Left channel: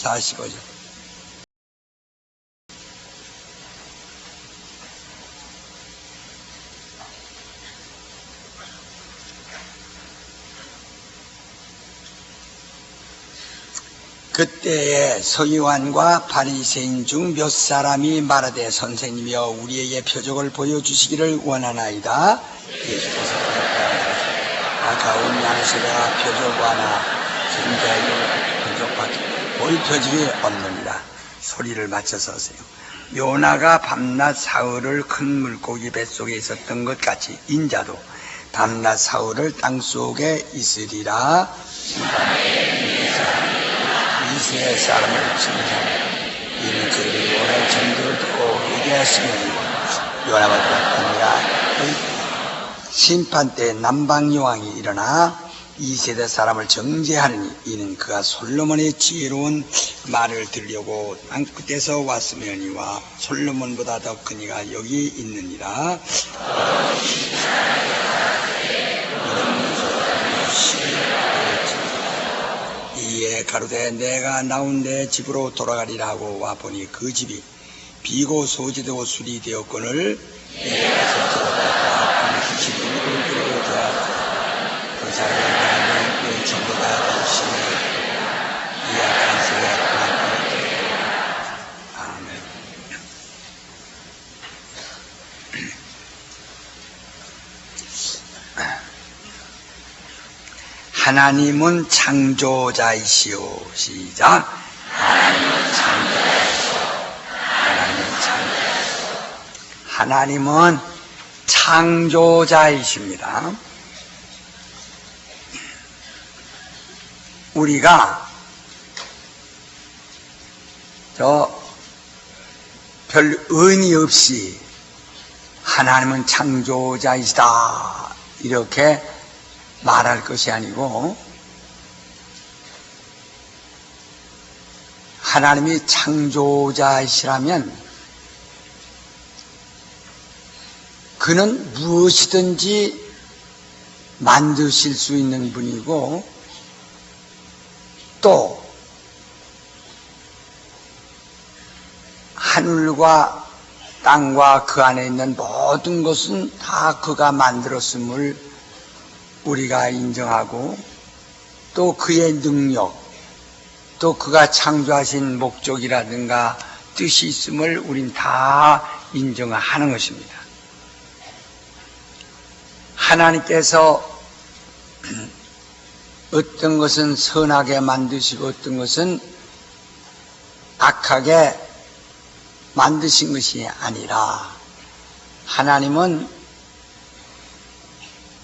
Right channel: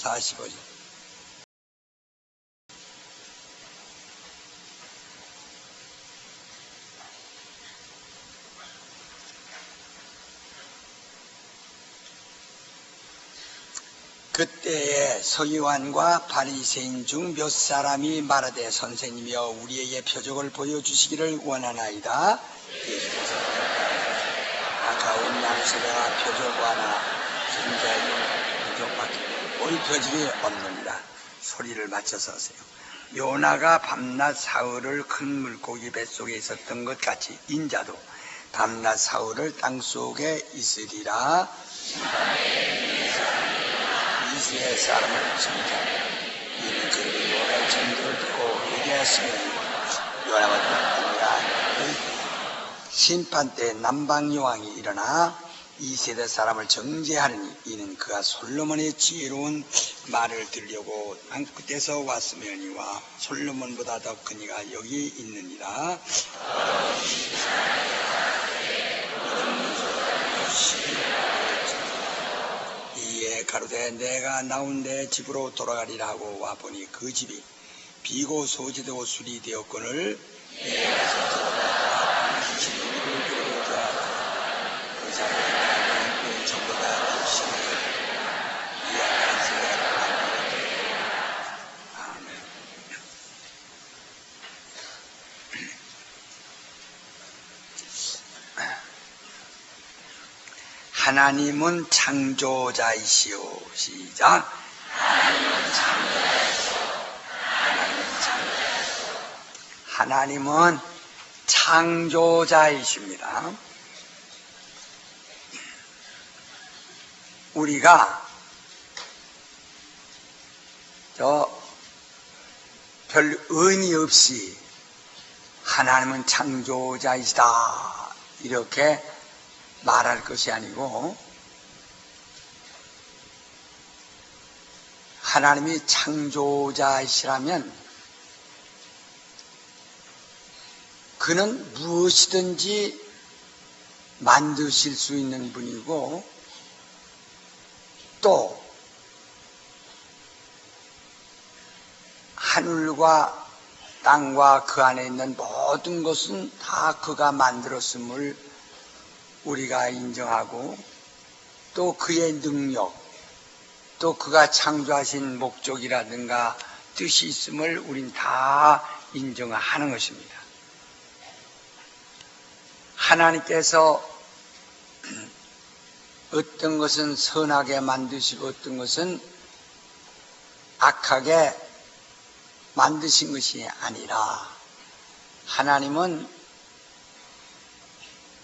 45절. 그때에 서기관과 바리새인 중 몇 사람이 말하되 선생님이여 우리에게 표적을 보여주시기를 원하나이다. 예수께서 아까운 양세가 표적 하나 증자의 표적밖에 볼 표적이 없느니라. 소리를 맞춰서 하세요. 요나가 밤낮 사흘을 큰 물고기 뱃속에 있었던 것 같이 인자도 밤낮 사흘을 땅속에 있으리라. 이스라엘 사람을 칭찬해 이는 그들이 요나의 전도를 듣고 회개하시면 요나가 되었느니라. 심판 때 남방여왕이 일어나 이 세대 사람을 정죄하느니 이는 그가 솔로몬의 지혜로운 말을 들으려고 땅끝에서 왔으며니와 솔로몬보다 더 큰 이가 여기 있느니라. 이에 가로되 내가 나온 내 집으로 돌아가리라 하고 와보니 그 집이 비고 소지되고 술이 되었거늘 내가 들었다. 기름으로 그리고 되었고 그 사람이 나를 전부다 주시니 이 악한 세에 아멘. 하나님은 창조자이시오. 시작. 하나님은 창조자이시오. 하나님은 창조자이십니다. 우리가 별 의미 없이 하나님은 창조자이시다 이렇게 말할 것이 아니고 하나님이 창조자이시라면 그는 무엇이든지 만드실 수 있는 분이고 또 하늘과 땅과 그 안에 있는 모든 것은 다 그가 만들었음을 우리가 인정하고 또 그의 능력 또 그가 창조하신 목적이라든가 뜻이 있음을 우린 다 인정하는 것입니다. 하나님께서 어떤 것은 선하게 만드시고 어떤 것은 악하게 만드신 것이 아니라 하나님은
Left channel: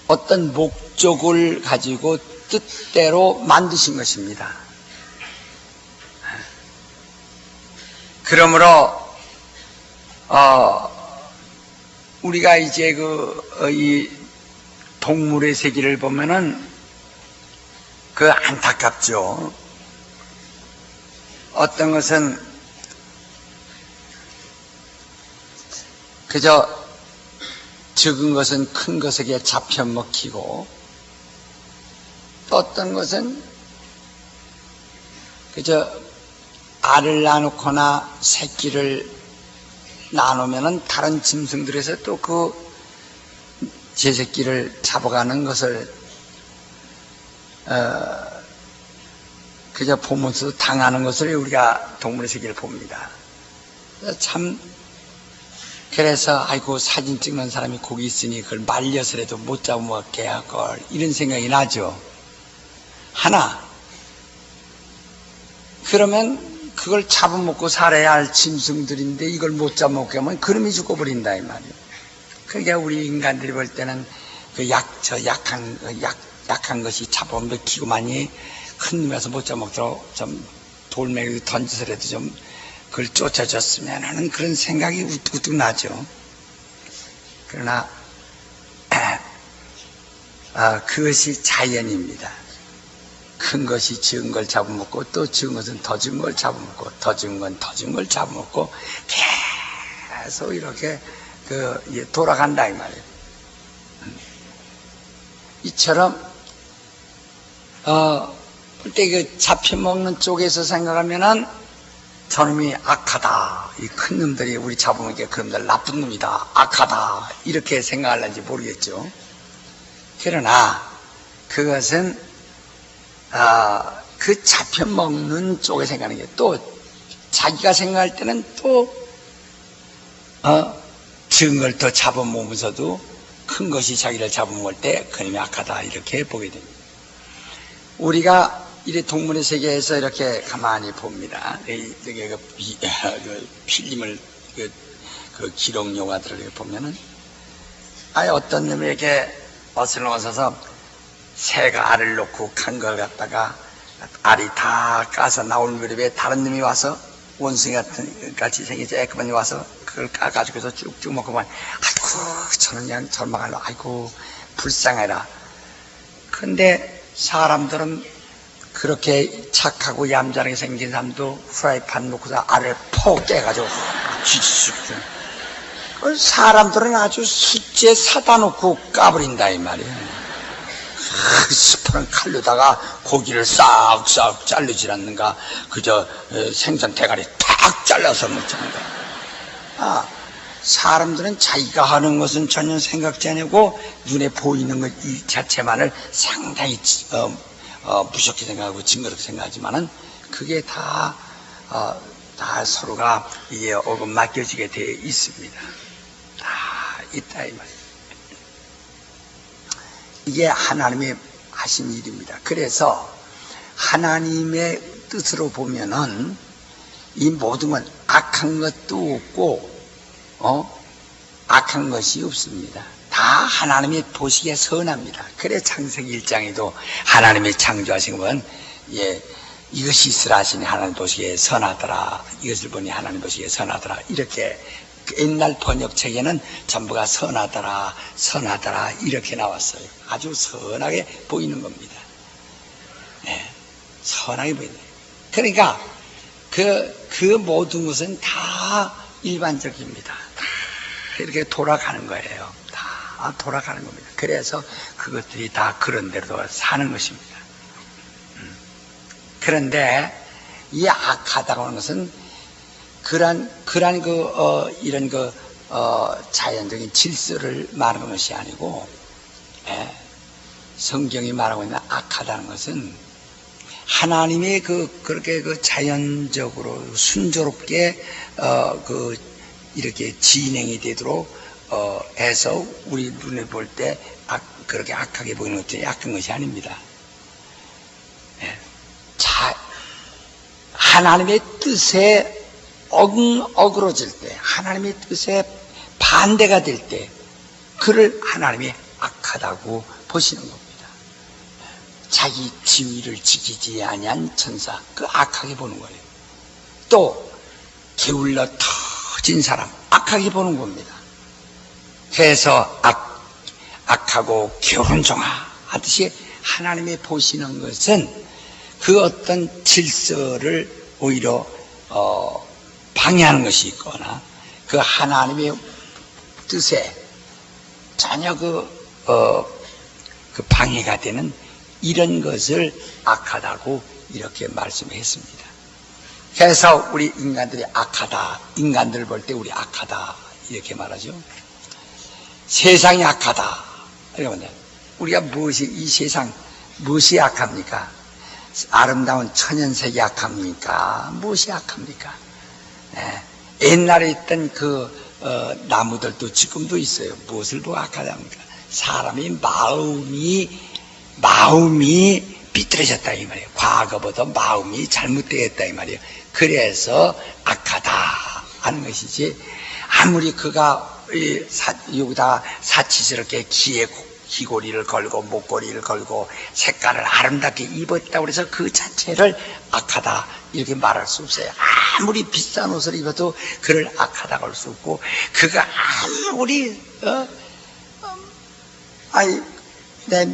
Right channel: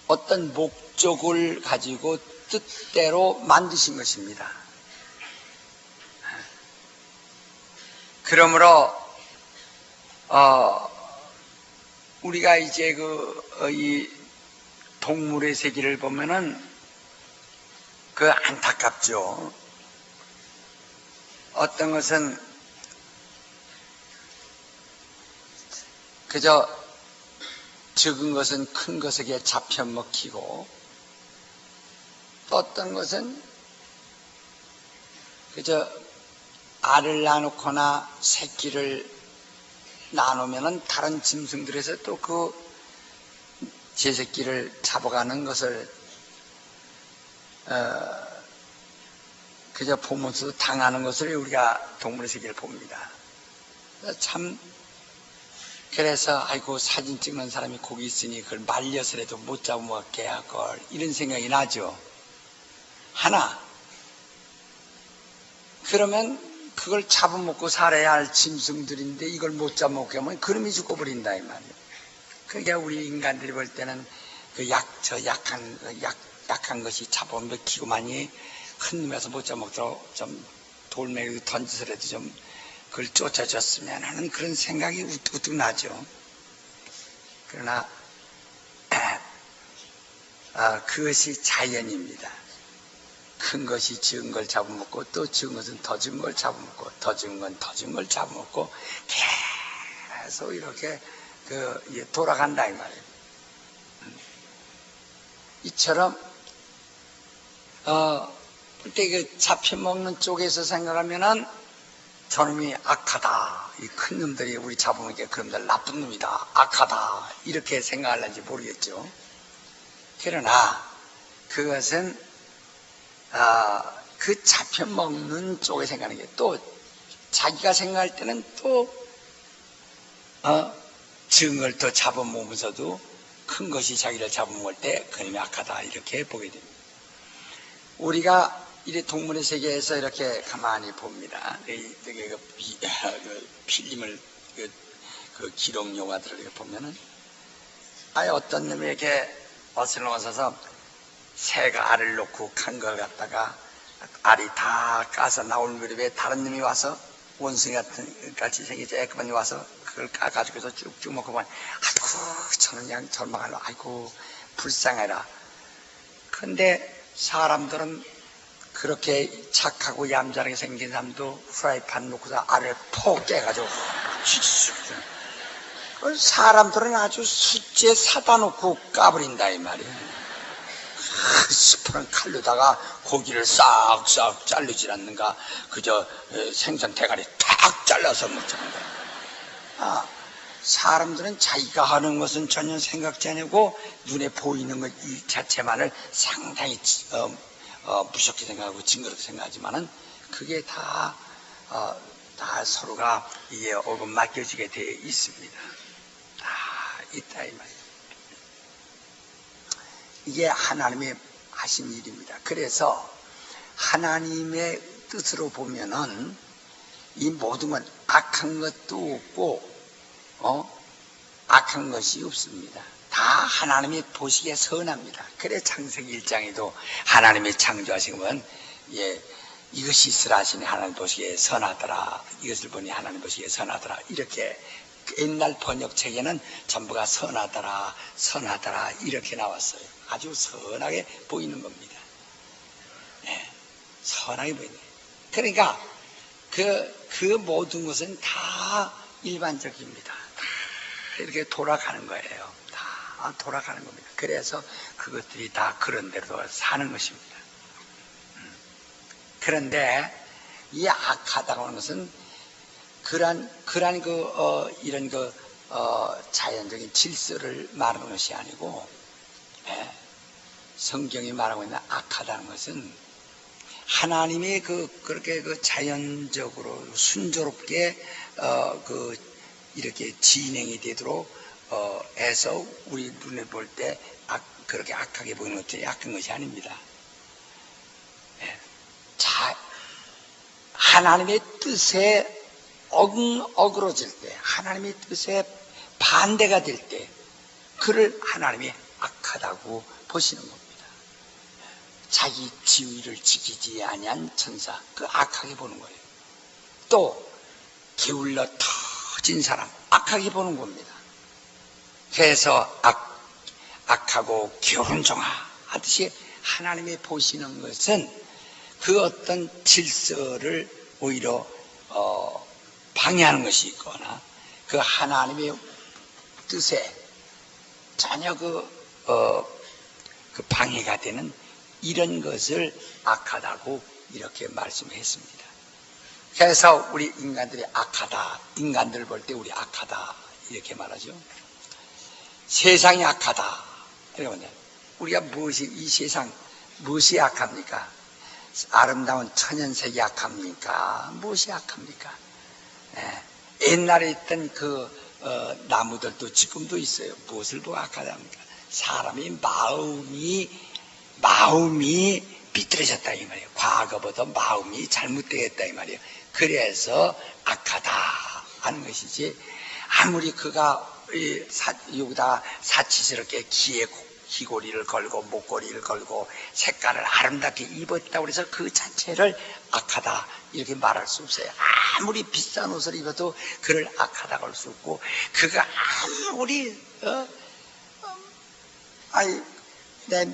어떤 목적을 가지고 뜻대로 만드신 것입니다. 그러므로 우리가 이제 이 동물의 세계를 보면은 안타깝죠. 어떤 것은 그저 적은 것은 큰 것에게 잡혀 먹히고 또 어떤 것은 그저 알을 나누거나 새끼를 나누면은 다른 짐승들에서 또 제 새끼를 잡아가는 것을 그저 보면서 당하는 것을 우리가 동물의 세계를 봅니다. 참 그래서 아이고 사진 찍는 사람이 거기 있으니 그걸 말려서라도 못 잡아먹게 할걸 이런 생각이 나죠. 하나 그러면 그걸 잡아먹고 살아야 할 짐승들인데 이걸 못 잡아먹게 하면 그놈이 죽어버린다 이 말이에요. 그러니까 우리 인간들이 볼 때는 약한 것이 잡아먹히고만이 큰 놈에서 못 잡아먹도록 좀 돌멩이 던져서라도 좀 그걸 쫓아줬으면 하는 그런 생각이 우뚝우뚝 나죠. 그러나 그것이 자연입니다. 큰 것이 적은 걸 잡아먹고 또 적은 것은 더 적은 걸 잡아먹고 더 적은 건 더 적은 걸 잡아먹고 계속 이렇게 돌아간다 이 말이에요. 이처럼 그때 그 잡혀먹는 쪽에서 생각하면은 저놈이 악하다. 이 큰 놈들이 우리 잡아먹으니까 그놈들 나쁜 놈이다. 악하다. 이렇게 생각할는지 모르겠죠. 그러나 그것은 그 잡혀먹는 쪽에 생각하는 게 또 자기가 생각할 때는 또 적은 걸 더 잡아먹으면서도 큰 것이 자기를 잡아먹을 때 그놈이 악하다. 이렇게 보게 됩니다. 우리가 이 동물의 세계에서 이렇게 가만히 봅니다. 이게 그 필름을 그 기록 영화들을 이렇게 보면은 어떤 놈이 이렇게 어슬렁어서서 새가 알을 놓고 간 걸 갖다가 알이 다 까서 나올 무렵에 다른 놈이 와서 원숭이 같이 생긴 쬐끄만이 와서 그걸 까가지고서 쭉쭉 먹고 보면 아이고 저는 그냥 절망하려 아이고 불쌍해라. 근데 사람들은 그렇게 착하고 얌전하게 생긴 사람도 프라이팬 놓고서 알을 폭 깨가지고 사람들은 아주 숫제 사다 놓고 까버린다 이 말이에요. 스프는 칼로다가 고기를 싹싹 자르지 않는가 그저 생선 대가리 탁 잘라서 먹자는 거야. 사람들은 자기가 하는 것은 전혀 생각지 않고 눈에 보이는 것 이 자체만을 상당히 무섭게 생각하고 징그럽게 생각하지만은 그게 다 서로가 이게 어금 맡겨지게 되어 있습니다. 다 있다 이 말이에요. 이게 하나님의 하신 일입니다. 그래서 하나님의 뜻으로 보면은 이 모든 건 악한 것도 없고 악한 것이 없습니다. 다 하나님이 보시기에 선합니다. 그래 창세기 1장에도 하나님이 창조하신 건 이것이 있으라 하시니 하나님 보시기에 선하더라. 이것을 보니 하나님 보시기에 선하더라. 이렇게 옛날 번역책에는 전부가 선하더라 선하더라 이렇게 나왔어요. 아주 선하게 보이는 겁니다. 선하게 보이네. 그러니까 그 모든 것은 다 일반적입니다. 다 이렇게 돌아가는 거예요. 다 돌아가는 겁니다. 그래서 그것들이 다 그런 대로 사는 것입니다. 그런데 이 악하다고 하는 것은 그러한 이런 자연적인 질서를 말하는 것이 아니고, 성경이 말하고 있는 악하다는 것은 하나님이 그렇게 자연적으로 순조롭게 이렇게 진행이 되도록 해서 우리 눈에 볼 때 그렇게 악하게 보이는 것들이 악한 것이 아닙니다. 하나님의 뜻에 어그러질 때, 하나님의 뜻에 반대가 될 때, 그를 하나님이 악하다고 보시는 겁니다. 자기 지위를 지키지 아니한 천사, 그 악하게 보는 거예요. 또 게을러 터진 사람, 악하게 보는 겁니다. 그래서 악하고 게으른종아 하듯이 하나님이 보시는 것은 그 어떤 질서를 오히려 방해하는 것이 있거나 그 하나님의 뜻에 전혀 그 방해가 되는 이런 것을 악하다고 이렇게 말씀했습니다. 그래서 우리 인간들이 악하다, 인간들 볼 때 우리 악하다 이렇게 말하죠. 세상이 악하다. 그러면 우리가 이 세상 무엇이 악합니까? 아름다운 천연색이 악합니까? 무엇이 악합니까? 옛날에 있던 나무들도 지금도 있어요. 무엇을 보고 악하답니까? 사람이 마음이 삐뚤어졌다 이 말이에요. 과거보다 마음이 잘못되었다 이 말이에요. 그래서 악하다 하는 것이지, 아무리 그가 여기다 사치스럽게 귀고리를 걸고 목걸이를 걸고 색깔을 아름답게 입었다고 해서 그 자체를 악하다 이렇게 말할 수 없어요. 아무리 비싼 옷을 입어도 그를 악하다고 할 수 없고, 그가 아무리 내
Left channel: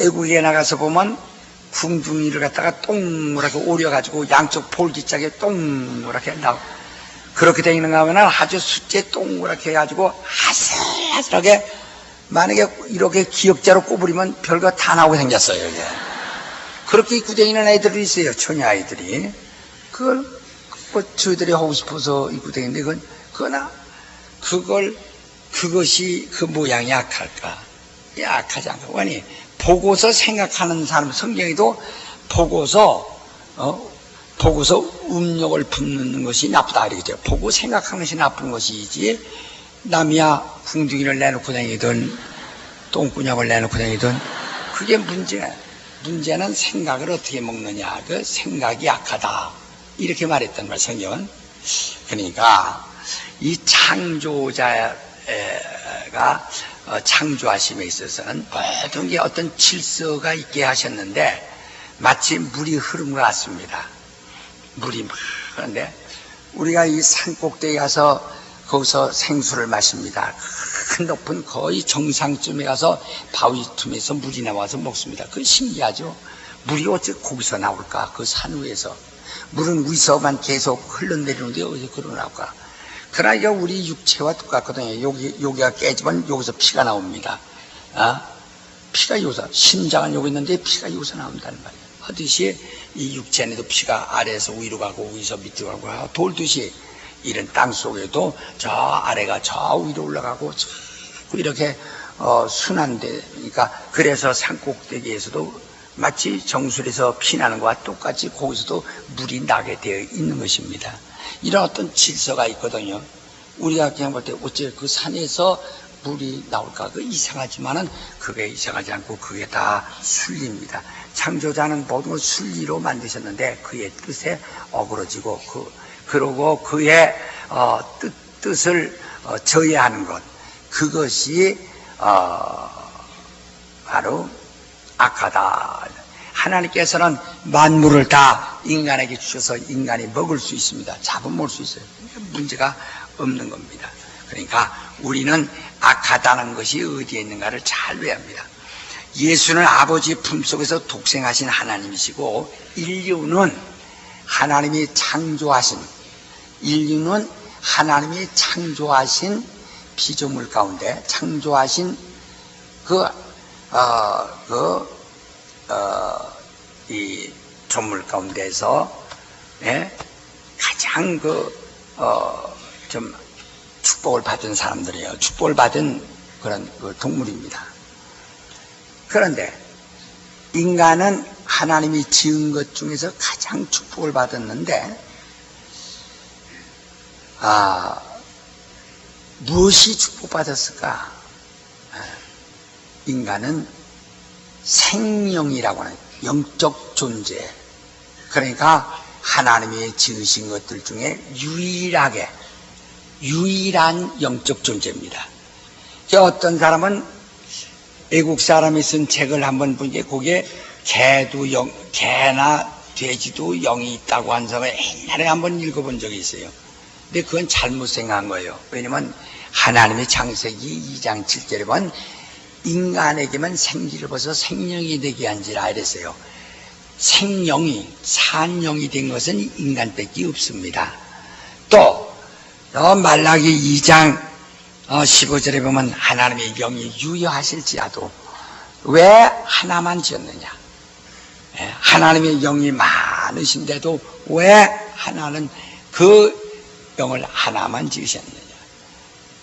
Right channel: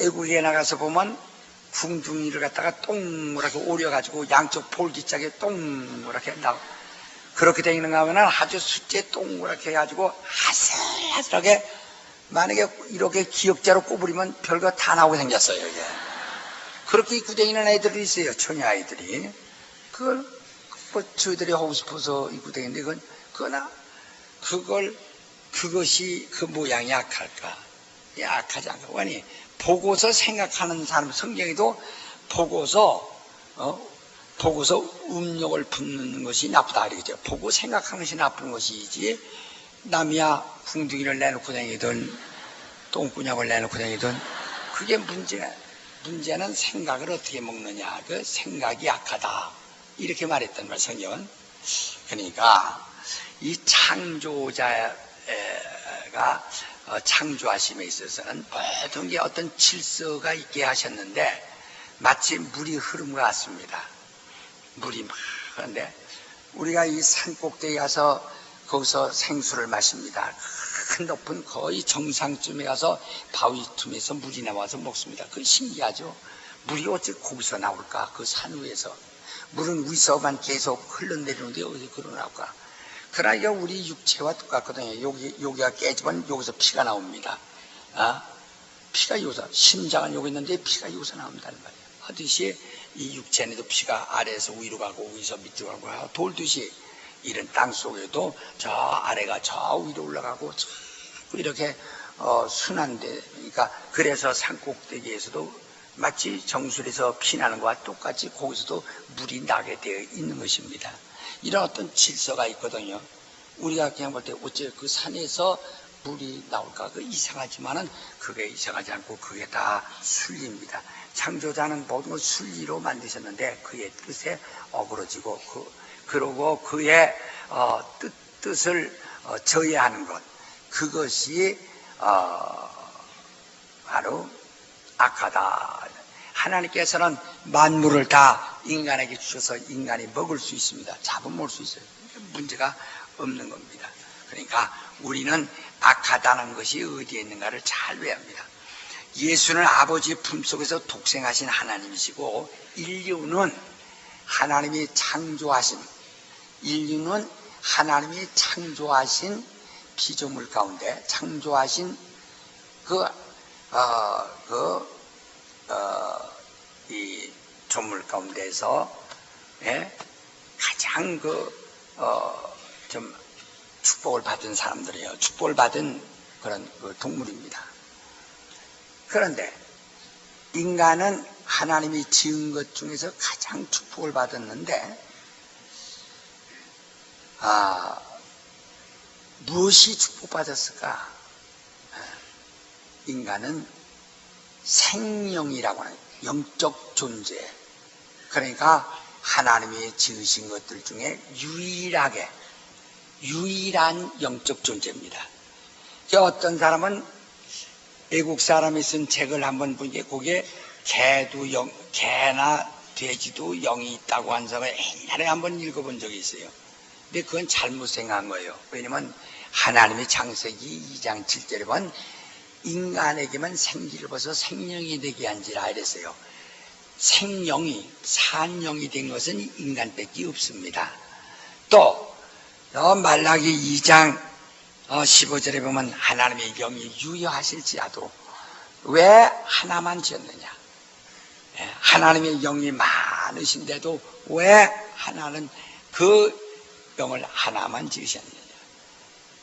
외국에 나가서 보면 궁둥이를 갖다가 동그랗게 오려가지고 양쪽 볼기짝에 동그랗게 나오고 그렇게 되는가 하면 아주 숫제 동그랗게 해가지고 아슬아슬하게, 만약에 이렇게 기역자로 꼽으리면 별거 다 나오게 생겼어요. 이게. 그렇게 입고 다니는 애들이 있어요. 처녀 아이들이. 그걸 뭐 저희들이 하고 싶어서 입고 다니는데 그것이 그 모양이 악할까? 악하지 않고. 아니, 보고서 생각하는 사람, 성경에도 보고서 음욕을 품는 것이 나쁘다 이러죠. 보고 생각하는 것이 나쁜 것이지, 남이야 궁둥이를 내놓고 다니든 똥구녕을 내놓고 다니든 그게 문제는 생각을 어떻게 먹느냐. 그 생각이 약하다 이렇게 말했단 말 성경은. 그러니까 이 창조자가 창조하심에 있어서는 모든 게 어떤 질서가 있게 하셨는데 마치 물이 흐름 것 같습니다. 물이 막 그런데 우리가 이 산꼭대기 가서 거기서 생수를 마십니다. 큰 높은 거의 정상쯤에 가서 바위 틈에서 물이 나와서 먹습니다. 그건 신기하죠. 물이 어째 거기서 나올까? 그 산 위에서. 물은 위서만 계속 흘러내리는데 어디서 그러 나올까? 그러니까 우리 육체와 똑같거든요. 여기가 깨지면 여기서 피가 나옵니다. 피가 여기서, 심장은 여기 있는데 피가 여기서 나온다는 말이에요. 하듯이 이 육체 안에도 피가 아래에서 위로 가고 위에서 밑으로 가고 돌듯이 이런 땅 속에도 저 아래가 저 위로 올라가고 이렇게 순환돼. 그러니까 그래서 산꼭대기에서도 마치 정수리에서 피나는 것과 똑같이 거기서도 물이 나게 되어 있는 것입니다. 이런 어떤 질서가 있거든요. 우리가 그냥 볼 때 어째 그 산에서 물이 나올까? 그 이상하지만은 그게 이상하지 않고 그게 다 순리입니다. 창조자는 모든 걸 순리로 만드셨는데 그의 뜻에 어그러지고 그러고 그의 뜻을 저해하는 것, 그것이 바로 악하다. 하나님께서는 만물을 다 인간에게 주셔서 인간이 먹을 수 있습니다. 잡아먹을 수 있어요. 문제가 없는 겁니다. 그러니까 우리는 악하다는 것이 어디에 있는가를 잘 외워야 합니다. 예수는 아버지 품속에서 독생하신 하나님이시고 인류는 하나님이 창조하신 피조물 가운데 창조하신 이 조물 가운데서 가장 좀 축복을 받은 사람들이에요. 축복을 받은 그런 동물입니다. 그런데 인간은 하나님이 지은 것 중에서 가장 축복을 받았는데 무엇이 축복받았을까? 인간은 생명이라고 하는 영적 존재, 그러니까 하나님이 지으신 것들 중에 유일한 영적 존재입니다. 어떤 사람은 외국 사람이 쓴 책을 한번 보니까 거기에 개나 돼지도 영이 있다고 한 사람을 옛날에 한번 읽어본 적이 있어요. 근데 그건 잘못 생각한 거예요. 왜냐면 하나님의 창세기 2장 7절에 보면 인간에게만 생기를 벗어 생명이 되게 한지라 이랬어요. 산영이 된 것은 인간밖에 없습니다. 또 말라기 2장 15절에 보면 하나님의 영이 유효하실지라도 왜 하나만 지었느냐? 하나님의 영이 많으신데도 왜 하나는 그 영을 하나만 지으셨느냐?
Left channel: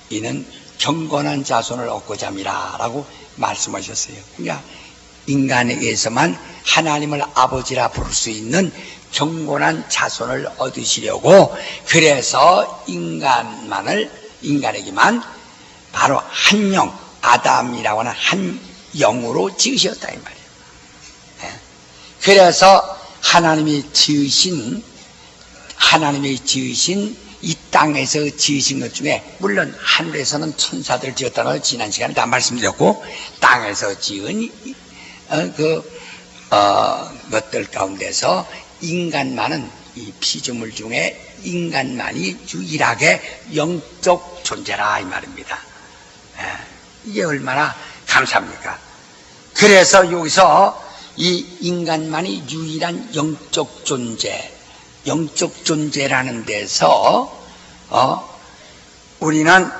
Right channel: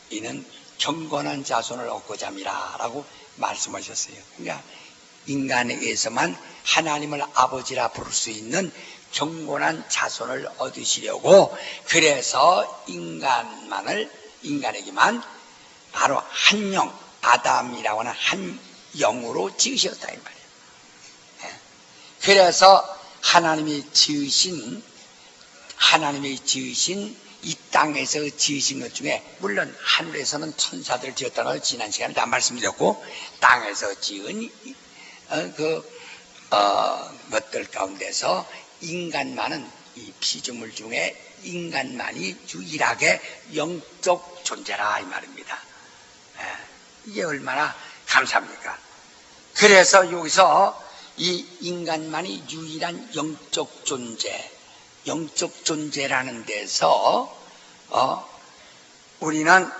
이는 경건한 자손을 얻고자 함이라 라고 말씀하셨어요. 그러니까 인간에게서만 하나님을 아버지라 부를 수 있는 경건한 자손을 얻으시려고 그래서 인간에게만 바로 한 영, 아담이라고 하는 한 영으로 지으셨다 이 말이에요. 그래서 하나님이 지으신 이 땅에서 지으신 것 중에 물론 하늘에서는 천사들을 지었다는 걸 지난 시간에 다 말씀드렸고 땅에서 지은 것들 가운데서 인간만은 이 피조물 중에 인간만이 유일하게 영적 존재라 이 말입니다. 이게 얼마나 감사합니까? 그래서 여기서 이 인간만이 유일한 영적 존재라는 데서 우리는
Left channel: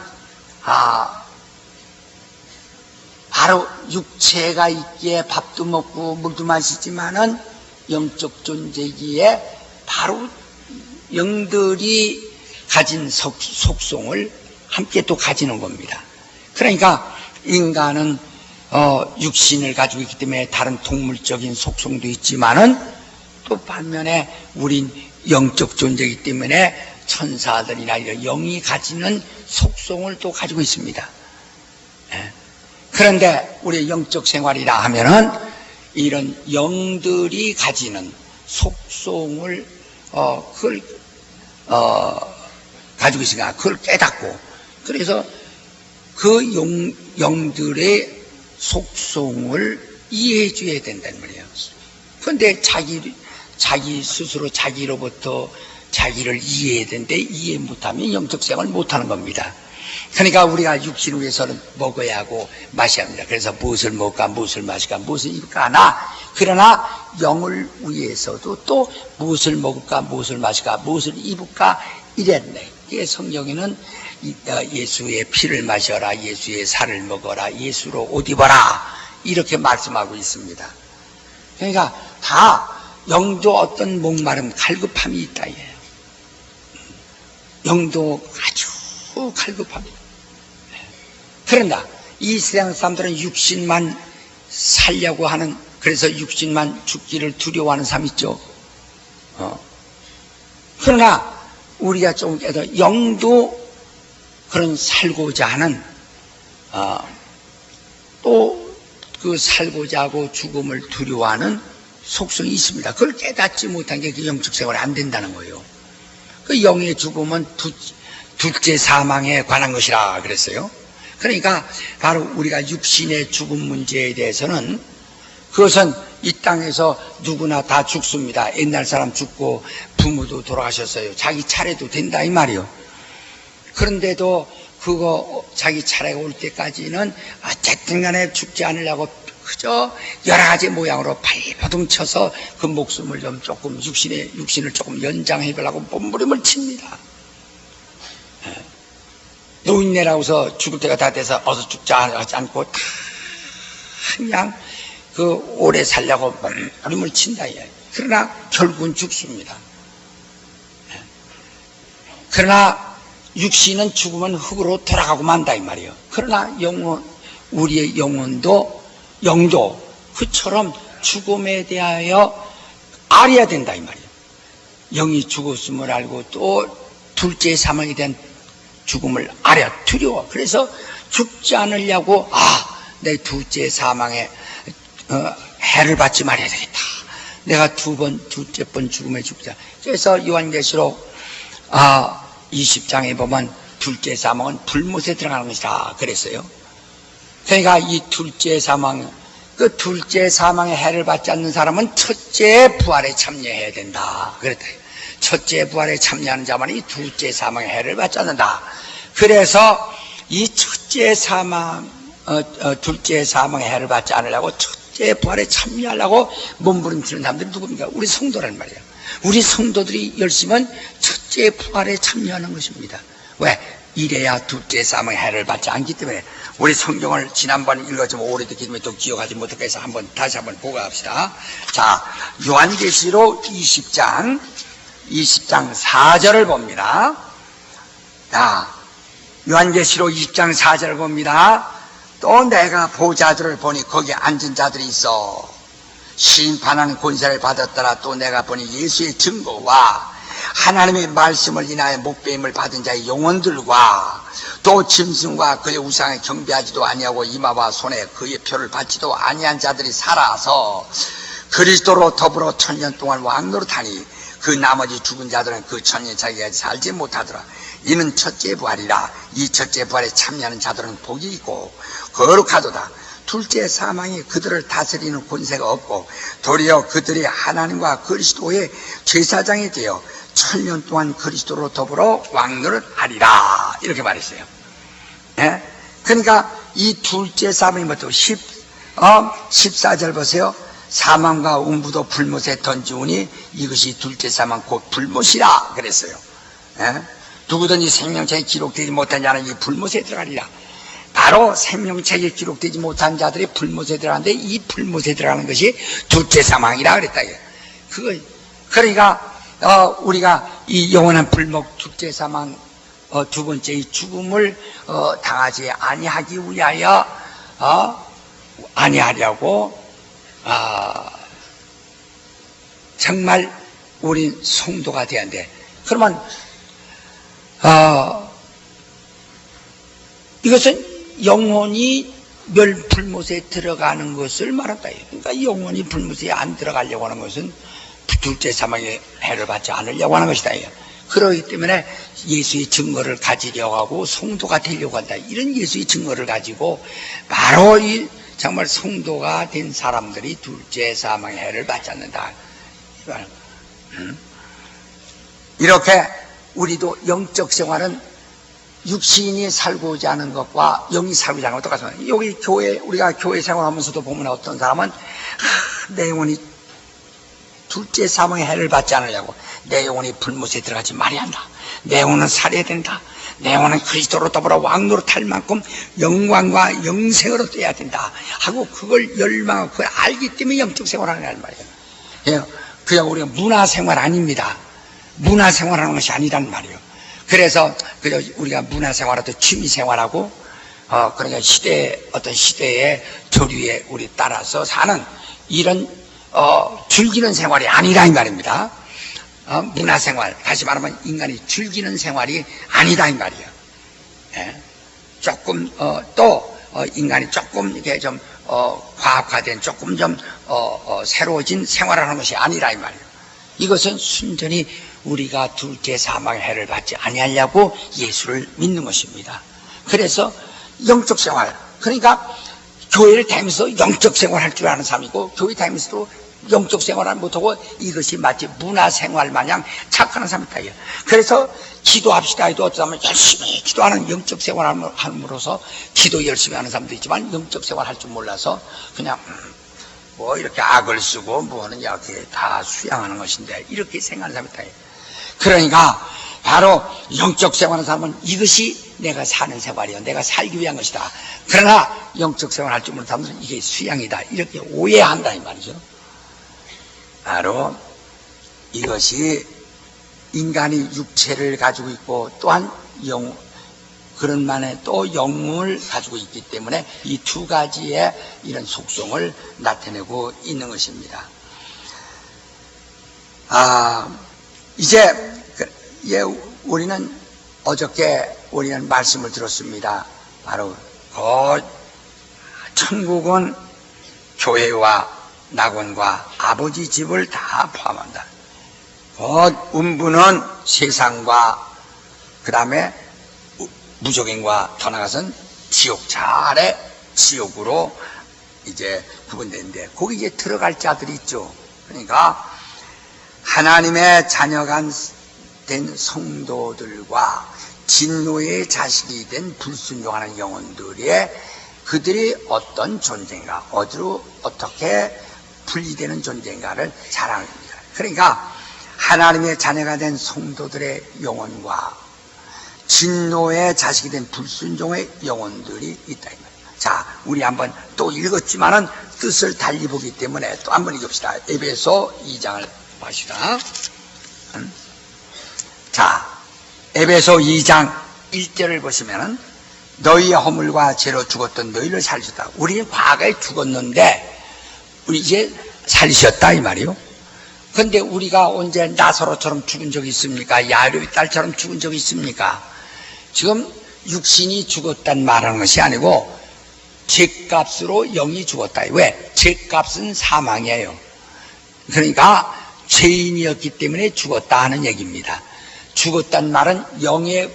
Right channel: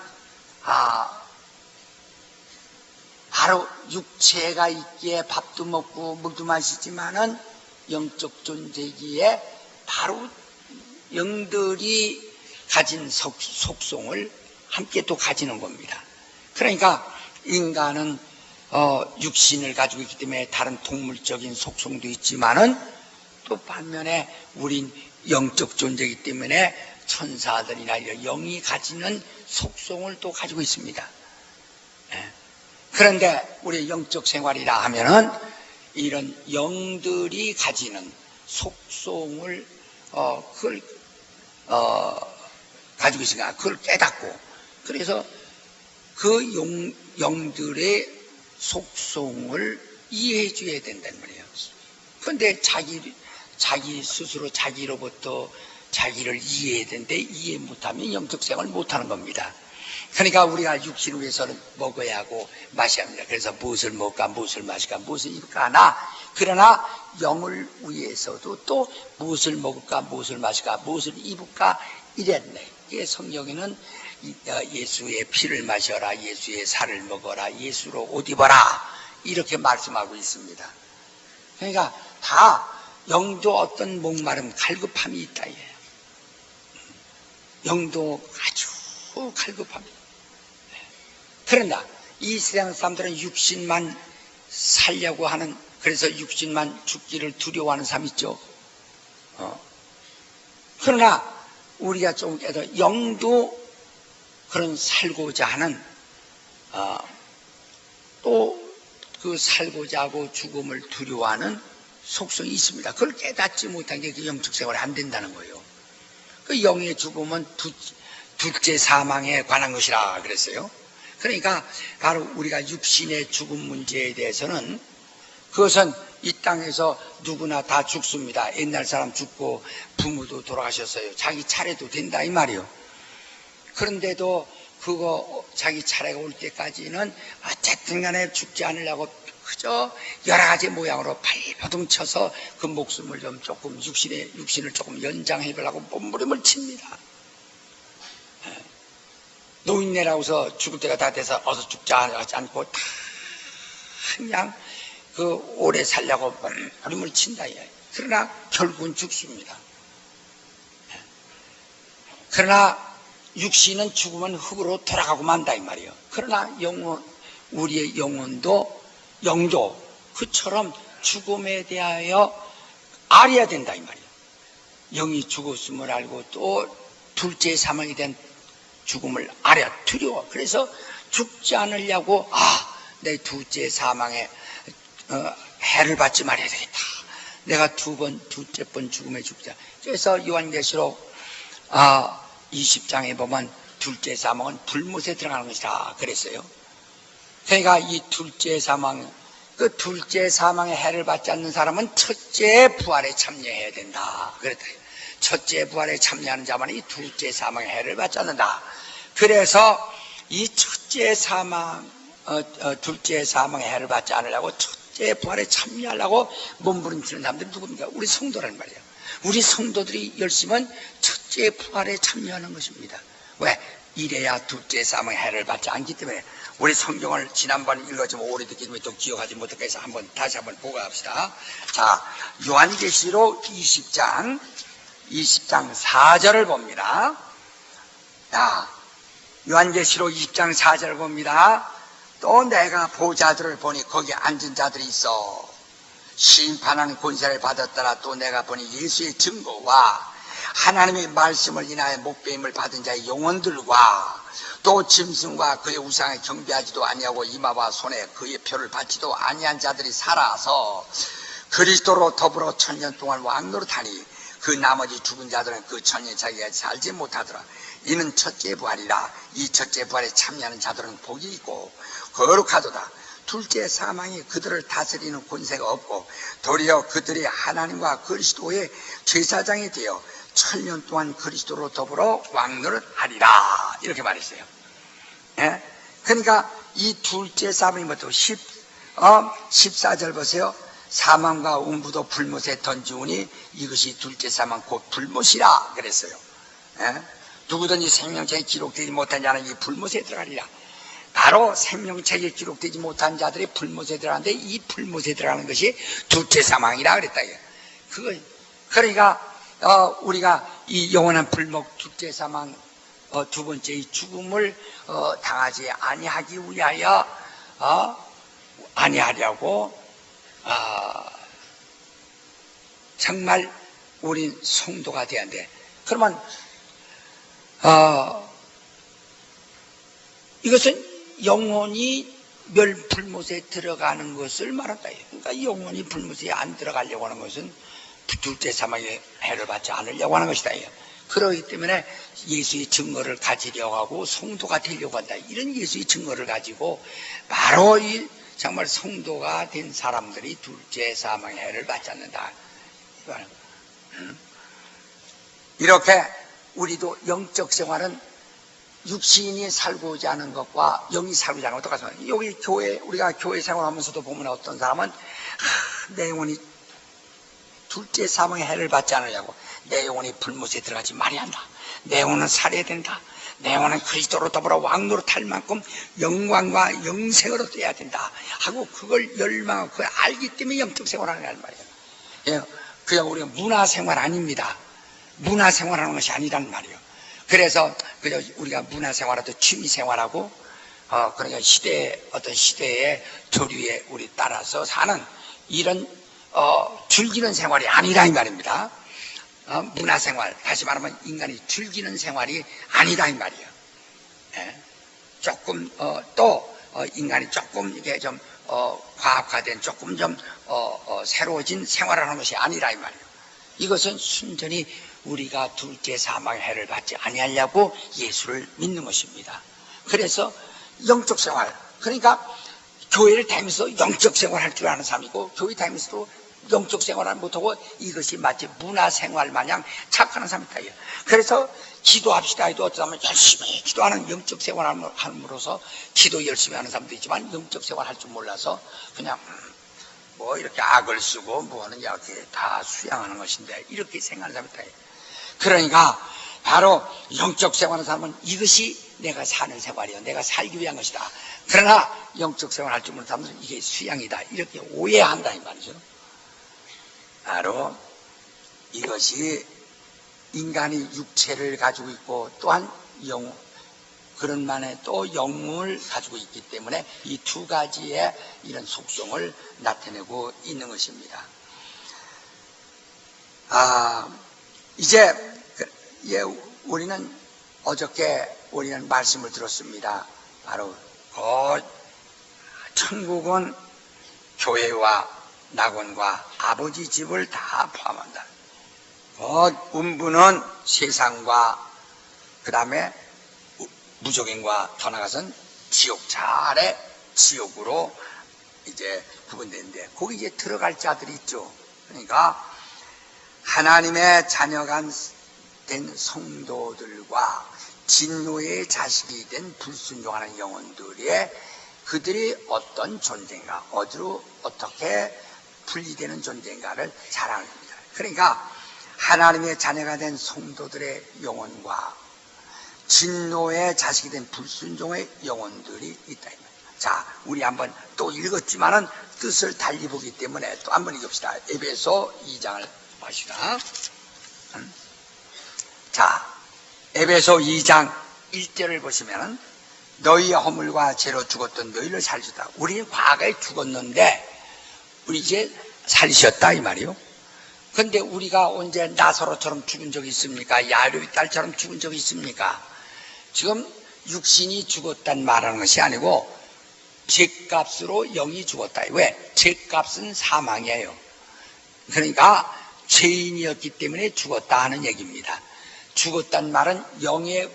바로 육체가 있기에 밥도 먹고 물도 마시지만은 영적 존재기에 바로 영들이 가진 속성을 함께 또 가지는 겁니다. 그러니까 인간은 육신을 가지고 있기 때문에 다른 동물적인 속성도 있지만은 또 반면에 우린 영적 존재이기 때문에 천사들이나 이런 영이 가지는 속성을 또 가지고 있습니다. 그런데 우리 영적 생활이라 하면은 이런 영들이 가지는 속성을 그걸 가지고 있으니까 그걸 깨닫고, 그래서 그 영들의 속성을 이해해 줘야 된다는 말이에요. 그런데 자기 스스로 자기로부터 자기를 이해해야 되는데 이해 못하면 영적 생활을 못하는 겁니다. 그러니까 우리가 육신을 위해서는 먹어야 하고 마셔야 합니다. 그래서 무엇을 먹을까, 무엇을 마실까, 무엇을 입을까 하나, 그러나 영을 위해서도 또 무엇을 먹을까, 무엇을 마실까, 무엇을 입을까 이랬네. 이게 성경에는 예수의 피를 마셔라, 예수의 살을 먹어라, 예수로 옷 입어라 이렇게 말씀하고 있습니다. 그러니까 다 영도 어떤 목마름, 갈급함이 있다 이거예요. 영도 아주 갈급함이. 그런다 이 세상 사람들은 육신만 살려고 하는, 그래서 육신만 죽기를 두려워하는 사람 있죠. 그러나 우리가 좀 깨도 영도 그런 살고자 하는 또 그 살고자 하고 죽음을 두려워하는 속성이 있습니다. 그걸 깨닫지 못한 게 그 영적 생활이 안 된다는 거예요. 그 영의 죽음은 둘째 사망에 관한 것이라 그랬어요. 그러니까 바로 우리가 육신의 죽음 문제에 대해서는 그것은 이 땅에서 누구나 다 죽습니다. 옛날 사람 죽고 부모도 돌아가셨어요. 자기 차례도 된다 이 말이요. 그런데도 그거 자기 차례가 올 때까지는 어쨌든 간에 죽지 않으려고 그저 여러 가지 모양으로 발버둥 쳐서 그 목숨을 좀 조금 육신을 조금 연장해 보려고 몸부림을 칩니다. 노인네라고서 죽을 때가 다 돼서 어서 죽자 하지 않고 다 그냥 그 오래 살려고 몸부림을 친다. 그러나 결국은 죽습니다. 그러나 육신은 죽으면 흙으로 돌아가고 만다 이 말이에요. 그러나 우리의 영도 그처럼 죽음에 대하여 알아야 된다 이 말이에요. 영이 죽었음을 알고 또 둘째 사망에 대한 죽음을 알아야 두려워. 그래서 죽지 않으려고 내 둘째 사망에 해를 받지 말아야 되겠다. 내가 둘째 번 죽음에 죽자. 그래서 요한계시록 20장에 보면 둘째 사망은 불못에 들어가는 것이다 그랬어요. 그러니까 이 둘째 사망, 그 둘째 사망의 해를 받지 않는 사람은 첫째 부활에 참여해야 된다 그랬다. 첫째 부활에 참여하는 자만이 둘째 사망의 해를 받지 않는다. 그래서 이 첫째 사망, 둘째 사망의 해를 받지 않으려고 첫째 부활에 참여하려고 몸부림치는 사람들이 누굽니까? 우리 성도란 말이에요. 우리 성도들이 열심은 첫째 부활에 참여하는 것입니다. 왜? 이래야 둘째 사망의 해를 받지 않기 때문에. 우리 성경을 지난번에 읽었지만 오래됐기 때문에 또 기억하지 못할까 해서 다시 한번 보고 합시다. 자, 요한계시록 20장 4절을 봅니다. 자, 요한계시록 20장 4절을 봅니다. 또 내가 보좌들을 보니 거기에 앉은 자들이 있어 심판하는 권세를 받았더라. 또 내가 보니 예수의 증거와 하나님의 말씀을 인하여 목배임을 받은 자의 영혼들과 또 짐승과 그의 우상에 경배하지도 아니하고 이마와 손에 그의 표를 받지도 아니한 자들이 살아서 그리스도로 더불어 천년 동안 왕노릇하니 그 나머지 죽은 자들은 그 천년 자기가 살지 못하더라. 이는 첫째 부활이라. 이 첫째 부활에 참여하는 자들은 복이 있고 거룩하도다. 둘째 사망이 그들을 다스리는 권세가 없고 도리어 그들이 하나님과 그리스도의 제사장이 되어 천년 동안 그리스도로 더불어 왕노릇하리라. 이렇게 말했어요. 예? 그러니까 이 둘째 사망이 뭐죠? 14절 보세요. 사망과 음부도 불못에 던지우니 이것이 둘째 사망 곧 불못이라 그랬어요. 예? 누구든지 생명책에 기록되지 못한 자는 이 불못에 들어가리라. 바로 생명책에 기록되지 못한 자들이 불못에 들어가는데 이 불못에 들어가는 것이 둘째 사망이라 그랬다. 그러니까 우리가 이 영원한 불목 둘째 사망 두 번째 이 죽음을 당하지 아니하기 위하여 아니하려고 정말 우린 성도가 돼야 돼. 그러면 이것은 영혼이 멸불못에 들어가는 것을 말한다. 그러니까 영혼이 불못에 안 들어가려고 하는 것은 둘째 사망의 해를 받지 않으려고 하는 것이다. 그러기 때문에 예수의 증거를 가지려고 하고 성도가 되려고 한다. 이런 예수의 증거를 가지고 바로 이 정말 성도가 된 사람들이 둘째 사망의 해를 받지 않는다. 이렇게 우리도 영적 생활은 육신이 살고자 하는 것과 영이 살고자 하는 것과 똑같습니다. 여기 교회, 우리가 교회 생활하면서도 보면 어떤 사람은 내 영혼이 둘째 사망의 해를 받지 않으려고 내 영혼이 불못에 들어가지 말아야 한다. 내 영혼은 살아야 된다. 내 영혼은 그리스도로 더불어 왕노릇할 만큼 영광과 영생으로 돼야 된다 하고 그걸 열망하고 그걸 알기 때문에 영적 생활을 하는 말이에요. 그냥 우리가 문화생활 아닙니다. 문화생활하는 것이 아니란 말이에요. 그래서 그저 우리가 문화생활하고 취미생활하고 그러니까 어떤 시대의 조류에 우리 따라서 사는 이런 즐기는 생활이 아니라 이 말입니다. 문화생활, 다시 말하면 인간이 즐기는 생활이 아니다 이 말이에요. 예? 조금 또 인간이 조금 이게 좀 과학화된 조금 좀 새로워진 생활을 하는 것이 아니라 이 말이에요. 이것은 순전히 우리가 둘째 사망의 해를 받지 아니하려고 예수를 믿는 것입니다. 그래서 영적 생활, 그러니까 교회를 다니면서 영적 생활할 줄 아는 사람이고 교회 다니면서도 영적 생활을 못하고 이것이 마치 문화생활 마냥 착각하는 사람이 있다. 그래서 기도합시다 해도 어쩌면 열심히 기도하는 영적 생활을 함으로써 기도 열심히 하는 사람도 있지만 영적 생활 할 줄 몰라서 그냥 뭐 이렇게 악을 쓰고 뭐는 이렇게 다 수양하는 것인데 이렇게 생각하는 사람이 있다. 그러니까 바로 영적 생활하는 사람은 이것이 내가 사는 생활이야. 내가 살기 위한 것이다. 그러나 영적 생활 할 줄 모르는 사람들은 이게 수양이다. 이렇게 오해한다 이 말이죠. 바로 이것이 인간이 육체를 가지고 있고 또한 그런 만에 또 영을 가지고 있기 때문에 이 두 가지의 이런 속성을 나타내고 있는 것입니다. 이제 우리는 어저께 우리는 말씀을 들었습니다. 바로 천국은 교회와 낙원과 아버지 집을 다 포함한다. 음부는 세상과 그 다음에 무적인과 더 나아가서는 지옥, 차례 지옥으로 이제 구분되는데 거기 이제 들어갈 자들이 있죠. 그러니까 하나님의 자녀가 된 성도들과 진노의 자식이 된 불순종하는 영혼들의 그들이 어떤 존재인가, 어디로 어떻게 분리되는 존재인가를 자랑합니다. 그러니까 하나님의 자녀가 된 성도들의 영혼과 진노의 자식이 된 불순종의 영혼들이 있다. 자, 우리 한번 또 읽었지만은 뜻을 달리 보기 때문에 또 한번 읽읍시다. 에베소 2장을 봅시다. 자, 에베소 2장 1절을 보시면은 너희의 허물과 죄로 죽었던 너희를 살리셨다. 우리는 과거에 죽었는데 우리 이제 살리셨다 이 말이요. 그런데 우리가 언제 나사로처럼 죽은 적이 있습니까? 야곱의 딸처럼 죽은 적이 있습니까? 지금 육신이 죽었단 말하는 것이 아니고 죄값으로 영이 죽었다. 왜? 죄값은 사망이에요. 그러니까 죄인이었기 때문에 죽었다 하는 얘기입니다. 죽었단 말은 영의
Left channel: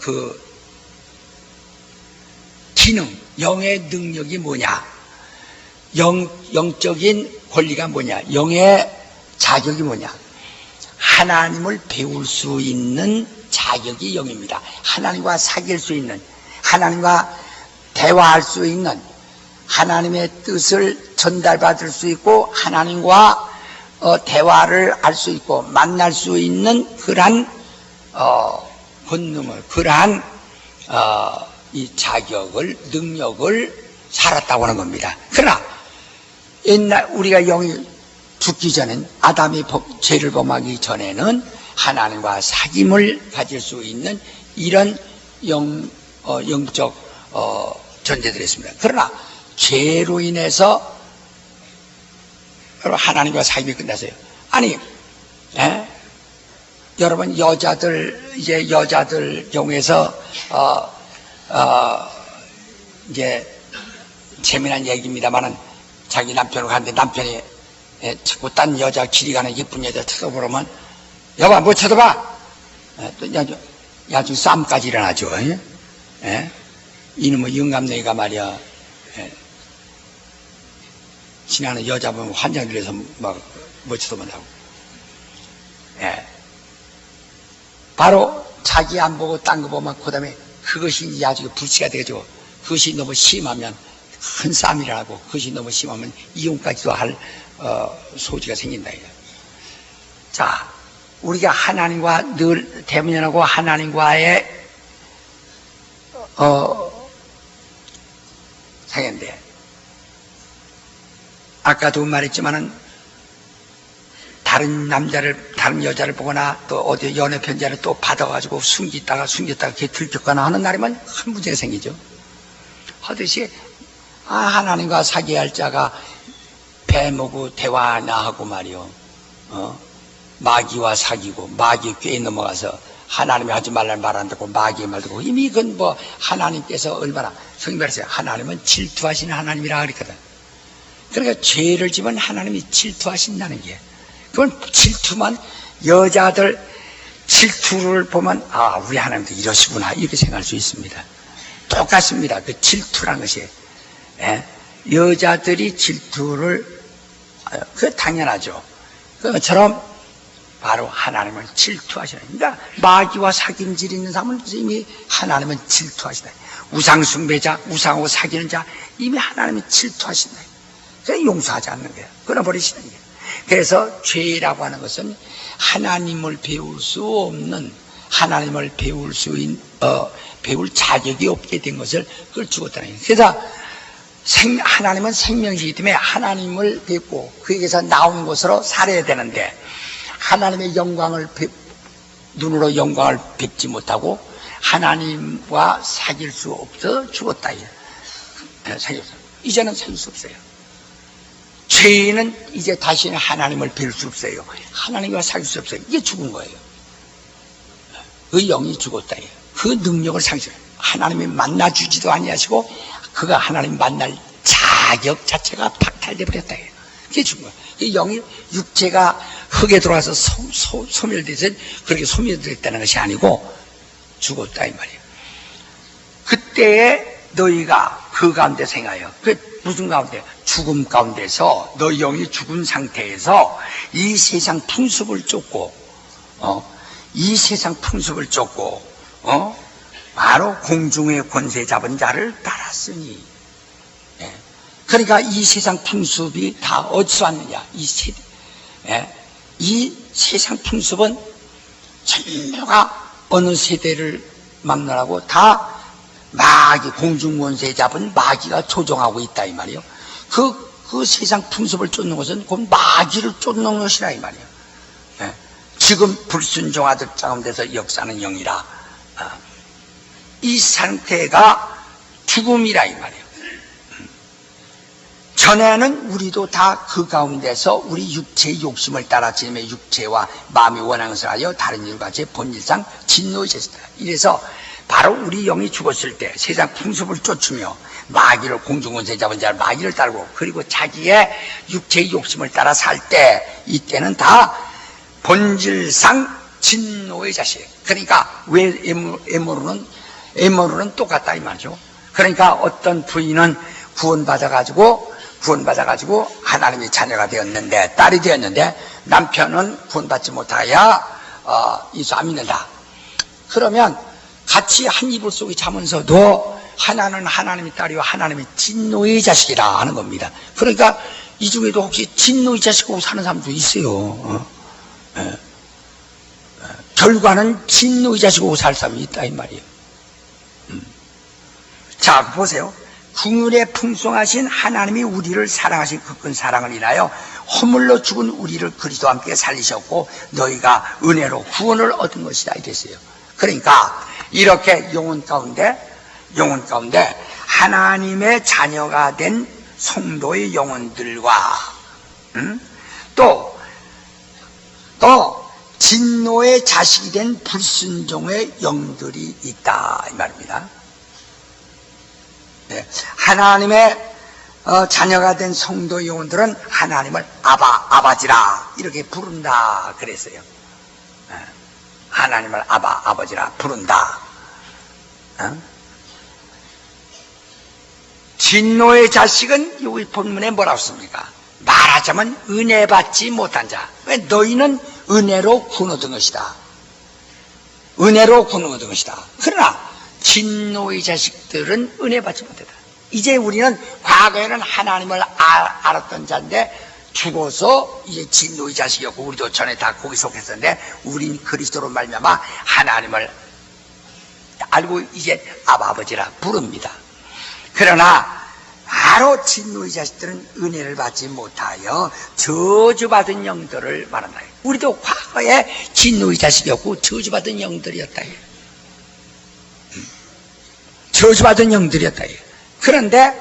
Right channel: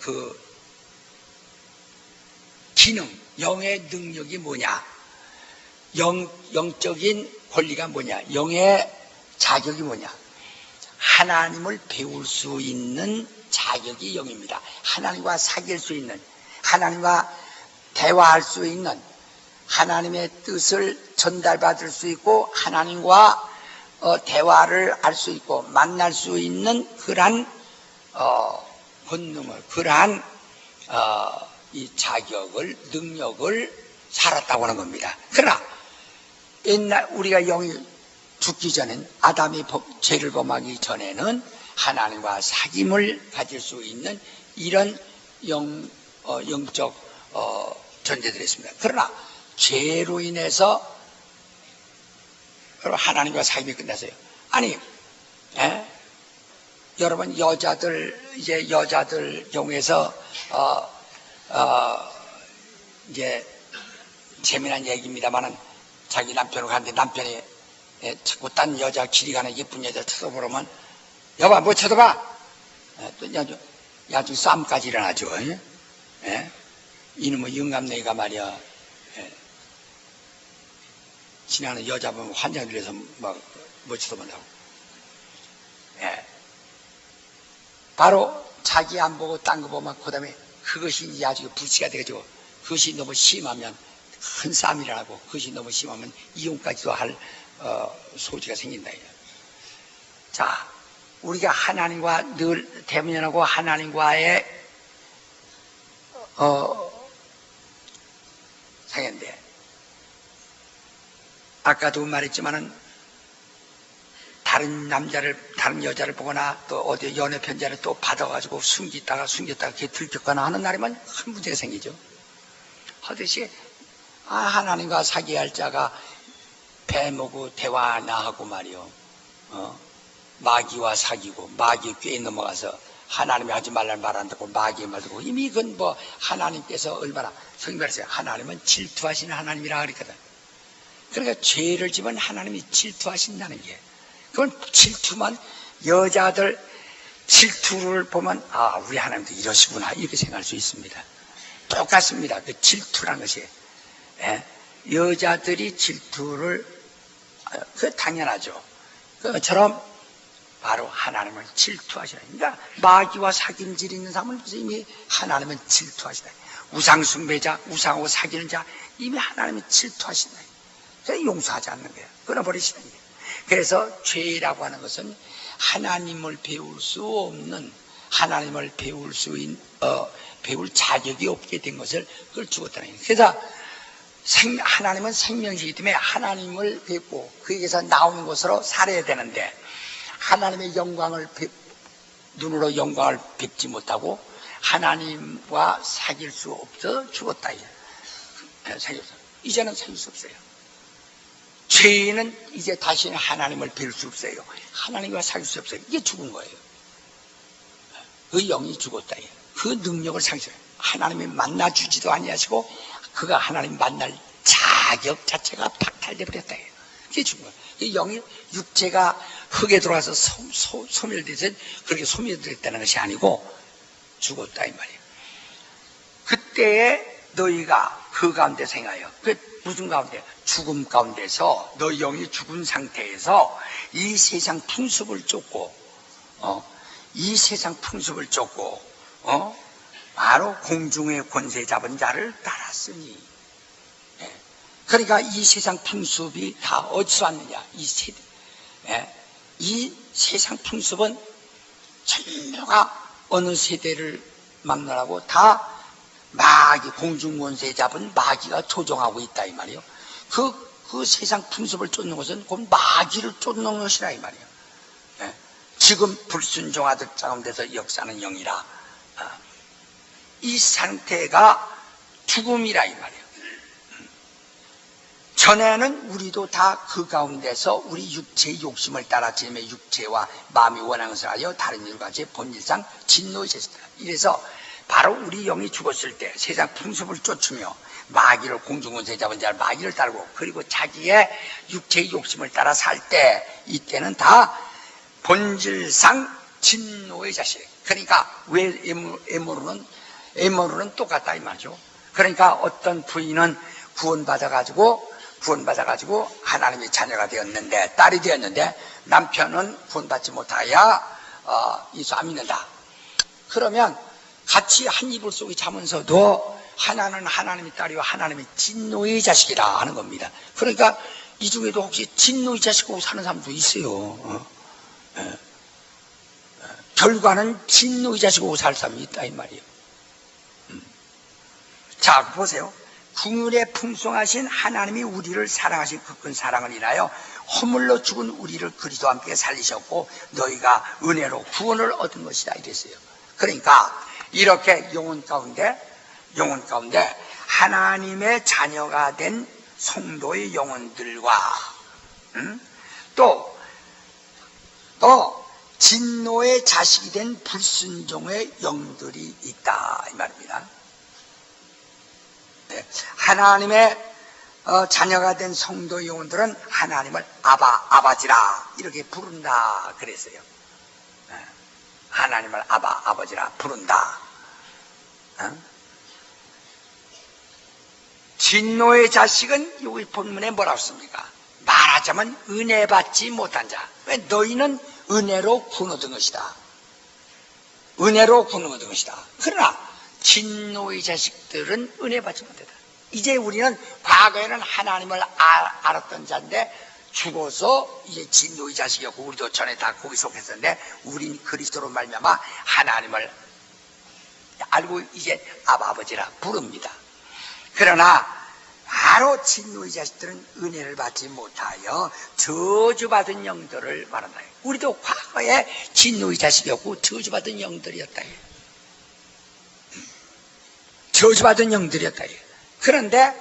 그 기능, 영의 능력이 뭐냐? 영적인 권리가 뭐냐? 영의 자격이 뭐냐? 하나님을 배울 수 있는 자격이 영입니다. 하나님과 사귈 수 있는, 하나님과 대화할 수 있는, 하나님의 뜻을 전달받을 수 있고 하나님과 대화를 할 수 있고 만날 수 있는 그러한 본능을, 그러한 이 자격을, 능력을 살았다고 하는 겁니다. 그러나 옛날 우리가 영이 죽기 전엔 아담이 죄를 범하기 전에는 하나님과 사귐을 가질 수 있는 이런 영적 존재들이 있습니다. 그러나 죄로 인해서 하나님과 사귐이 끝났어요. 아니, 여러분 여자들 경우에서 이제 재미난 얘기입니다만은 자기 남편을 가는데 남편이 자꾸 딴 여자 길이 가는 예쁜 여자 쳐다보면 여봐 뭐 쳐다봐 또 야중 싸움까지 일어나죠. 이놈의 영감내가 말이야 지나는 여자 보면 환장 들려서 막 뭐 쳐다본다고. 바로 자기 안 보고 딴 거 보면 그 다음에 그것이 이제 아주 불씨가 되죠. 그것이 너무 심하면 큰 싸움이 일어나고 그것이 너무 심하면 이혼까지도 할 소지가 생긴다. 자, 우리가 하나님과 늘 대면하고 하나님과의 상인데 아까도 말했지만은 다른 여자를 보거나 또 어디 연애 편지를 또 받아가지고 숨겼다가 걔 들켰거나 하는 날이면 큰 문제가 생기죠. 하듯이 하나님과 사귀할 자가 배모고 대화나 하고 말이요. 마귀와 사귀고 마귀 꾀에 넘어가서 하나님이 하지 말라는 말 안 듣고 마귀의 말 듣고 이미 이건 뭐 하나님께서 얼마나 성경 말했어요. 하나님은 질투하시는 하나님이라 그랬거든. 그러니까 죄를 지면 하나님이 질투하신다는 게 그건 질투만 여자들 질투를 보면 우리 하나님도 이러시구나 이렇게 생각할 수 있습니다. 똑같습니다. 그 질투라는 것이 여자들이 질투를 그 당연하죠. 그것처럼 바로 하나님은 질투하시는. 그러니까 마귀와 사귐질 있는 사람은 이미 하나님은 질투하시다. 우상 숭배자, 우상하고 사귀는 자 이미 하나님은 질투하신다. 그래서 용서하지 않는 거예요. 끊어버리시는 거예요. 그래서 죄라고 하는 것은 하나님을 배울 수 없는 하나님을 배울 자격이 없게 된 것을 그걸 죽었다는 거예요. 그래서 하나님은 생명이기 때문에 하나님을 뵙고 그에게서 나온 것으로 살아야 되는데 하나님의 눈으로 영광을 뵙지 못하고 하나님과 사귈 수 없어 죽었다. 이제는 사귈 수 없어요. 죄인은 이제 다시는 하나님을 뵐 수 없어요. 하나님과 사귈 수 없어요. 이게 죽은 거예요. 그 영이 죽었다. 그 능력을 상실해요. 하나님이 만나주지도 아니하시고 그가 하나님 만날 자격 자체가 박탈돼 버렸다. 그게 죽은 거예요. 그 영이 육체가 흙에 들어와서 소멸돼서 그렇게 소멸됐다는 것이 아니고 죽었다 이 말이에요. 그때에 너희가 그 가운데 생각해요. 그 무슨 가운데? 죽음 가운데서 너희 영이 죽은 상태에서 이 세상 풍습을 쫓고 바로 공중의 권세 잡은 자를 따랐으니. 그러니까 이 세상 풍습이 다 어디서 왔느냐? 이 세상 풍습은 전부가 어느 세대를 막론하고 다 마귀, 공중권세 잡은 마귀가 조종하고 있다 이 말이에요. 그 세상 풍습을 쫓는 것은 곧 마귀를 쫓는 것이라 이 말이에요. 지금 불순종하듯 가운데서 역사는 영이라. 이 상태가 죽음이라 이 말이에요. 전에는 우리도 다 그 가운데서 우리 육체의 욕심을 따라 지금의 육체와 마음이 원하는 것을 하여 다른 일과 제 본질상 진노의 죄다. 이래서 바로 우리 영이 죽었을 때 세상 풍습을 쫓으며 마귀를 공중권세 잡은 자를 마귀를 따르고 그리고 자기의 육체의 욕심을 따라 살 때 이때는 다 본질상 진노의 자식. 그러니까 왜 에모르는 똑같다 이 말이죠. 그러니까 어떤 부인은 구원받아가지고 하나님의 자녀가 되었는데 딸이 되었는데 남편은 구원받지 못하여 예수 안 믿는다. 그러면 같이 한 이불 속에 자면서도 하나는 하나님의 딸이요 하나님의 진노의 자식이라 하는 겁니다. 그러니까 이 중에도 혹시 진노의 자식으로 사는 사람도 있어요. 결과는 진노의 자식으로 살 사람이 있다 이 말이에요. 자 보세요. 긍휼에 풍성하신 하나님이 우리를 사랑하신 그 큰 사랑을 인하여 허물로 죽은 우리를 그리스도와 함께 살리셨고 너희가 은혜로 구원을 얻은 것이다 이랬어요. 그러니까 이렇게 영혼 가운데 하나님의 자녀가 된 성도의 영혼들과 또 진노의 자식이 된 불순종의 영들이 있다 이 말입니다. 네. 하나님의 자녀가 된 성도 영혼들은 하나님을 아버지라 이렇게 부른다 그랬어요. 네. 하나님을 아버지라 부른다. 진노의 자식은 여기 본문에 뭐라고 씁니까? 말하자면 은혜 받지 못한 자. 왜? 너희는 은혜로 구원 얻은 것이다. 은혜로 구원 얻은 것이다. 그러나 진노의 자식들은 은혜 받지 못했다. 이제 우리는 과거에는 하나님을 알았던 자인데 죽어서 이제 진노의 자식이었고 우리도 전에 다 거기 속했었는데 우린 그리스도로 말미암아 하나님을 알고 이제 아버지라 부릅니다. 그러나 바로 진노의 자식들은 은혜를 받지 못하여 저주받은 영들을 말한다. 우리도 과거에 진노의 자식이었고 저주받은 영들이었다. 저주받은 영들이었다. 그런데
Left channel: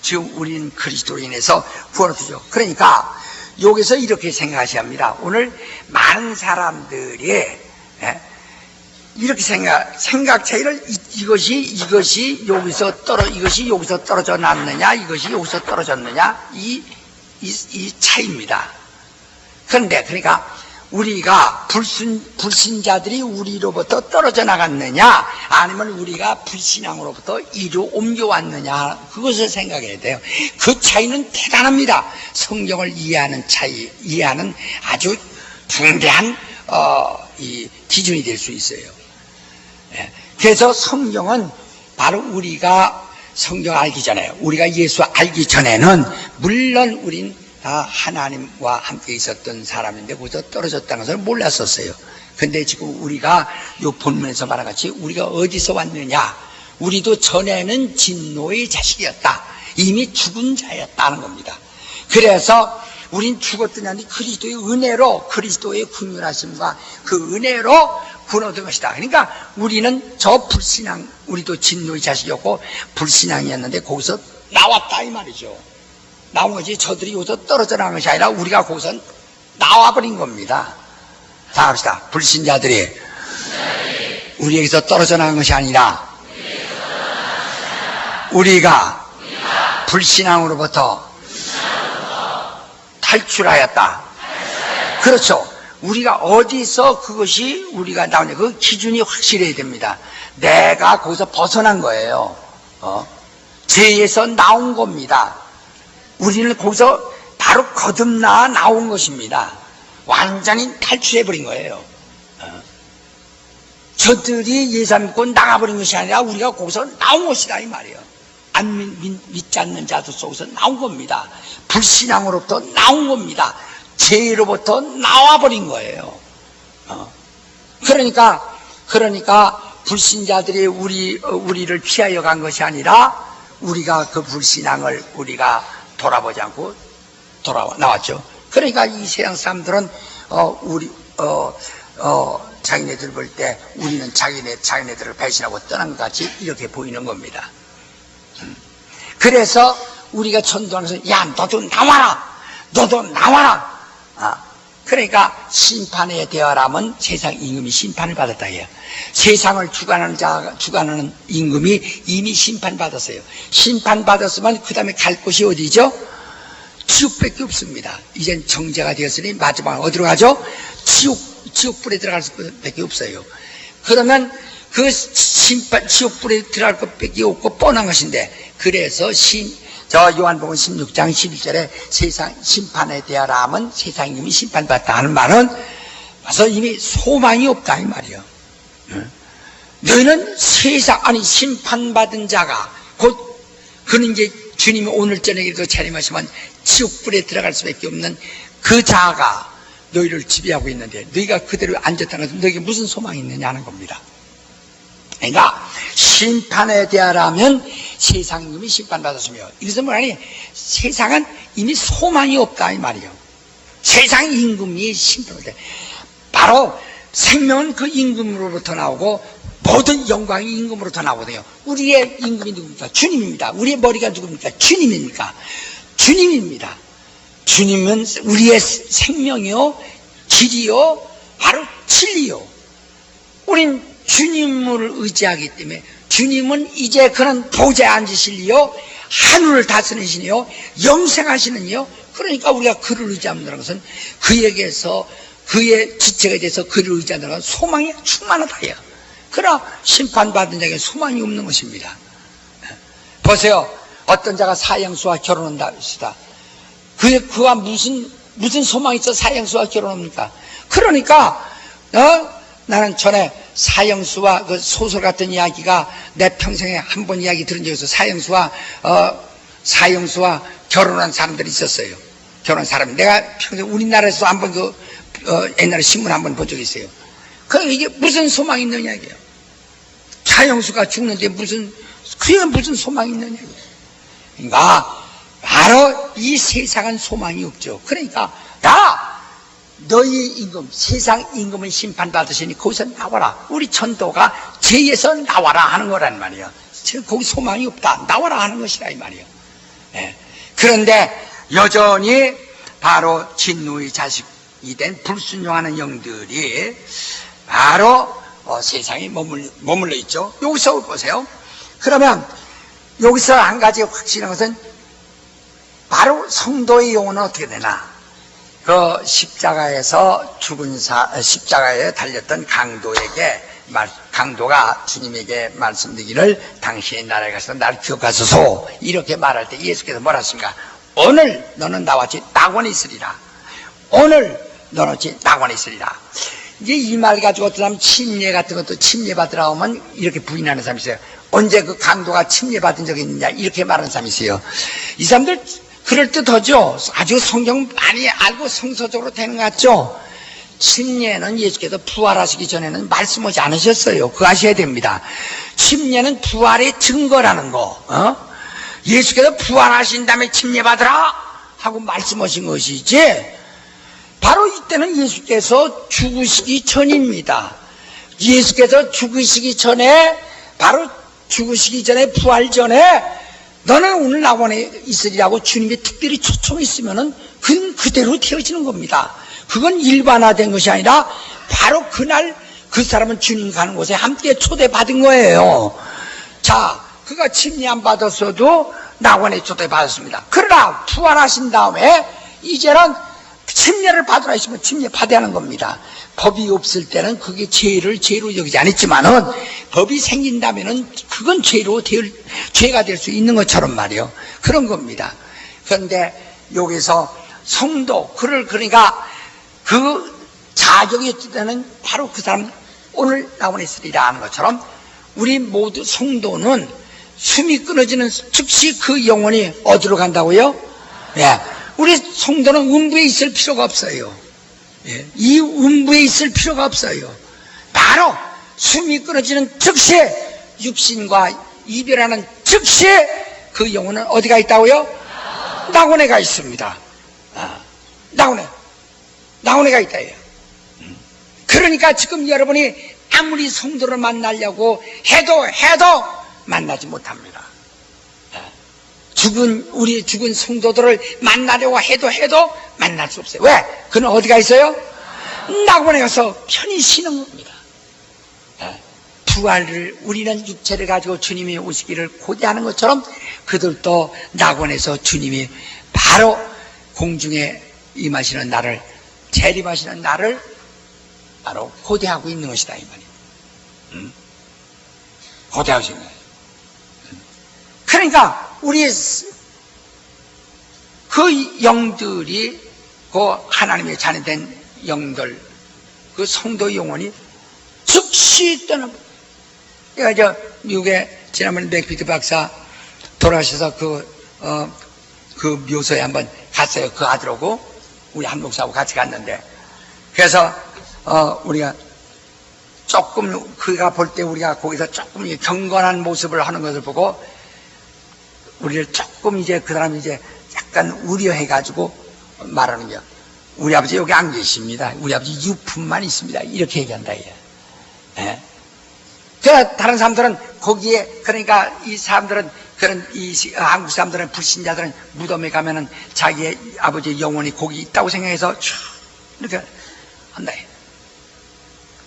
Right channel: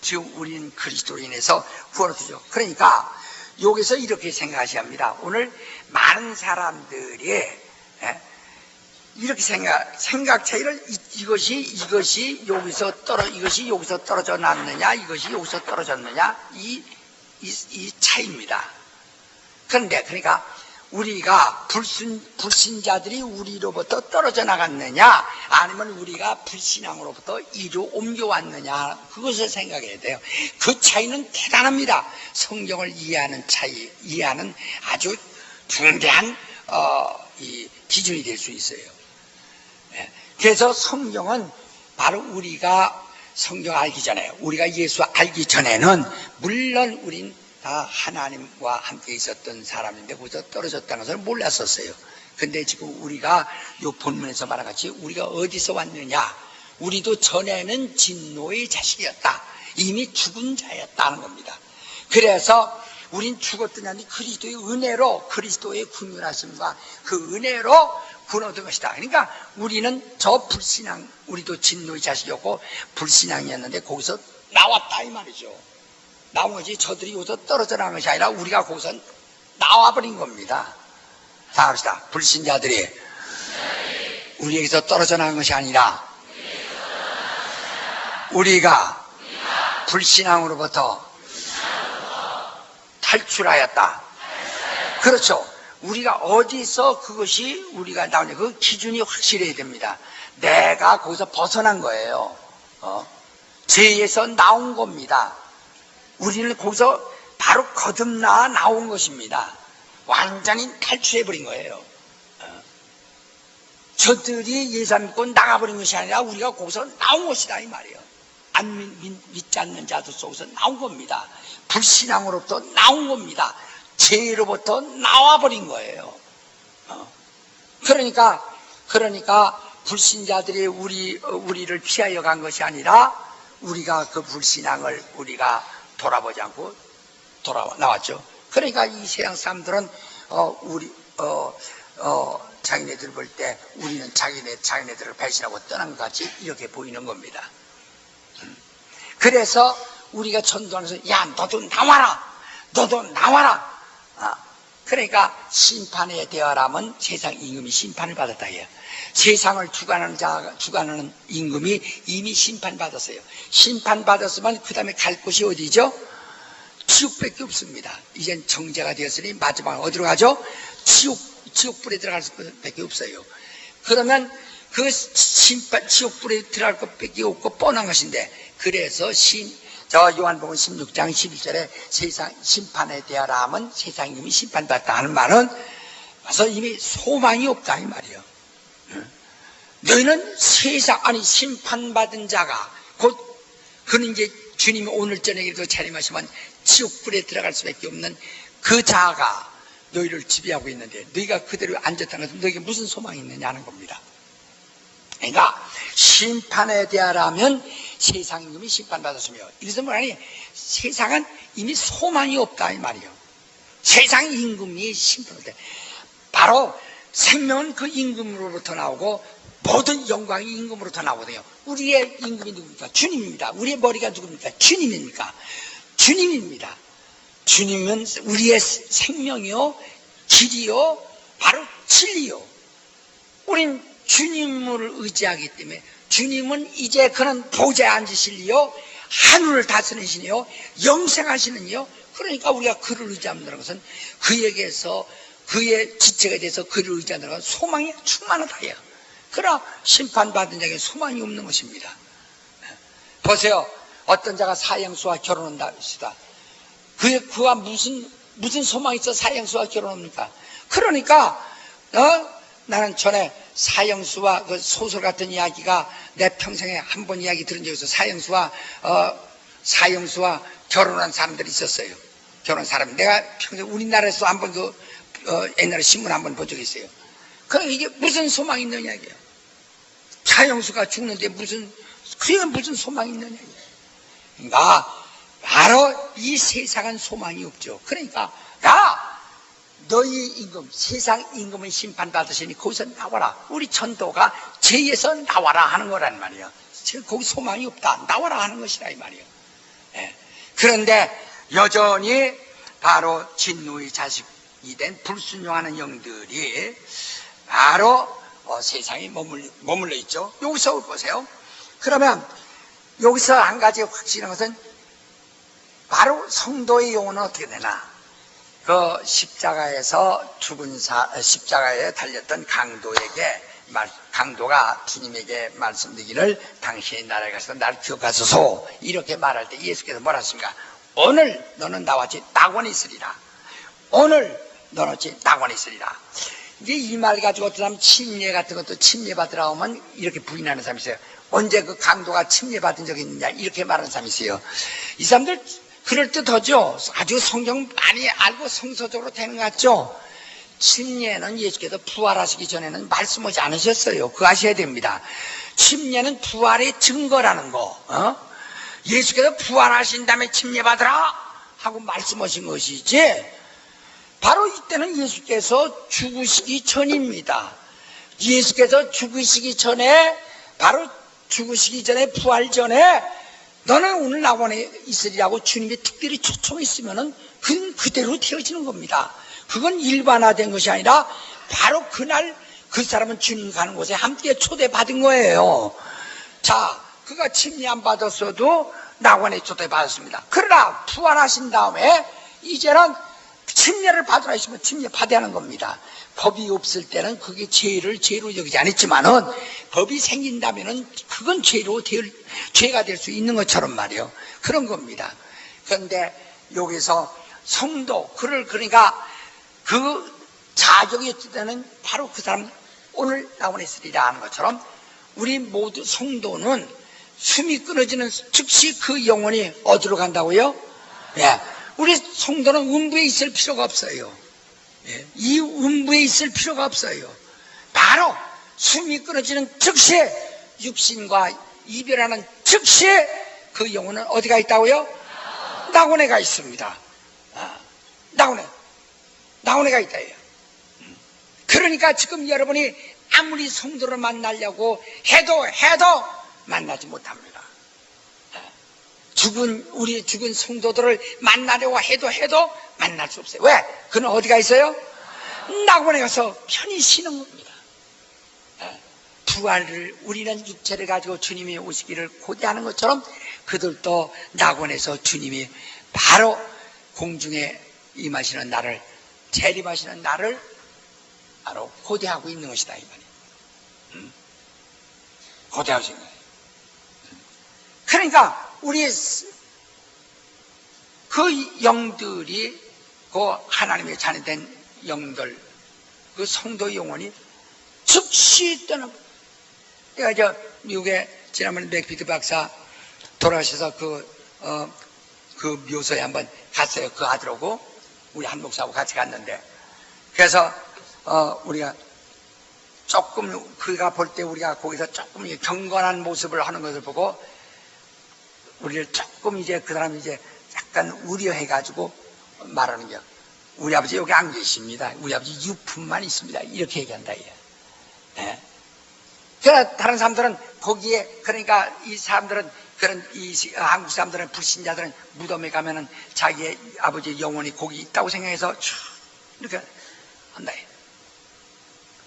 지금 우리는 그리스도로 인해서 구원을 주죠. 그러니까 여기서 이렇게 생각하셔야 합니다. 오늘 많은 사람들이 이렇게 생각 차이를 이것이 여기서 떨어져 놨느냐, 이것이 여기서 떨어졌느냐, 이 차이입니다. 그런데 그러니까 우리가 불신자들이 우리로부터 떨어져 나갔느냐, 아니면 우리가 불신앙으로부터 이로 옮겨왔느냐, 그것을 생각해야 돼요. 그 차이는 대단합니다. 성경을 이해하는 아주 중대한 이 기준이 될 수 있어요. 그래서 성경은 바로 우리가 성경 알기 전에, 우리가 예수 알기 전에는 물론 우린 다 하나님과 함께 있었던 사람인데 거기서 떨어졌다는 것을 몰랐었어요. 근데 지금 우리가 이 본문에서 말한 같이 우리가 어디서 왔느냐, 우리도 전에는 진노의 자식이었다, 이미 죽은 자였다는 겁니다. 그래서 우린 죽었더니 아니 그리스도의 은혜로, 그리스도의 긍휼하심과 그 은혜로 구원 얻은 것이다. 그러니까 우리는 저 불신앙, 우리도 진노의 자식이었고 불신앙이었는데 거기서 나왔다 이 말이죠. 나온 거지. 저들이 여기서 떨어져 나간 것이 아니라 우리가 거기서 나와버린 겁니다. 자, 합시다. 불신자들이 우리에게서 떨어져 나간 것이 아니라 우리가 불신앙으로부터 탈출하였다. 그렇죠. 우리가 어디서 그것이 우리가 나오냐, 그 기준이 확실해야 됩니다. 내가 거기서 벗어난 거예요. 죄에서 나온 겁니다. 우리는 거기서 바로 거듭나 나온 것입니다. 완전히 탈출해버린 거예요. 저들이 예수 안 믿고 나가버린 것이 아니라 우리가 거기서 나온 것이다 이 말이에요. 안 믿지 않는 자들 속에서 나온 겁니다. 불신앙으로부터 나온 겁니다. 죄로부터 나와버린 거예요. 그러니까 불신자들이 우리를 피하여 간 것이 아니라 우리가 그 불신앙을 우리가 돌아보지 않고 나왔죠. 그러니까 이 세상 사람들은 자기네들 볼 때 우리는 자기네들을 배신하고 떠난 것 같이 이렇게 보이는 겁니다. 그래서 우리가 전도하면서 야 너도 나와라. 그러니까 심판의 대화라면 세상 임금이 심판을 받았다 해요. 세상을 주관하는 임금이 이미 심판받았어요. 심판받았으면 그 다음에 갈 곳이 어디죠? 지옥밖에 없습니다. 이젠 정죄가 되었으니 마지막에 어디로 가죠? 지옥불에 들어갈 수밖에 없어요. 그러면 그 지옥불에 들어갈 것밖에 없고 뻔한 것인데, 그래서 요한복음 16장 11절에 세상 심판에 대하라 하면 세상 이미 심판받다 하는 말은 그래서 이미 소망이 없다 이 말이에요. 너희는 심판받은 자가 곧 그는 이제 주님이 오늘 저녁에도 차림하시면 지옥불에 들어갈 수밖에 없는 그 자가 너희를 지배하고 있는데 너희가 그대로 앉았다는 것은 너희에게 무슨 소망이 있느냐 하는 겁니다. 그러니까 심판에 대하라면 세상 임금이 심판받았으며, 이래서 뭐라니, 세상은 이미 소망이 없다 이 말이에요. 세상 임금이 심판받았다. 바로 생명은 그 임금으로부터 나오고 모든 영광이 임금으로부터 나오거든요. 우리의 임금이 누굽니까? 주님입니다. 우리의 머리가 누굽니까? 주님입니까? 주님입니다. 주님은 우리의 생명이요, 길이요, 바로 진리요. 우린 주님을 의지하기 때문에, 주님은 이제 그는 보좌에 앉으실리요, 하늘을 다스리시니요, 영생하시는 이요. 그러니까 우리가 그를 의지한다는 것은 그에게서, 그의 지체가 돼서 그를 의지한다는 것은 소망이 충만하다요. 그러나 심판받은 자에게 소망이 없는 것입니다. 보세요. 어떤 자가 사형수와 결혼한다 합시다. 그와 무슨 소망이 있어 사형수와 결혼합니까? 그러니까 나는 전에 사형수와 그 소설 같은 이야기가 내 평생에 한 번 이야기 들은 적이 있어. 사형수와 결혼한 사람들이 있었어요. 결혼한 사람. 내가 평생 우리나라에서 한번 옛날에 신문 한번 본 적이 있어요. 그럼 이게 무슨 소망이 있느냐 이게요. 사형수가 죽는데 그게 무슨 소망이 있느냐 이게요. 그러니까 바로 이 세상은 소망이 없죠. 그러니까 너희 임금, 세상 임금은 심판받으시니 거기서 나와라. 우리 전도가 죄에서 나와라 하는 거란 말이에요. 거기 소망이 없다. 나와라 하는 것이라 이 말이에요. 예. 그런데 여전히 바로 진노의 자식이 된 불순종하는 영들이 바로 세상에 머물러 있죠. 여기서 보세요. 그러면 여기서 한 가지 확실한 것은 바로 성도의 영혼은 어떻게 되나? 그 십자가에서 십자가에 달렸던 강도가 주님에게 말씀드리기를 당신의 나라에 가서 나를 기억하소서 이렇게 말할 때 예수께서 뭐라 하십니까? 오늘 너는 나와 같이 낙원에 있으리라. 오늘 너는 같이 낙원에 있으리라. 이제 이 말 가지고 어떤 사람 침례 같은 것도 침례받으라 하면 이렇게 부인하는 사람이 있어요. 언제 그 강도가 침례받은 적이 있느냐 이렇게 말하는 사람이 있어요. 이 사람들 그럴듯하죠. 아주 성경 많이 알고 성서적으로 되는 것 같죠. 침례는 예수께서 부활하시기 전에는 말씀하지 않으셨어요. 그거 아셔야 됩니다. 침례는 부활의 증거라는 거. 예수께서 부활하신 다음에 침례받으라 하고 말씀하신 것이지, 바로 이때는 예수께서 죽으시기 전입니다. 예수께서 죽으시기 전에, 바로 죽으시기 전에, 부활 전에 너는 오늘 낙원에 있으리라고 주님이 특별히 초청했으면은 그건 그대로 되어지는 겁니다. 그건 일반화된 것이 아니라 바로 그날 그 사람은 주님 가는 곳에 함께 초대받은 거예요. 자, 그가 침례 안 받았어도 낙원에 초대받았습니다. 그러나 부활하신 다음에 이제는 침례를 받으라 했으면 침례 받아야 하는 겁니다. 법이 없을 때는 그게 죄로 여기지 않았지만은 법이 생긴다면은 그건 죄가 될 수 있는 것처럼 말이요. 그런 겁니다. 그런데 여기서 성도, 그러니까 그 자격이 있을 때는 바로 그 사람 오늘 낙원에 있으리라 하는 것처럼 우리 모두 성도는 숨이 끊어지는 즉시 그 영혼이 어디로 간다고요? 예. 우리 성도는 음부에 있을 필요가 없어요. 예. 이 음부에 있을 필요가 없어요. 바로 숨이 끊어지는 즉시 육신과 이별하는 즉시 그 영혼은 어디가 있다고요? 낙원에 가 있습니다. 낙원에 가 있다. 그러니까 지금 여러분이 아무리 성도를 만나려고 해도 만나지 못합니다. 우리 죽은 성도들을 만나려고 해도 만날 수 없어요. 왜? 그는 어디가 있어요? 낙원에 가서 편히 쉬는 겁니다. 우리는 육체를 가지고 주님이 오시기를 고대하는 것처럼 그들도 낙원에서 주님이 바로 공중에 임하시는 날을, 재림하시는 날을 바로 고대하고 있는 것이다 이 말이에요. 고대하시는 거예요. 그러니까 그 영들이, 그 하나님의 자녀된 영들, 그 성도 영혼이 즉시 떠나. 제가 미국에 지난번에 맥피트 박사 돌아가셔서 그 묘소에 한번 갔어요. 그 아들하고 우리 한 목사하고 같이 갔는데, 그래서 우리가 조금 그가 볼 때 우리가 거기서 조금 경건한 모습을 하는 것을 보고 우리를 조금 이제 그 사람이 이제 약간 우려해가지고 말하는 게, 우리 아버지 여기 안 계십니다. 우리 아버지 유품만 있습니다. 이렇게 얘기한다. 예. 그러니까 다른 사람들은 거기에, 그러니까 이 사람들은, 그런 이 한국 사람들은, 불신자들은 무덤에 가면은 자기의 아버지의 영혼이 거기 있다고 생각해서 쭉 이렇게 한다.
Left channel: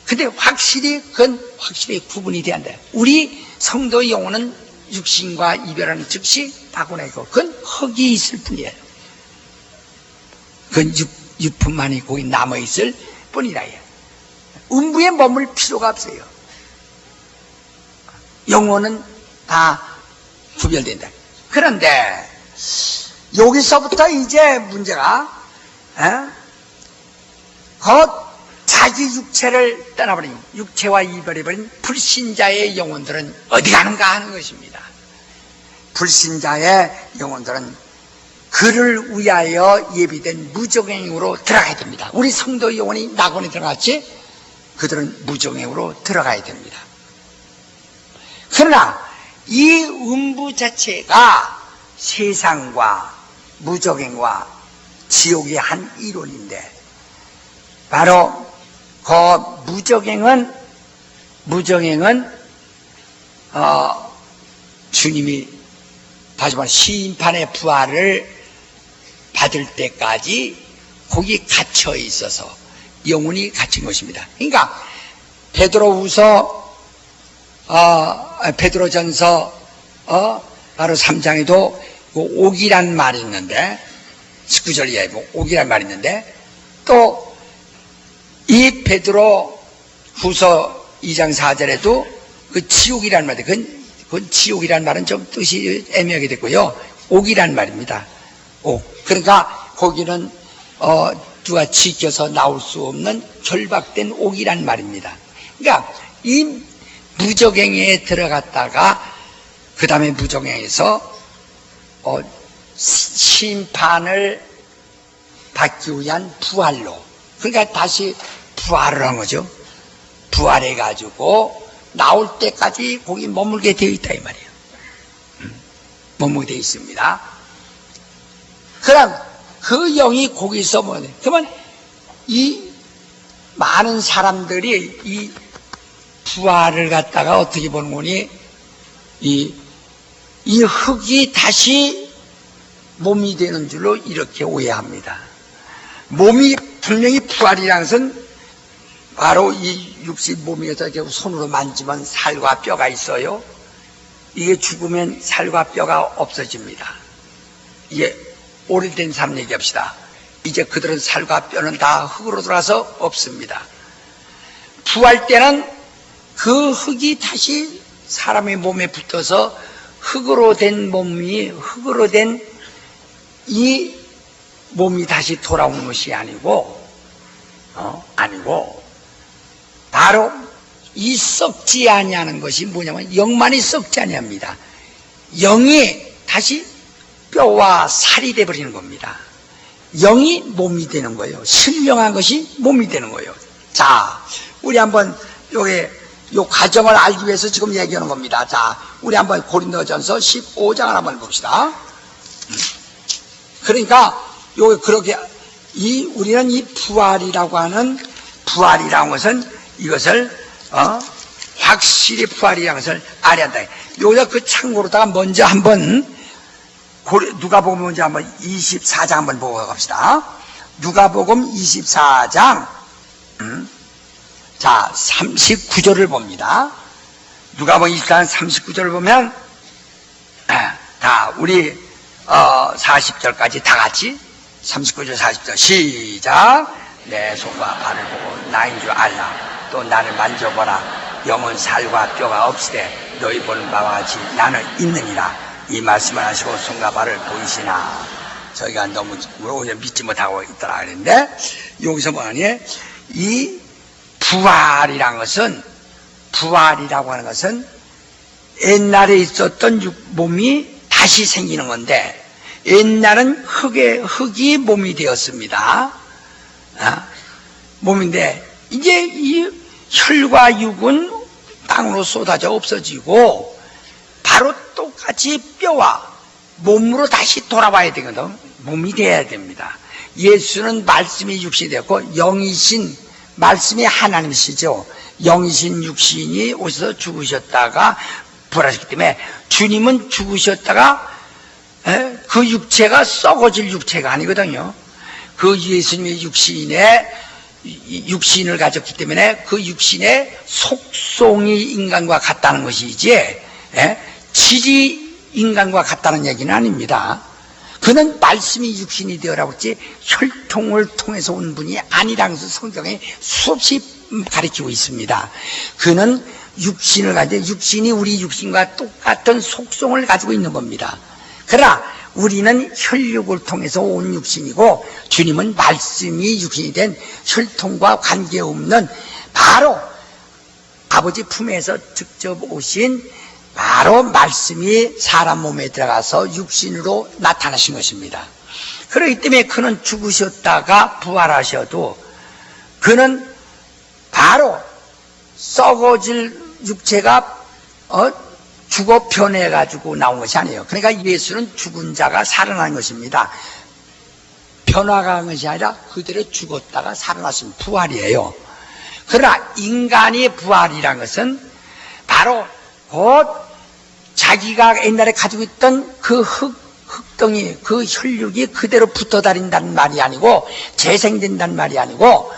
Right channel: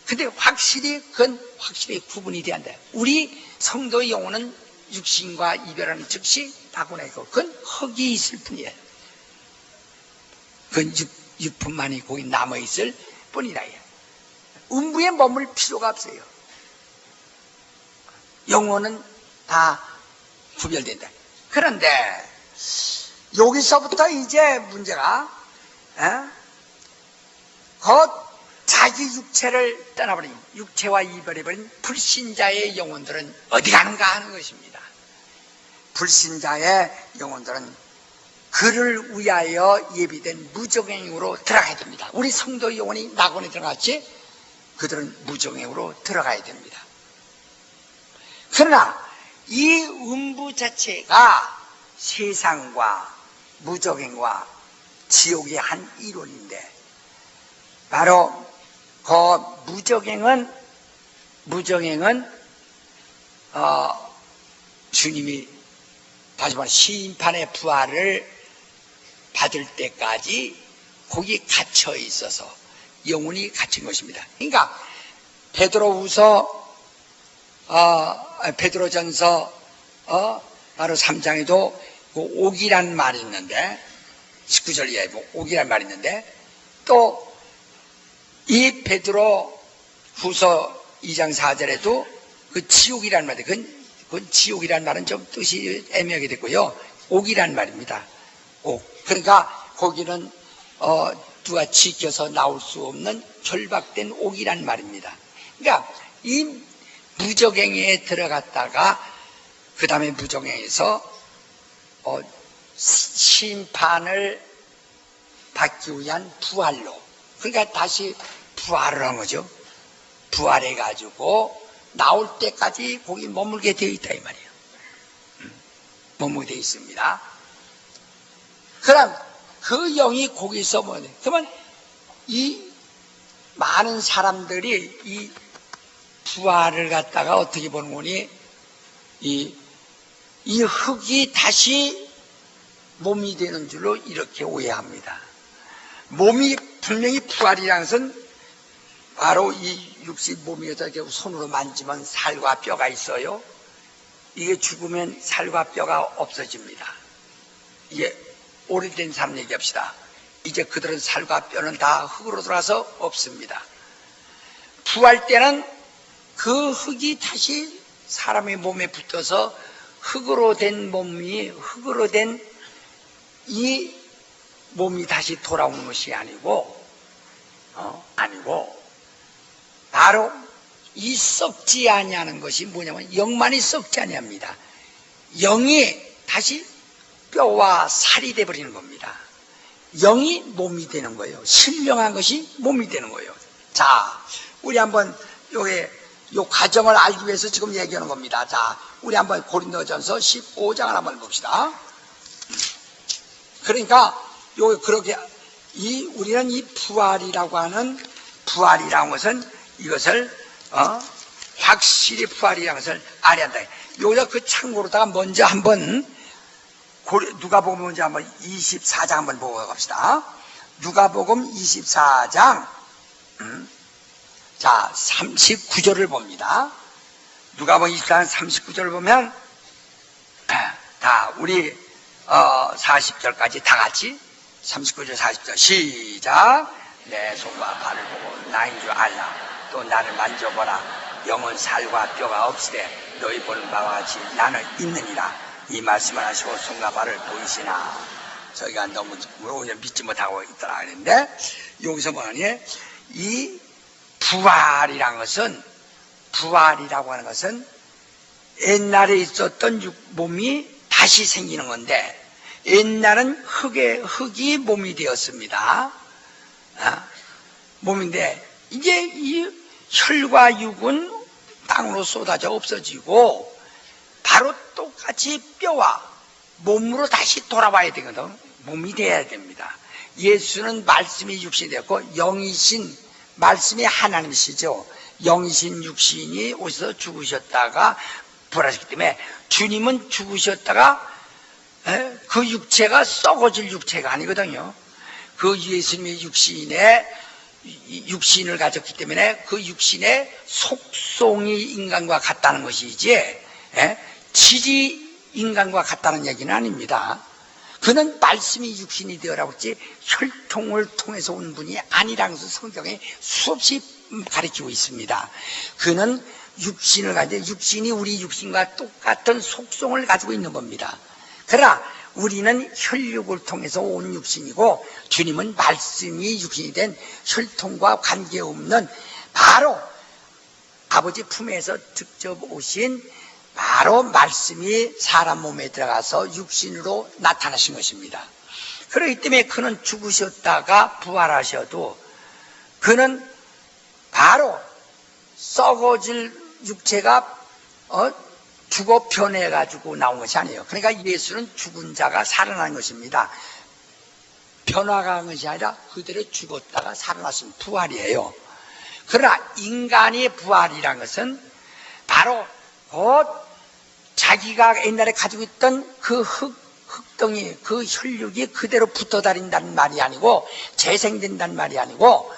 근데 그건 확실히 구분이 돼야 한다. 우리 성도의 영혼은 육신과 이별하는 즉시 바꾸내고, 그건 흙이 있을 뿐이에요. 그건 유품만이 거기 남아있을 뿐이라. 음부에 머물 필요가 없어요. 영혼은 다 구별된다. 그런데 여기서부터 이제 문제가 자기 육체를 떠나버린, 육체와 이별해버린 불신자의 영혼들은 어디 가는가 하는 것입니다. 불신자의 영혼들은 그를 위하여 예비된 무정행으로 들어가야 됩니다. 우리 성도의 영혼이 낙원에 들어갔지, 그들은 무정행으로 들어가야 됩니다. 그러나 이 음부 자체가 세상과 무정행과 지옥의 한 이론인데, 바로 그 무정행은 주님이 다시 말해 심판의 부활을 받을 때까지 거기 갇혀 있어서 영혼이 갇힌 것입니다. 그러니까 베드로전서 바로 3장에도 옥이란 말이 있는데, 19절 이하에 옥이란 말이 있는데, 또 이 베드로 후서 2장 4절에도 그 지옥이란 말이, 그건 지옥이란 말은 좀 뜻이 애매하게 됐고요. 옥이란 말입니다. 옥. 그러니까 거기는 누가 지켜서 나올 수 없는 결박된 옥이란 말입니다. 그러니까 이 무정행에 들어갔다가 그 다음에 무정행에서 심판을 받기 위한 부활로, 그러니까 다시 부활을 한 거죠. 부활해가지고 나올 때까지 거기 머물게 되어 있다 이 말이에요. 머물게 되어 있습니다. 그럼 그 영이 거기서 그러면 이 많은 사람들이 이 부활을 갖다가 어떻게 보는 거니, 이 흙이 다시 몸이 되는 줄로 이렇게 오해합니다. 몸이 분명히 부활이라는 것은 바로 이 육신 몸에서 이렇게 손으로 만지면 살과 뼈가 있어요. 이게 죽으면 살과 뼈가 없어집니다. 이게 오래된 사람 얘기합시다. 이제 그들은 살과 뼈는 다 흙으로 돌아서 없습니다. 부활 때는 그 흙이 다시 사람의 몸에 붙어서 흙으로 된 이 몸이 다시 돌아오는 것이 아니고 바로 이 썩지 아니하는 것이 뭐냐면 영만이 썩지 아니합니다. 영이 다시 뼈와 살이 되어버리는 겁니다. 영이 몸이 되는 거예요. 신령한 것이 몸이 되는 거예요. 자, 우리 한번 요 과정을 알기 위해서 지금 얘기하는 겁니다. 자, 우리 한번 고린도전서 15장을 한번 봅시다. 그러니까 그렇게 우리는 이 부활이라고 하는 것은 이것을 확실히 부활이라는 것을 알아야 한다. 여기서 그 참고로다가 먼저 한번 누가복음 먼저 한번 24장 한번 보고 갑시다. 누가복음 24장 자 39절을 봅니다. 누가복음 24장 39절을 보면 다 우리 40절까지 다 같이 39절 40절 시작. 내 손과 발을 보고 나인 줄 알라. 또 나를 만져보라. 영은 살과 뼈가 없으되 너희 보는 바와 같이 나는 있느니라. 이 말씀을 하시고 손과 발을 보이시나. 저희가 너무 믿지 못하고 있더라 그랬는데, 여기서 뭐하니? 이 부활이라고 하는 것은 옛날에 있었던 몸이 다시 생기는 건데, 옛날은 흙이 몸이 되었습니다. 몸인데, 이제 이 혈과 육은 땅으로 쏟아져 없어지고 바로 똑같이 뼈와 몸으로 다시 돌아와야 되거든. 몸이 돼야 됩니다. 예수는 말씀이 육신이 되었고 영이신 말씀이 하나님이시죠. 영이신 육신이 오셔서 죽으셨다가 부활하셨기 때문에 주님은 죽으셨다가 그 육체가 썩어질 육체가 아니거든요. 그 예수님의 육신을 가졌기 때문에 그 육신의 속성이 인간과 같다는 것이지 질이 인간과 같다는 얘기는 아닙니다. 그는 말씀이 육신이 되어라고 했지 혈통을 통해서 온 분이 아니라는 것을 성경에 수없이 가르치고 있습니다. 그는 육신을 가지고 육신이 우리 육신과 똑같은 속성을 가지고 있는 겁니다. 그러나 우리는 혈육을 통해서 온 육신이고 주님은 말씀이 육신이 된 혈통과 관계없는 바로 아버지 품에서 직접 오신 바로 말씀이 사람 몸에 들어가서 육신으로 나타나신 것입니다. 그렇기 때문에 그는 죽으셨다가 부활하셔도 그는 바로 썩어질 육체가 죽어 변해가지고 나온 것이 아니에요. 그러니까 예수는 죽은 자가 살아난 것입니다. 변화가 한 것이 아니라 그대로 죽었다가 살아나신 부활이에요. 그러나 인간의 부활이란 것은 바로 곧 자기가 옛날에 가지고 있던 그 흙덩이, 그 혈육이 그대로 붙어 다닌다는 말이 아니고 재생된다는 말이 아니고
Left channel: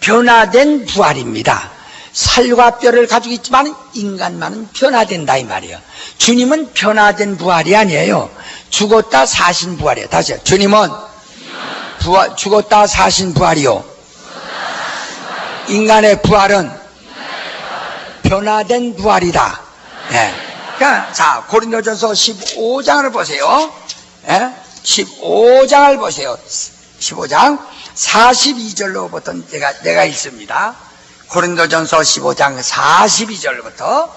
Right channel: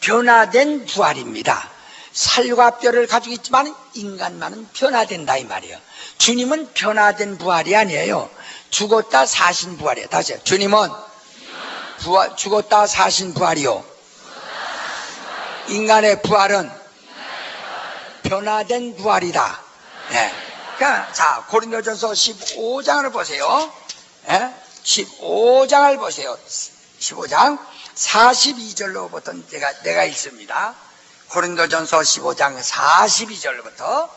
변화된 부활입니다. 살과 뼈를 가지고 있지만 인간만은 변화된다 이 말이에요. 주님은 변화된 부활이 아니에요. 죽었다 사신 부활이에요. 다시요. 주님은 죽었다 사신 부활이요. 인간의 부활은 변화된 부활이다. 네. 그러니까 자 고린도전서 15장을 보세요. 15장을 보세요. 15장 42절로부터 내가 읽습니다. 고린도전서 15장 42절부터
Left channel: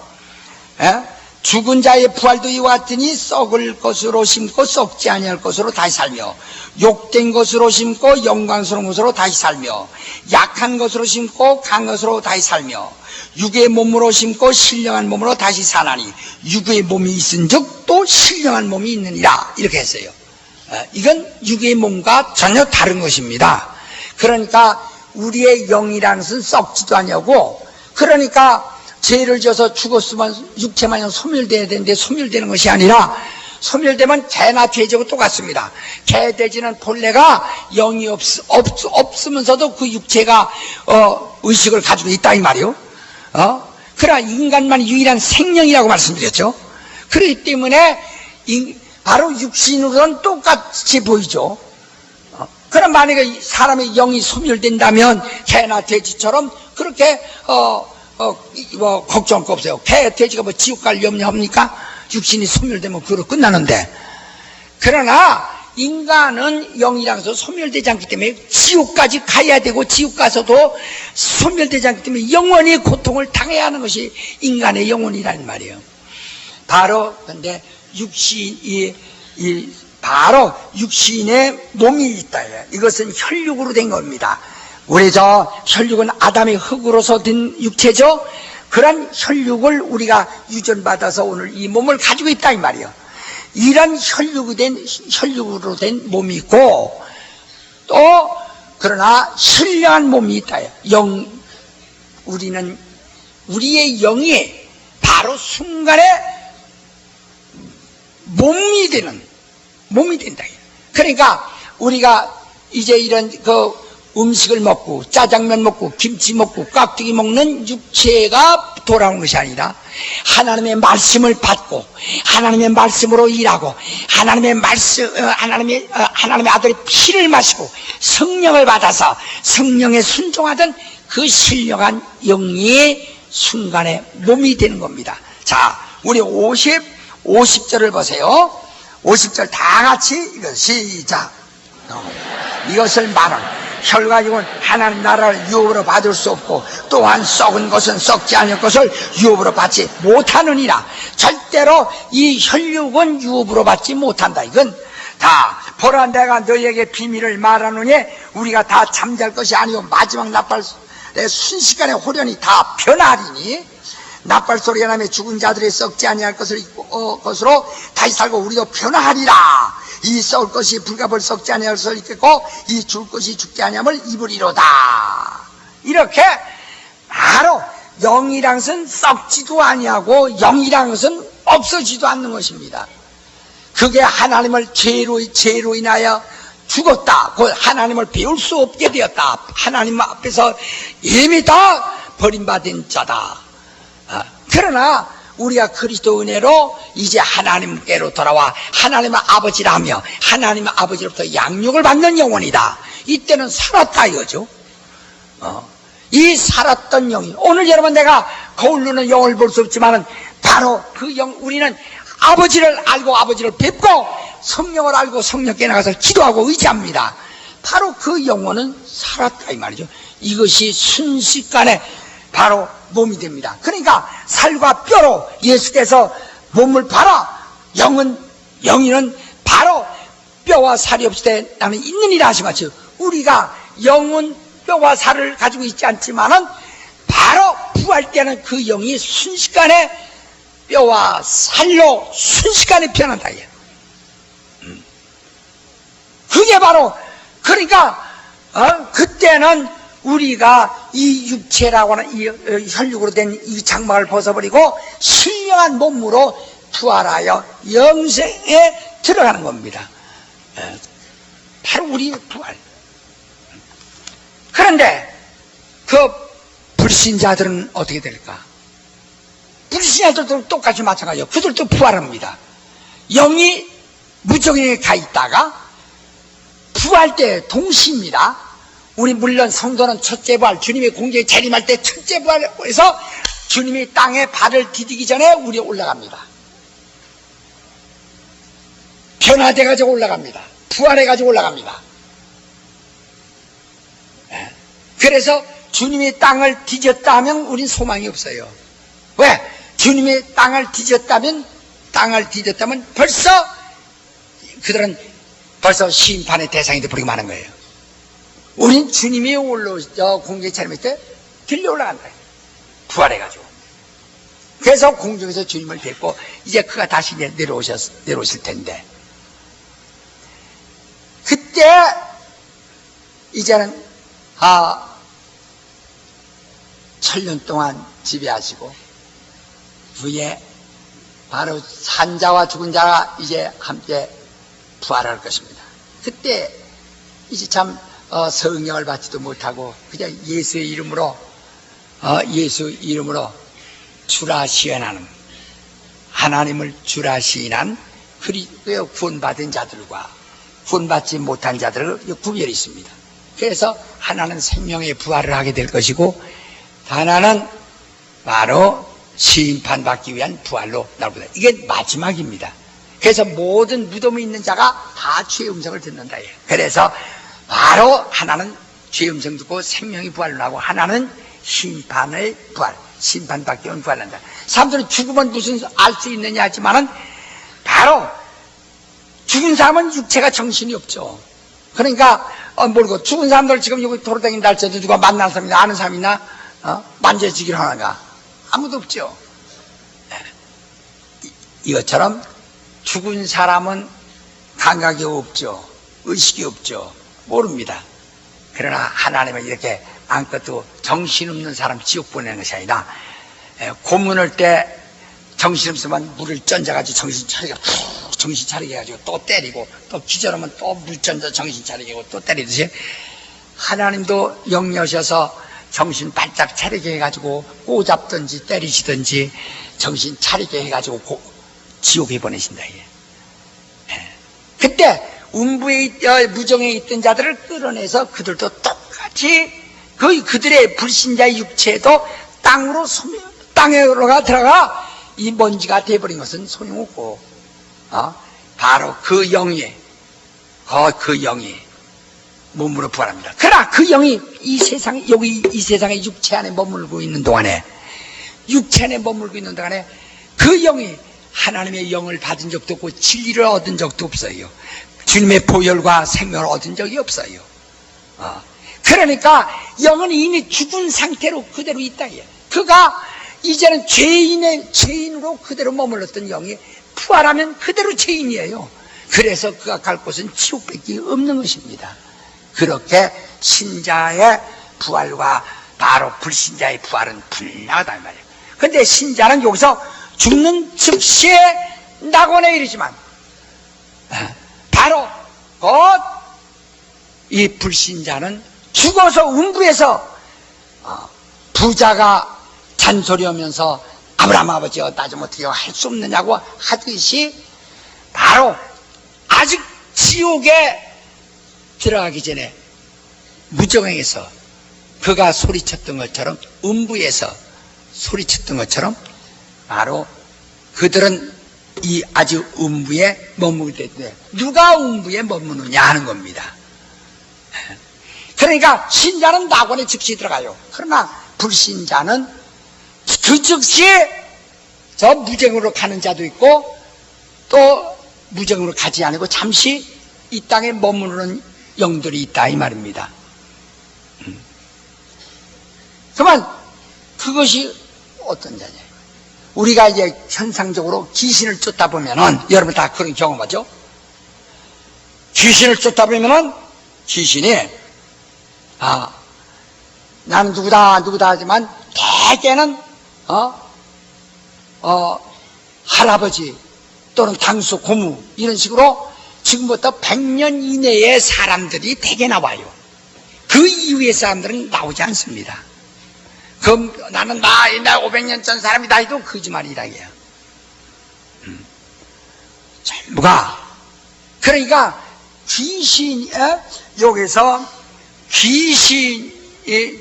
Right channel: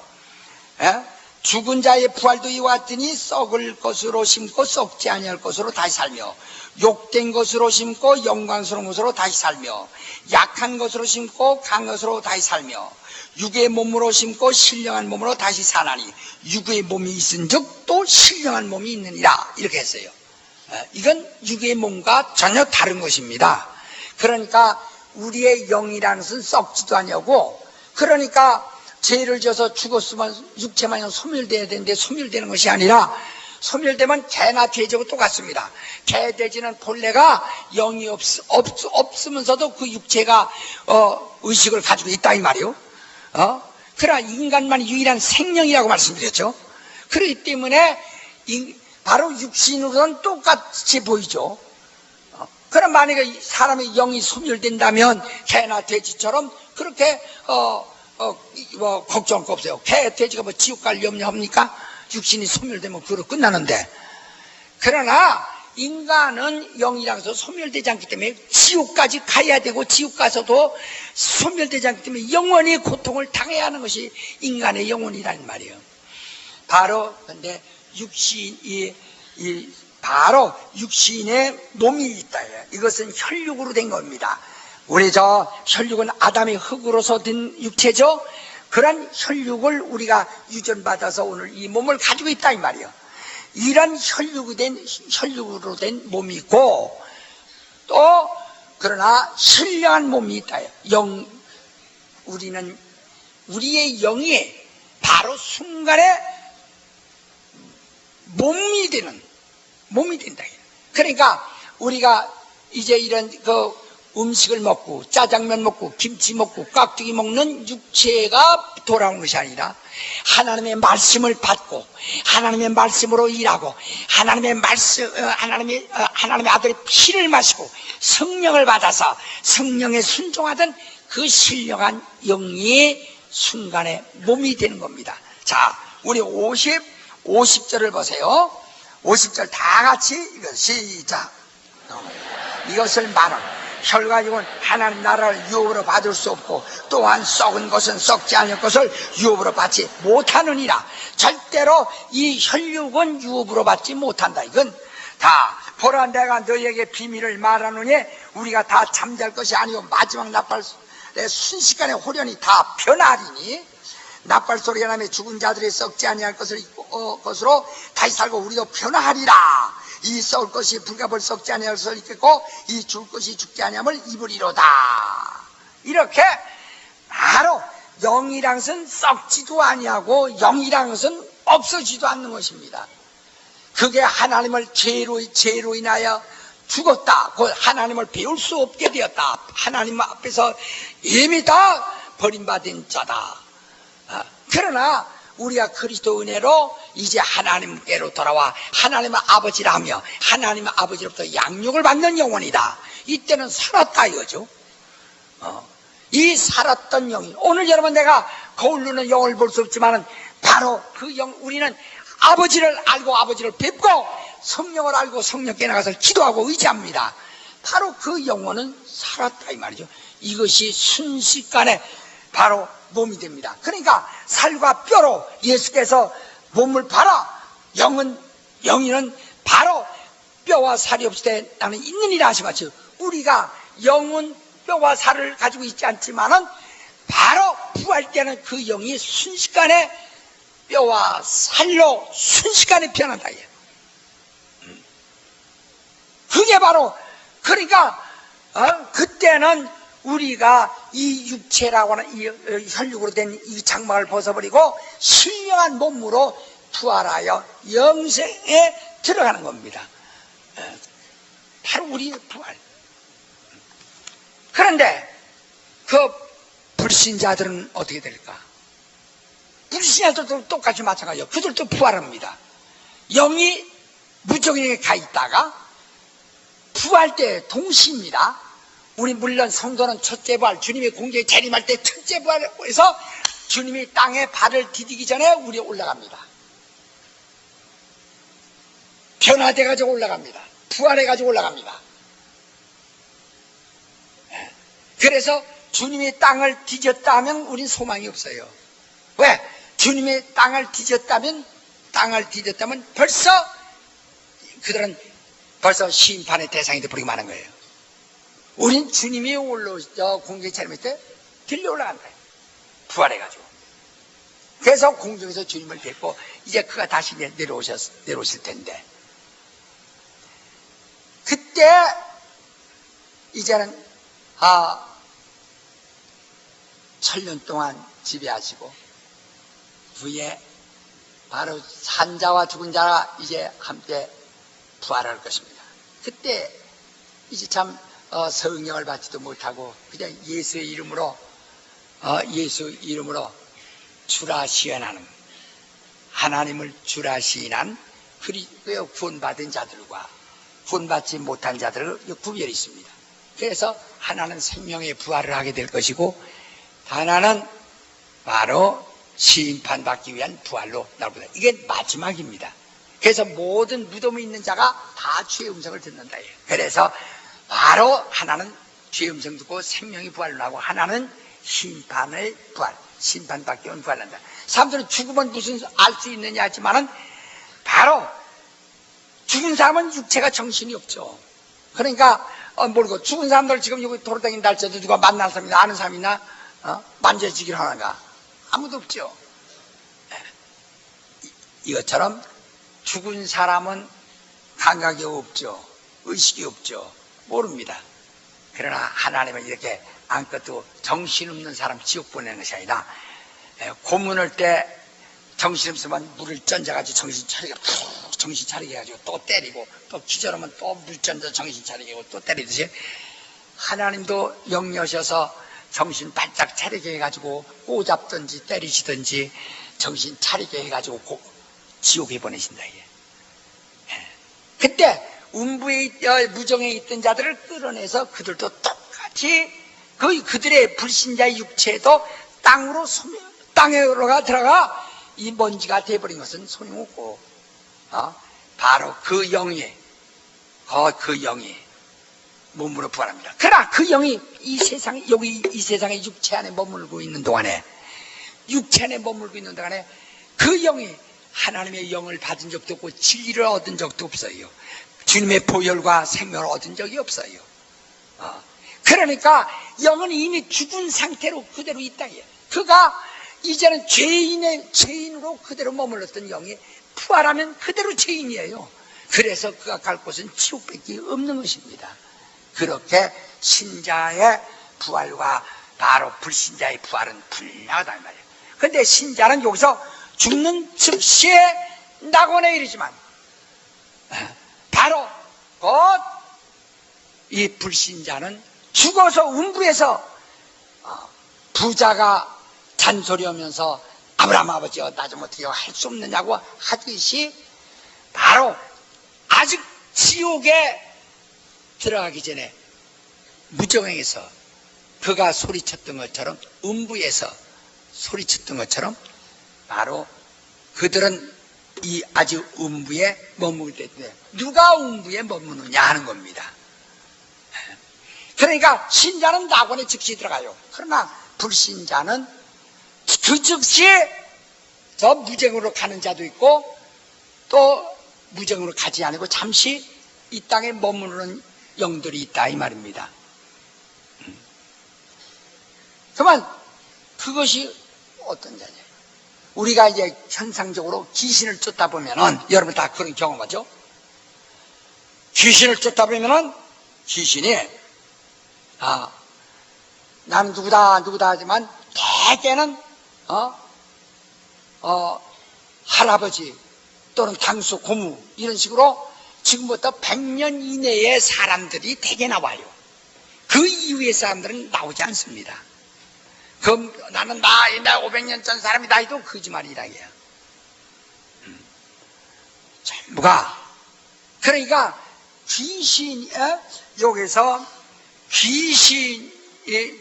죽은 자의 부활도 이와 같으니 썩을 것으로 심고 썩지 아니할 것으로 다시 살며 욕된 것으로 심고 영광스러운 것으로 다시 살며 약한 것으로 심고 강한 것으로 다시 살며 육의 몸으로 심고 신령한 몸으로 다시 사나니 육의 몸이 있은즉 또 신령한 몸이 있느니라 이렇게 했어요. 이건 육의 몸과 전혀 다른 것입니다. 그러니까 우리의 영이라는 것은 썩지도 아니하고 그러니까 죄를 져서 죽었으면 육체만 소멸돼야 되는데 소멸되는 것이 아니라 소멸되면 개나 돼지하고 똑같습니다. 개, 돼지는 본래가 영이 없으면서도 그 육체가 의식을 가지고 있다 이 말이요. 그러나 인간만 유일한 생명이라고 말씀드렸죠. 그렇기 때문에 바로 육신으로는 똑같이 보이죠. 그럼 만약에 사람의 영이 소멸된다면 개나 돼지처럼 그렇게 걱정할 거 없어요. 개, 돼지가 뭐 지옥 갈 염려합니까? 육신이 소멸되면 그로 끝나는데. 그러나 인간은 영이라서 는 소멸되지 않기 때문에 지옥까지 가야 되고 지옥 가서도 소멸되지 않기 때문에 영원히 고통을 당해야 하는 것이 인간의 영혼이라는 말이에요. 바로 근데 바로 육신의 몸이 있다. 이것은 혈육으로 된 겁니다. 우리 혈육은 아담의 흙으로서 된 육체죠. 그런 혈육을 우리가 유전받아서 오늘 이 몸을 가지고 있다 이 말이에요. 이런 혈육으로 된 몸이 있고 또 그러나 신령한 몸이 있다. 우리의 영이 바로 순간에 몸이 된다. 그러니까 우리가 이제 이런 음식을 먹고 짜장면 먹고 김치 먹고 깍두기 먹는 육체가 돌아온 것이 아니라 하나님의 말씀을 받고 하나님의 말씀으로 일하고 하나님의 아들의 피를 마시고 성령을 받아서 성령에 순종하던 그 신령한 영이 순간에 몸이 되는 겁니다. 자, 우리 50절을 보세요. 50절 다 같이 이거 시작. 이것을 말하는 혈과 육은 하나님 나라를 유업으로 받을 수 없고 또한 썩은 것은 썩지 않을 것을 유업으로 받지 못하느니라. 절대로 이 혈육은 유업으로 받지 못한다. 이건 다 보라 내가 너희에게 비밀을 말하노니 우리가 다 잠잘 것이 아니오 마지막 나팔에 순식간에 호련히 다 변하리니 나팔 소리가 나며 죽은 자들이 썩지 아니할 것으로 다시 살고 우리도 변화하리라. 이 썩을 것이 불가벌 썩지 아니할 것을 입겠고 이 죽을 것이 죽지 아니함을 입으리로다. 이렇게 바로 영이란 것은 썩지도 아니하고 영이란 것은 없어지도 않는 것입니다. 그게 하나님을 죄로 인하여 죽었다. 곧 하나님을 배울 수 없게 되었다. 하나님 앞에서 이미 다 버림받은 자다. 그러나 우리가 그리스도 은혜로 이제 하나님께로 돌아와 하나님의 아버지라며 하나님의 아버지로부터 양육을 받는 영혼이다. 이때는 살았다 이거죠. 이 살았던 영이 오늘 여러분 내가 거울로는 영을 볼 수 없지만은 바로 그 영, 우리는 아버지를 알고 아버지를 뵙고 성령을 알고 성령께 나가서 기도하고 의지합니다. 바로 그 영혼은 살았다 이 말이죠. 이것이 순식간에 바로 몸이 됩니다. 그러니까 살과 뼈로 예수께서 몸을 팔아 영이는 바로 뼈와 살이 없을 때 나는 있느니라 하신 것처럼 우리가 영은 뼈와 살을 가지고 있지 않지만은 바로 부활 때는 그 영이 순식간에 뼈와 살로 순식간에 변한다. 그게 바로 그러니까 그때는 우리가 이 육체라고 하는 이 혈육으로 된 이 장막을 벗어버리고 신령한 몸으로 부활하여 영생에 들어가는 겁니다. 바로 우리의 부활. 그런데 그 불신자들은 어떻게 될까? 불신자들도 똑같이 마찬가지예요. 그들도 부활합니다. 영이 무적에게 가 있다가 부활 때 동시입니다. 우리 물론 성도는 첫째 부활, 주님이 공중에 재림할 때 첫째 부활에서 주님이 땅에 발을 디디기 전에 우리 올라갑니다. 변화돼가지고 올라갑니다. 부활해가지고 올라갑니다. 그래서 주님이 땅을 뒤졌다 하면 우린 소망이 없어요. 왜? 주님이 땅을 뒤졌다면 벌써 그들은 벌써 심판의 대상이 되어버리고 마는 거예요. 우린 주님이 공중에 차림할 때 들려 올라간다. 부활해가지고. 그래서 공중에서 주님을 뵙고 이제 그가 다시 내려오실 텐데 그때 이제는 천년 동안 지배하시고 후에 바로 산자와 죽은 자가 이제 함께 부활할 것입니다. 그때 이제 참 성령을 받지도 못하고 그냥 예수의 이름으로 주라 시연하는 하나님을 주라 시인한 그리스도의 구원받은 자들과 구원받지 못한 자들을 구별이 있습니다. 그래서 하나는 생명의 부활을 하게 될 것이고 하나는 바로 심판받기 위한 부활로 나옵니다. 이게 마지막입니다. 그래서 모든 무덤에 있는 자가 다 주의 음성을 듣는다. 그래서 바로 하나는 주의 음성 듣고 생명의 부활을 나고 하나는 심판의 부활, 심판받기 위한 부활을 한다. 사람들은 죽으면 무슨 알 수 있느냐 하지만은 바로 죽은 사람은 육체가 정신이 없죠. 그러니까 모르고 죽은 사람들 지금 여기 돌아다닌다 할지라도 누가 만난 사람이나 아는 사람이나 만져지기를 하는가? 아무도 없죠. 이것처럼 죽은 사람은 감각이 없죠. 의식이 없죠. 모릅니다. 그러나 하나님은 이렇게 아무것도 정신없는 사람 지옥 보내는 것이 아니라 고문할 때 정신없으면 물을 던져가지고 정신 차리게 해가지고 또 때리고 또 기절하면 또 물 던져 정신 차리게 하고 또 때리듯이 하나님도 영여셔서 정신 바짝 차리게 해가지고 꼬잡든지 때리시든지 정신 차리게 해가지고 지옥에 보내신다. 그때 무정에 있던 자들을 끌어내서 그들도 똑같이 그들의 불신자의 육체도 땅으로 들어가 이 먼지가 돼버린 것은 소용없고 바로 그 영이 몸으로 부활합니다. 그러나 그 영이 이 세상의 육체 안에 머물고 있는 동안에 그 영이 하나님의 영을 받은 적도 없고 진리를 얻은 적도 없어요. 주님의 보혈과 생명을 얻은 적이 없어요. 그러니까 영은 이미 죽은 상태로 그대로 있다. 그가 이제는 죄인으로 그대로 머물렀던 영이 부활하면 그대로 죄인이에요. 그래서 그가 갈 곳은 지옥밖에 없는 것입니다. 그렇게 신자의 부활과 바로 불신자의 부활은 분명하다 이 말이에요. 근데 신자는 여기서 죽는 즉시에 낙원에 이르지만 바로 곧 이 불신자는 죽어서 음부에서 부자가 잔소리하면서 아브라함 아버지여 나 좀 어떻게 할 수 없느냐고 하듯이 바로 아직 지옥에 들어가기 전에 무정행에서 그가 소리쳤던 것처럼 음부에서 소리쳤던 것처럼 바로 그들은 이 아주 음부에 머무르게 돼. 누가 음부에 머무느냐 하는 겁니다. 그러니까 신자는 낙원에 즉시 들어가요. 그러나 불신자는 그 즉시에 저 무정으로 가는 자도 있고 또 무정으로 가지 않고 잠시 이 땅에 머무르는 영들이 있다 이 말입니다. 그러면 그것이 어떤 자냐? 우리가 이제 현상적으로 귀신을 쫓다 보면은 여러분 다 그런 경험하죠? 귀신을 쫓다 보면은 귀신이 나는 누구다 하지만 대개는 할아버지 또는 당수 고무 이런 식으로 지금부터 100년 이내의 사람들이 대개 나와요. 그 이후의 사람들은 나오지 않습니다. 그럼 나는 나 500년 전 사람이다 해도 거짓말이라고요. 전부가 그러니까 귀신 여기서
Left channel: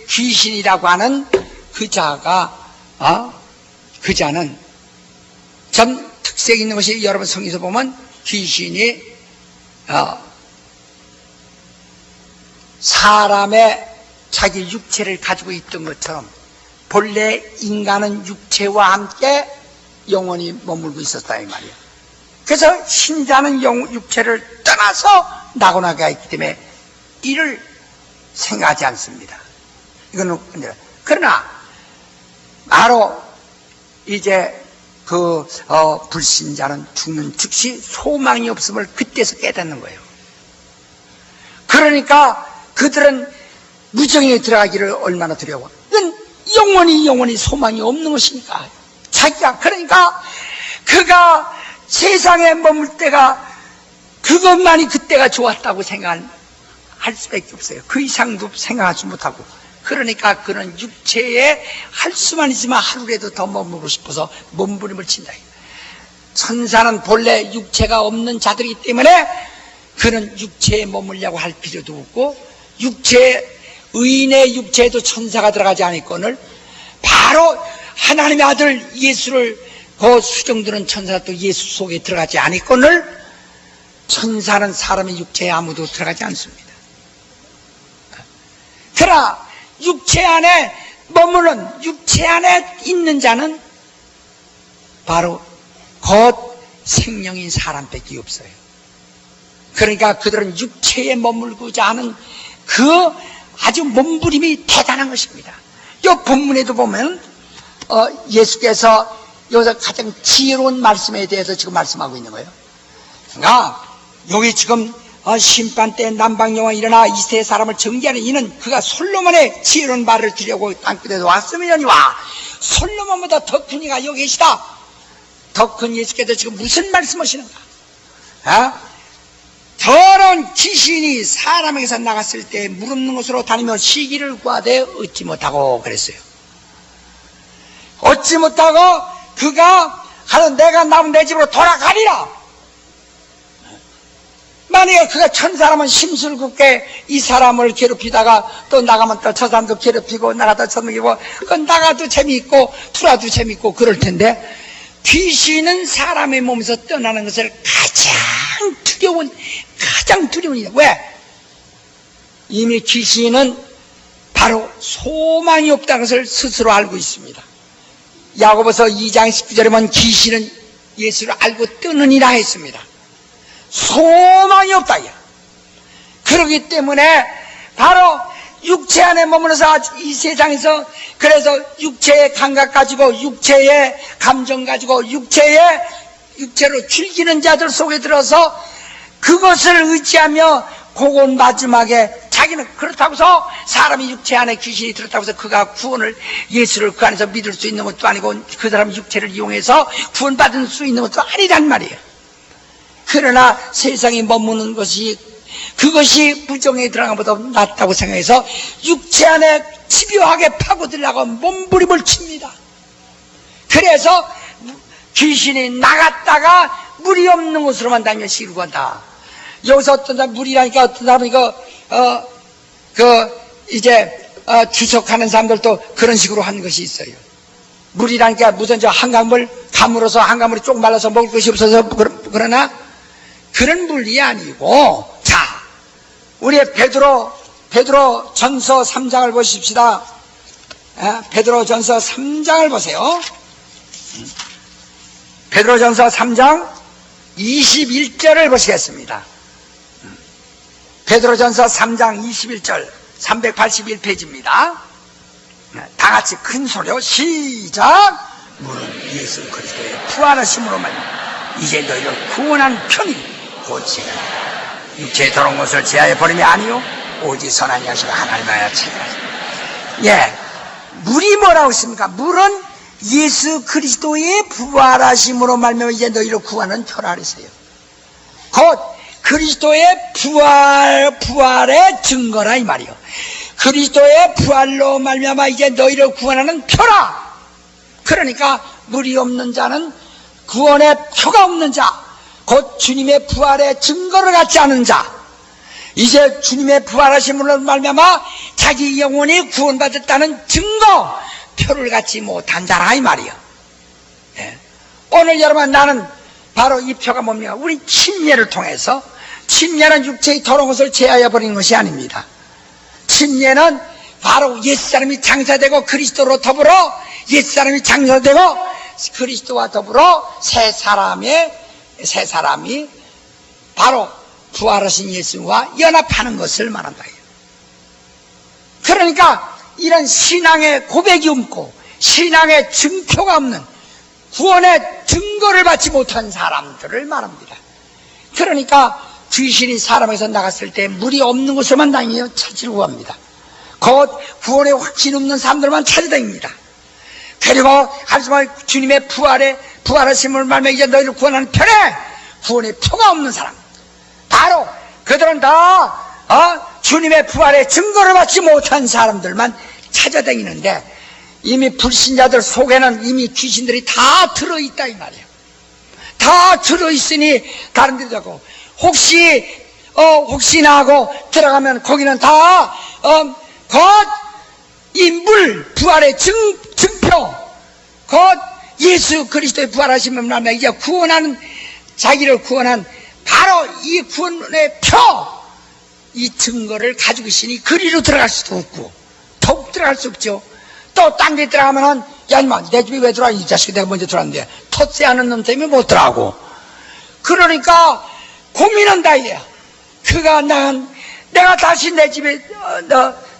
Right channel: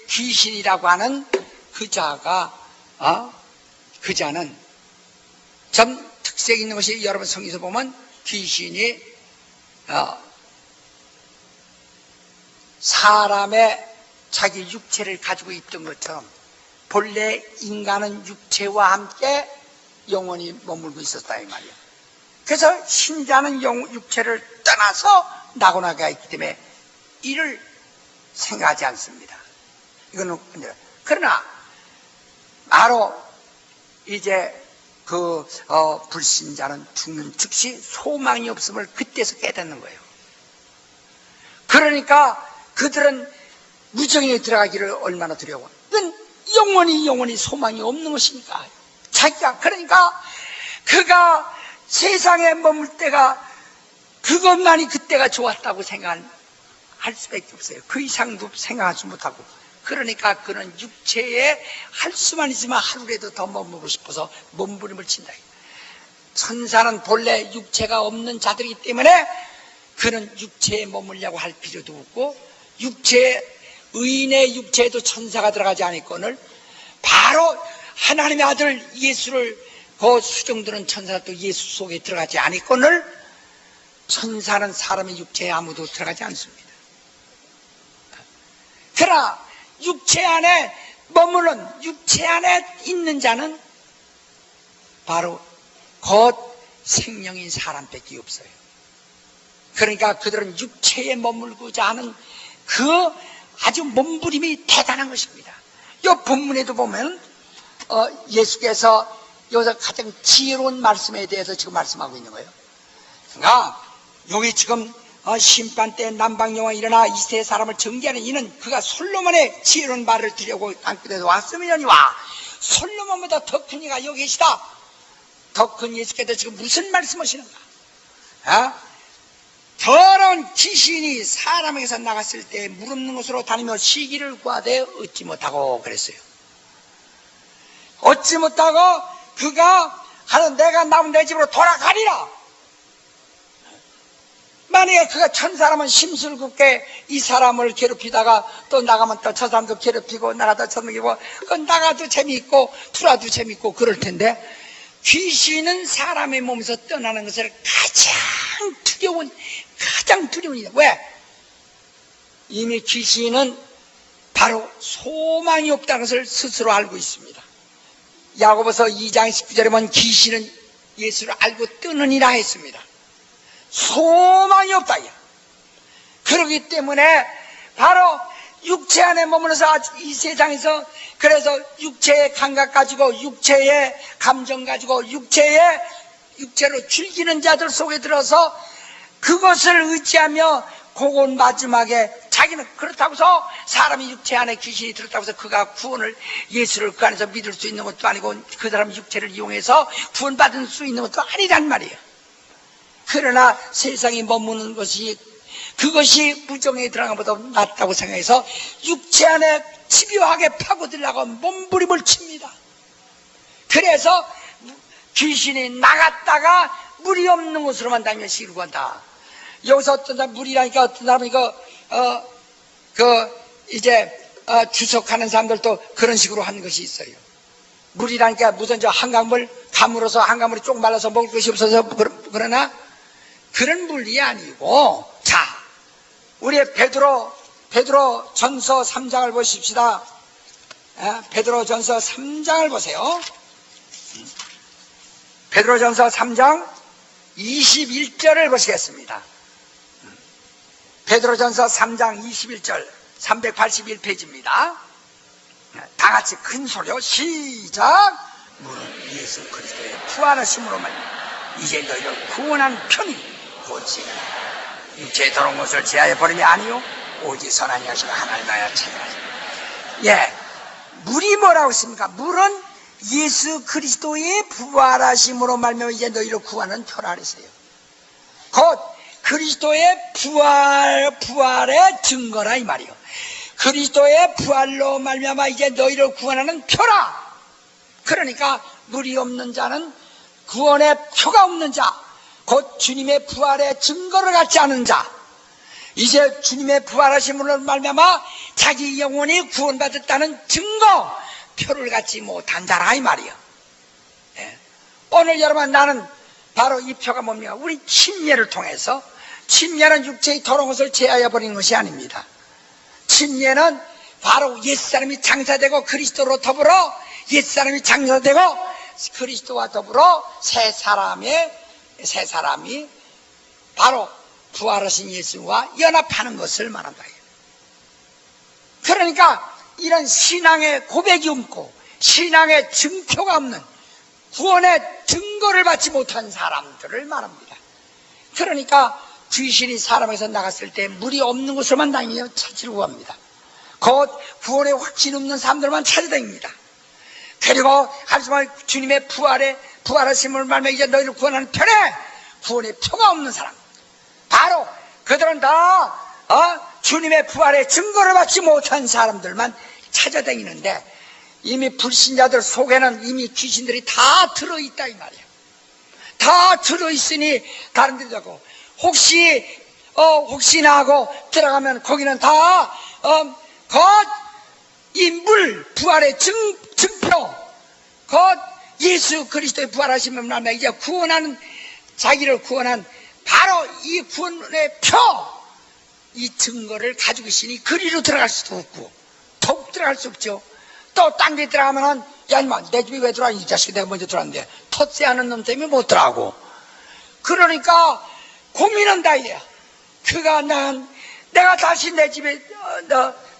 귀신이라고 하는 그 자가 그 자는 전 특색 있는 것이 여러분 성경에서 보면 귀신이 사람의 자기 육체를 가지고 있던 것처럼 본래 인간은 육체와 함께 영원히 머물고 있었다 이 말이에요. 그래서 신자는 육체를 떠나서 낙원에 있기 때문에 이를 생각하지 않습니다. 이거는 그러나 바로 이제 불신자는 죽는 즉시 소망이 없음을 그때서 깨닫는 거예요. 그러니까 그들은 무정에 들어가기를 얼마나 두려워. 이건 영원히 소망이 없는 것이니까. 자기가 그러니까 그가 세상에 머물 때가 그것만이 그때가 좋았다고 생각할 수밖에 없어요. 그 이상도 생각하지 못하고. 그러니까 그는 육체에 할 수만 있으면 하루라도 더 머무르고 싶어서 몸부림을 친다. 천사는 본래 육체가 없는 자들이기 때문에 그는 육체에 머물려고 할 필요도 없고 의인의 육체에도 천사가 들어가지 않을거늘 바로 하나님의 아들 예수를 그 수정들은 천사도 예수 속에 들어가지 않을거늘 천사는 사람의 육체에 아무도 들어가지 않습니다. 그러나 육체 안에 머무는 육체 안에 있는 자는 바로 곧 생명인 사람밖에 없어요. 그러니까 그들은 육체에 머물고자 하는 그 아주 몸부림이 대단한 것입니다. 이 본문에도 보면 예수께서 여기서 가장 지혜로운 말씀에 대해서 지금 말씀하고 있는 거예요. 그러니까 여기 지금 심판 때 남방여왕이 일어나 이세 사람을 정죄하는 이는 그가 솔로몬의 지혜로운 말을 들으려고 땅끝에서 왔으면이와 솔로몬보다 더 큰 이가 여기 계시다. 더 큰 예수께서 지금 무슨 말씀하시는가? 더러운 귀신이 사람에게서 나갔을 때 무릎는 곳으로 다니며 시기를 구하되 얻지 못하고 그랬어요. 얻지 못하고 그가 하는 내가 남은 내 집으로 돌아가리라. 만약에 그가 천사라면 심술궂게 이 사람을 괴롭히다가 또 나가면 또 저 사람도 괴롭히고 나가다 쳐먹이고 나가도 재미있고 투라도 재미있고 그럴 텐데 귀신은 사람의 몸에서 떠나는 것을 가장 두려운 일이다. 왜? 이미 귀신은 바로 소망이 없다는 것을 스스로 알고 있습니다. 야고보서 2장 19절에 보면 귀신은 예수를 알고 뜨느니라 했습니다. 소망이 없다. 그렇기 때문에 바로 육체 안에 머물러서 이 세상에서 그래서 육체의 감각 가지고 육체의 감정 가지고 육체로 즐기는 자들 속에 들어서 그것을 의지하며 그건 마지막에 자기는 그렇다고서 사람이 육체 안에 귀신이 들었다고 해서 그가 구원을 예수를 그 안에서 믿을 수 있는 것도 아니고 그 사람 육체를 이용해서 구원받을 수 있는 것도 아니란 말이에요. 그러나 세상에 머무는 것이 그것이 무정에 들어간 것보다 낫다고 생각해서 육체 안에 집요하게 파고들려고 몸부림을 칩니다. 그래서 귀신이 나갔다가 물이 없는 곳으로만 다니며 시루고 한다. 여기서 어떤 사람 물이라니까 어떤 사람이 주석하는 사람들도 그런 식으로 하는 것이 있어요. 물이라니까 무슨 저 한강물 가물어서 한강물이 쪽 말라서 먹을 것이 없어서 그러나 그런 물이 아니고, 자, 우리 베드로 전서 3장을 보십시다. 베드로 전서 3장을 보세요. 베드로 전서 3장 21절을 보시겠습니다. 베드로 전서 3장 21절 381페이지입니다. 다 같이 큰 소리로 시작. 물은 예수 그리스도의 부활하심으로만 이제 너희를 구원한 편이 오직 육체에 더러운 것을 제하여 버림이 아니요 오직 선한 양식을 하나님하여 찾아라. 예, 물이 뭐라고 했습니까? 물은 예수 그리스도의 부활하심으로 말미암아 이제 너희를 구하는 표라 그랬어요. 곧 그리스도의 부활의 증거라 이 말이요. 그리스도의 부활로 말미암아 이제 너희를 구원하는 표라. 그러니까 물이 없는 자는 구원의 표가 없는 자, 곧 주님의 부활의 증거를 갖지 않은 자, 이제 주님의 부활하심으로 말미암아 자기 영혼이 구원받았다는 증거 표를 갖지 못한 자라 이 말이요. 예. 오늘 여러분 나는 바로 이 표가 뭡니까? 우리 침례를 통해서, 침례는 육체의 더러운 것을 제하여 버리는 것이 아닙니다. 침례는 바로 옛사람이 장사되고 그리스도로 더불어 옛사람이 장사되고 그리스도와 더불어 새 사람이 바로 부활하신 예수와 연합하는 것을 말한다. 그러니까 이런 신앙의 고백이 없고 신앙의 증표가 없는 구원의 증거를 받지 못한 사람들을 말합니다. 그러니까 귀신이 사람에서 나갔을 때 물이 없는 곳으로만 다니며 찾으려고 합니다. 곧 구원의 확신 없는 사람들만 찾아다닙니다. 그리고 하지만 주님의 부활하심을 말며 이제 너희를 구원하는 편에 구원의 표가 없는 사람, 바로 그들은 다 주님의 부활의 증거를 받지 못한 사람들만 찾아다니는데 이미 불신자들 속에는 이미 귀신들이 다 들어있다 이 말이에요. 다 들어있으니 다른 데도 자고 혹시나 하고 들어가면 거기는 다 이 물 부활의 증표, 곧 예수 그리스도의 부활하심을 말하면 이제 자기를 구원한 바로 이 구원의 표, 이 증거를 가지고 있으니 그리로 들어갈 수도 없고 더욱 들어갈 수 없죠. 또 딴 데 들어가면은 야 인마 내 집에 왜 들어와, 이 자식이 내가 먼저 들어왔는데 텃세 하는 놈 때문에 못 들어가고, 그러니까 고민한다 이래야. 내가 다시 내 집에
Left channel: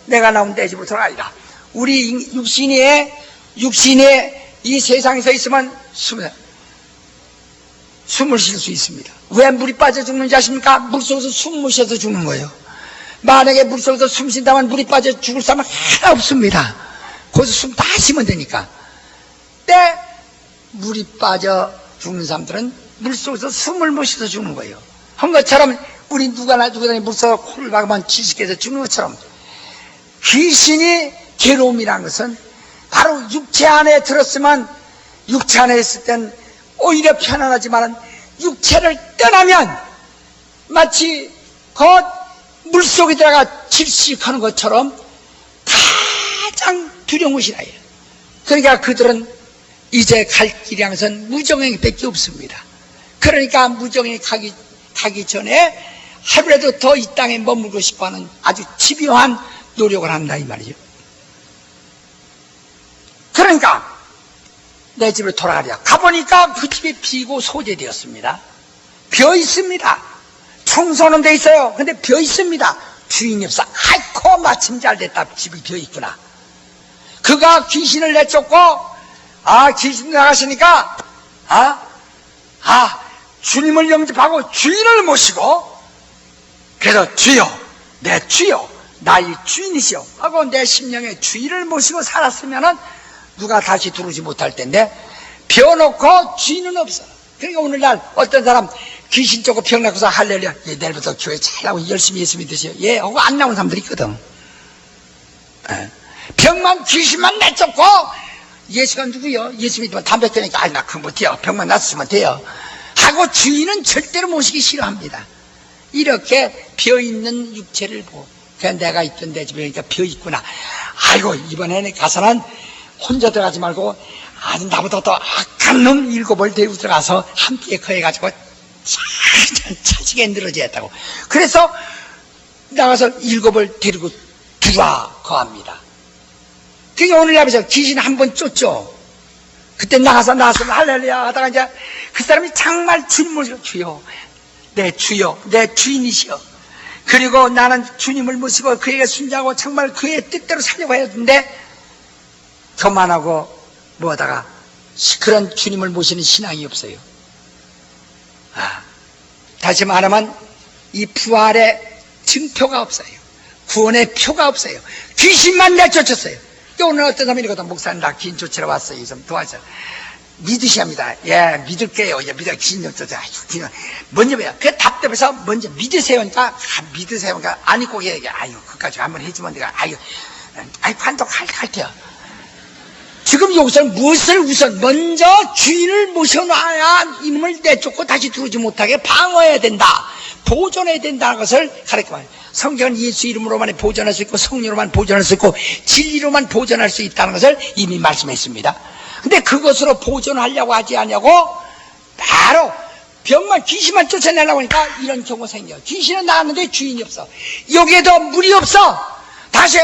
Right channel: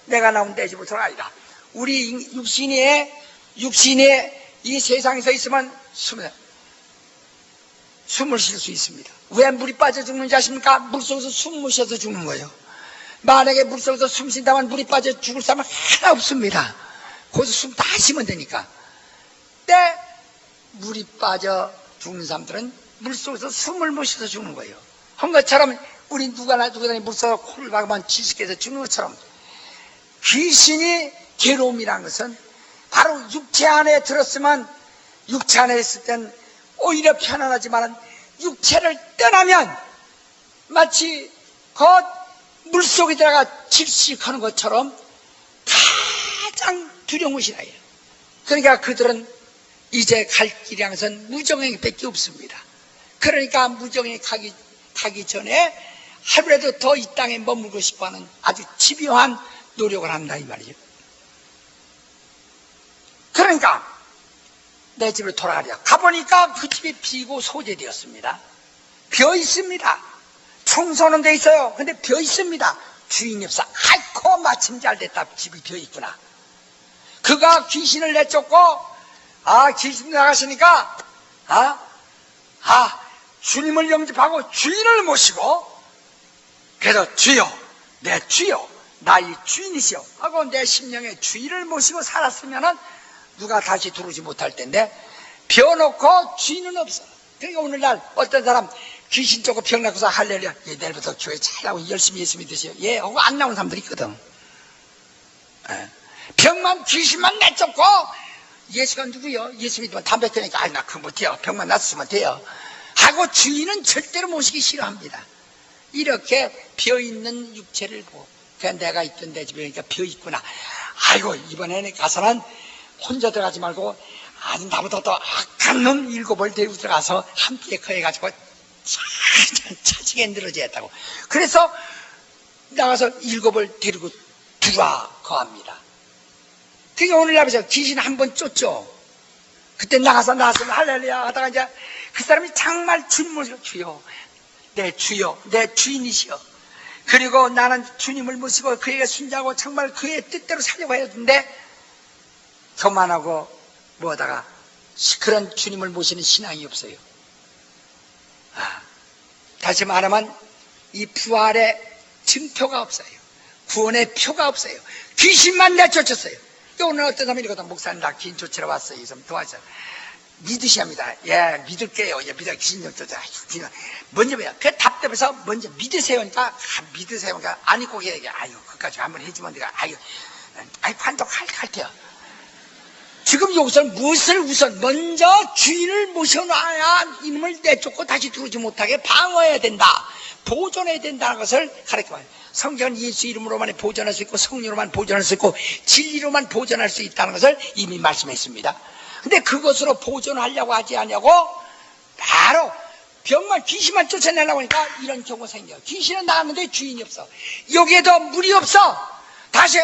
내가 나오면 내 집으로 들어가리라. 우리 육신이 이 세상에서 있으면 숨을 쉴 수 있습니다. 왜 물이 빠져 죽는지 아십니까? 물속에서 숨 못 쉬어서 죽는 거예요. 만약에 물속에서 숨 쉰다면 물이 빠져 죽을 사람은 하나 없습니다. 거기서 숨 다 쉬면 되니까. 근데 물이 빠져 죽는 사람들은 물속에서 숨을 못 쉬어서 죽는 거예요. 한 것처럼 우리 누구나 물속에 코를 박으면 지식해서 죽는 것처럼 귀신이 괴로움이라는 것은 바로 육체 안에 들었으면, 육체 안에 있을 땐 오히려 편안하지만 육체를 떠나면 마치 곧 물속에 들어가 질식하는 것처럼 가장 두려운 것이라 해요. 그러니까 그들은 이제 갈 길이 항상 무정행밖에 없습니다. 그러니까 무정행 가기 전에 하루라도 더 이 땅에 머물고 싶어하는 아주 집요한 노력을 한다 이 말이죠. 그러니까 내 집으로 돌아가랴. 가보니까 그 집이 비고 소재되었습니다. 비어 있습니다. 청소는 돼 있어요. 근데 비어 있습니다. 주인이 없어. 아이고 아이고 마침 잘 됐다. 집이 비어있구나. 그가 귀신을 내쫓고 귀신 나가시니까 주님을 영접하고 주인을 모시고, 그래서 주여, 내 주여, 나의 주인이시여 하고 내 심령의 주인을 모시고 살았으면은 누가 다시 들어오지 못할 텐데, 비워놓고 주인은 없어. 그러니까 오늘날 어떤 사람 귀신 쫓고 병 낳고서 할렐루야, 내일부터 교회 잘 나오고 열심히 예수 믿으세요, 하고 안 나온 사람들이 있거든. 병만, 귀신만 내쫓고, 예수가 누구요? 예수 믿으면 담배 끊으니까 나 그거 못해요, 병만 낫으면 돼요 하고 주인은 절대로 모시기 싫어합니다. 이렇게 비어있는 육체를 보고, 그냥 내가 있던 내 집에 그러니까 비어있구나. 아이고 이번에는 가서는 혼자 들어가지 말고 아주 나보다 더 악한 놈 7을 데리고 들어가서 함께 거해가지고 차지게 늘어져야 했다고. 그래서 나가서 7을 데리고 들어와 거합니다. 그러니까 오늘날에서 귀신 한 번 쫓죠. 그때 나가서 할렐루야 하다가 이제 그 사람이 정말 주님 모시고, 주여, 내 주여, 내 주인이시여. 그리고 나는 주님을 모시고 그에게 순종하고 정말 그의 뜻대로 살려고 했는데, 교만하고 뭐하다가 그런 주님을 모시는 신앙이 없어요. 다시 말하면 이 부활의 증표가 없어요. 구원의 표가 없어요. 귀신만 내쫓았어요. 오늘 어떤 사람이 이러거든. 목사님 나 귀신 쫓으러 왔어요. 좀 도와줘. 믿으셔야 합니다. 믿을게요. 믿어. 귀신 좀 쫓아. 먼저 왜요? 그 답답해서 먼저 믿으세요. 그러니까 믿으세요. 그러니까 안 믿고 얘기해. 그까지 한번 해주면 내가 관독할게요. 지금 여기서는 무엇을 우선 먼저 주인을 모셔놔야 이놈을 내쫓고 다시 들어오지 못하게 방어해야 된다, 보존해야 된다는 것을 가르쳐요. 성경은 예수 이름으로만 보존할 수 있고 성령으로만 보존할 수 있고 진리로만 보존할 수 있다는 것을 이미 말씀했습니다. 근데 그것으로 보존하려고 하지 않냐고, 바로 병만, 귀신만 쫓아내려고 하니까 이런 경우가 생겨요. 귀신은 나왔는데 주인이 없어. 여기에도 물이 없어. 다시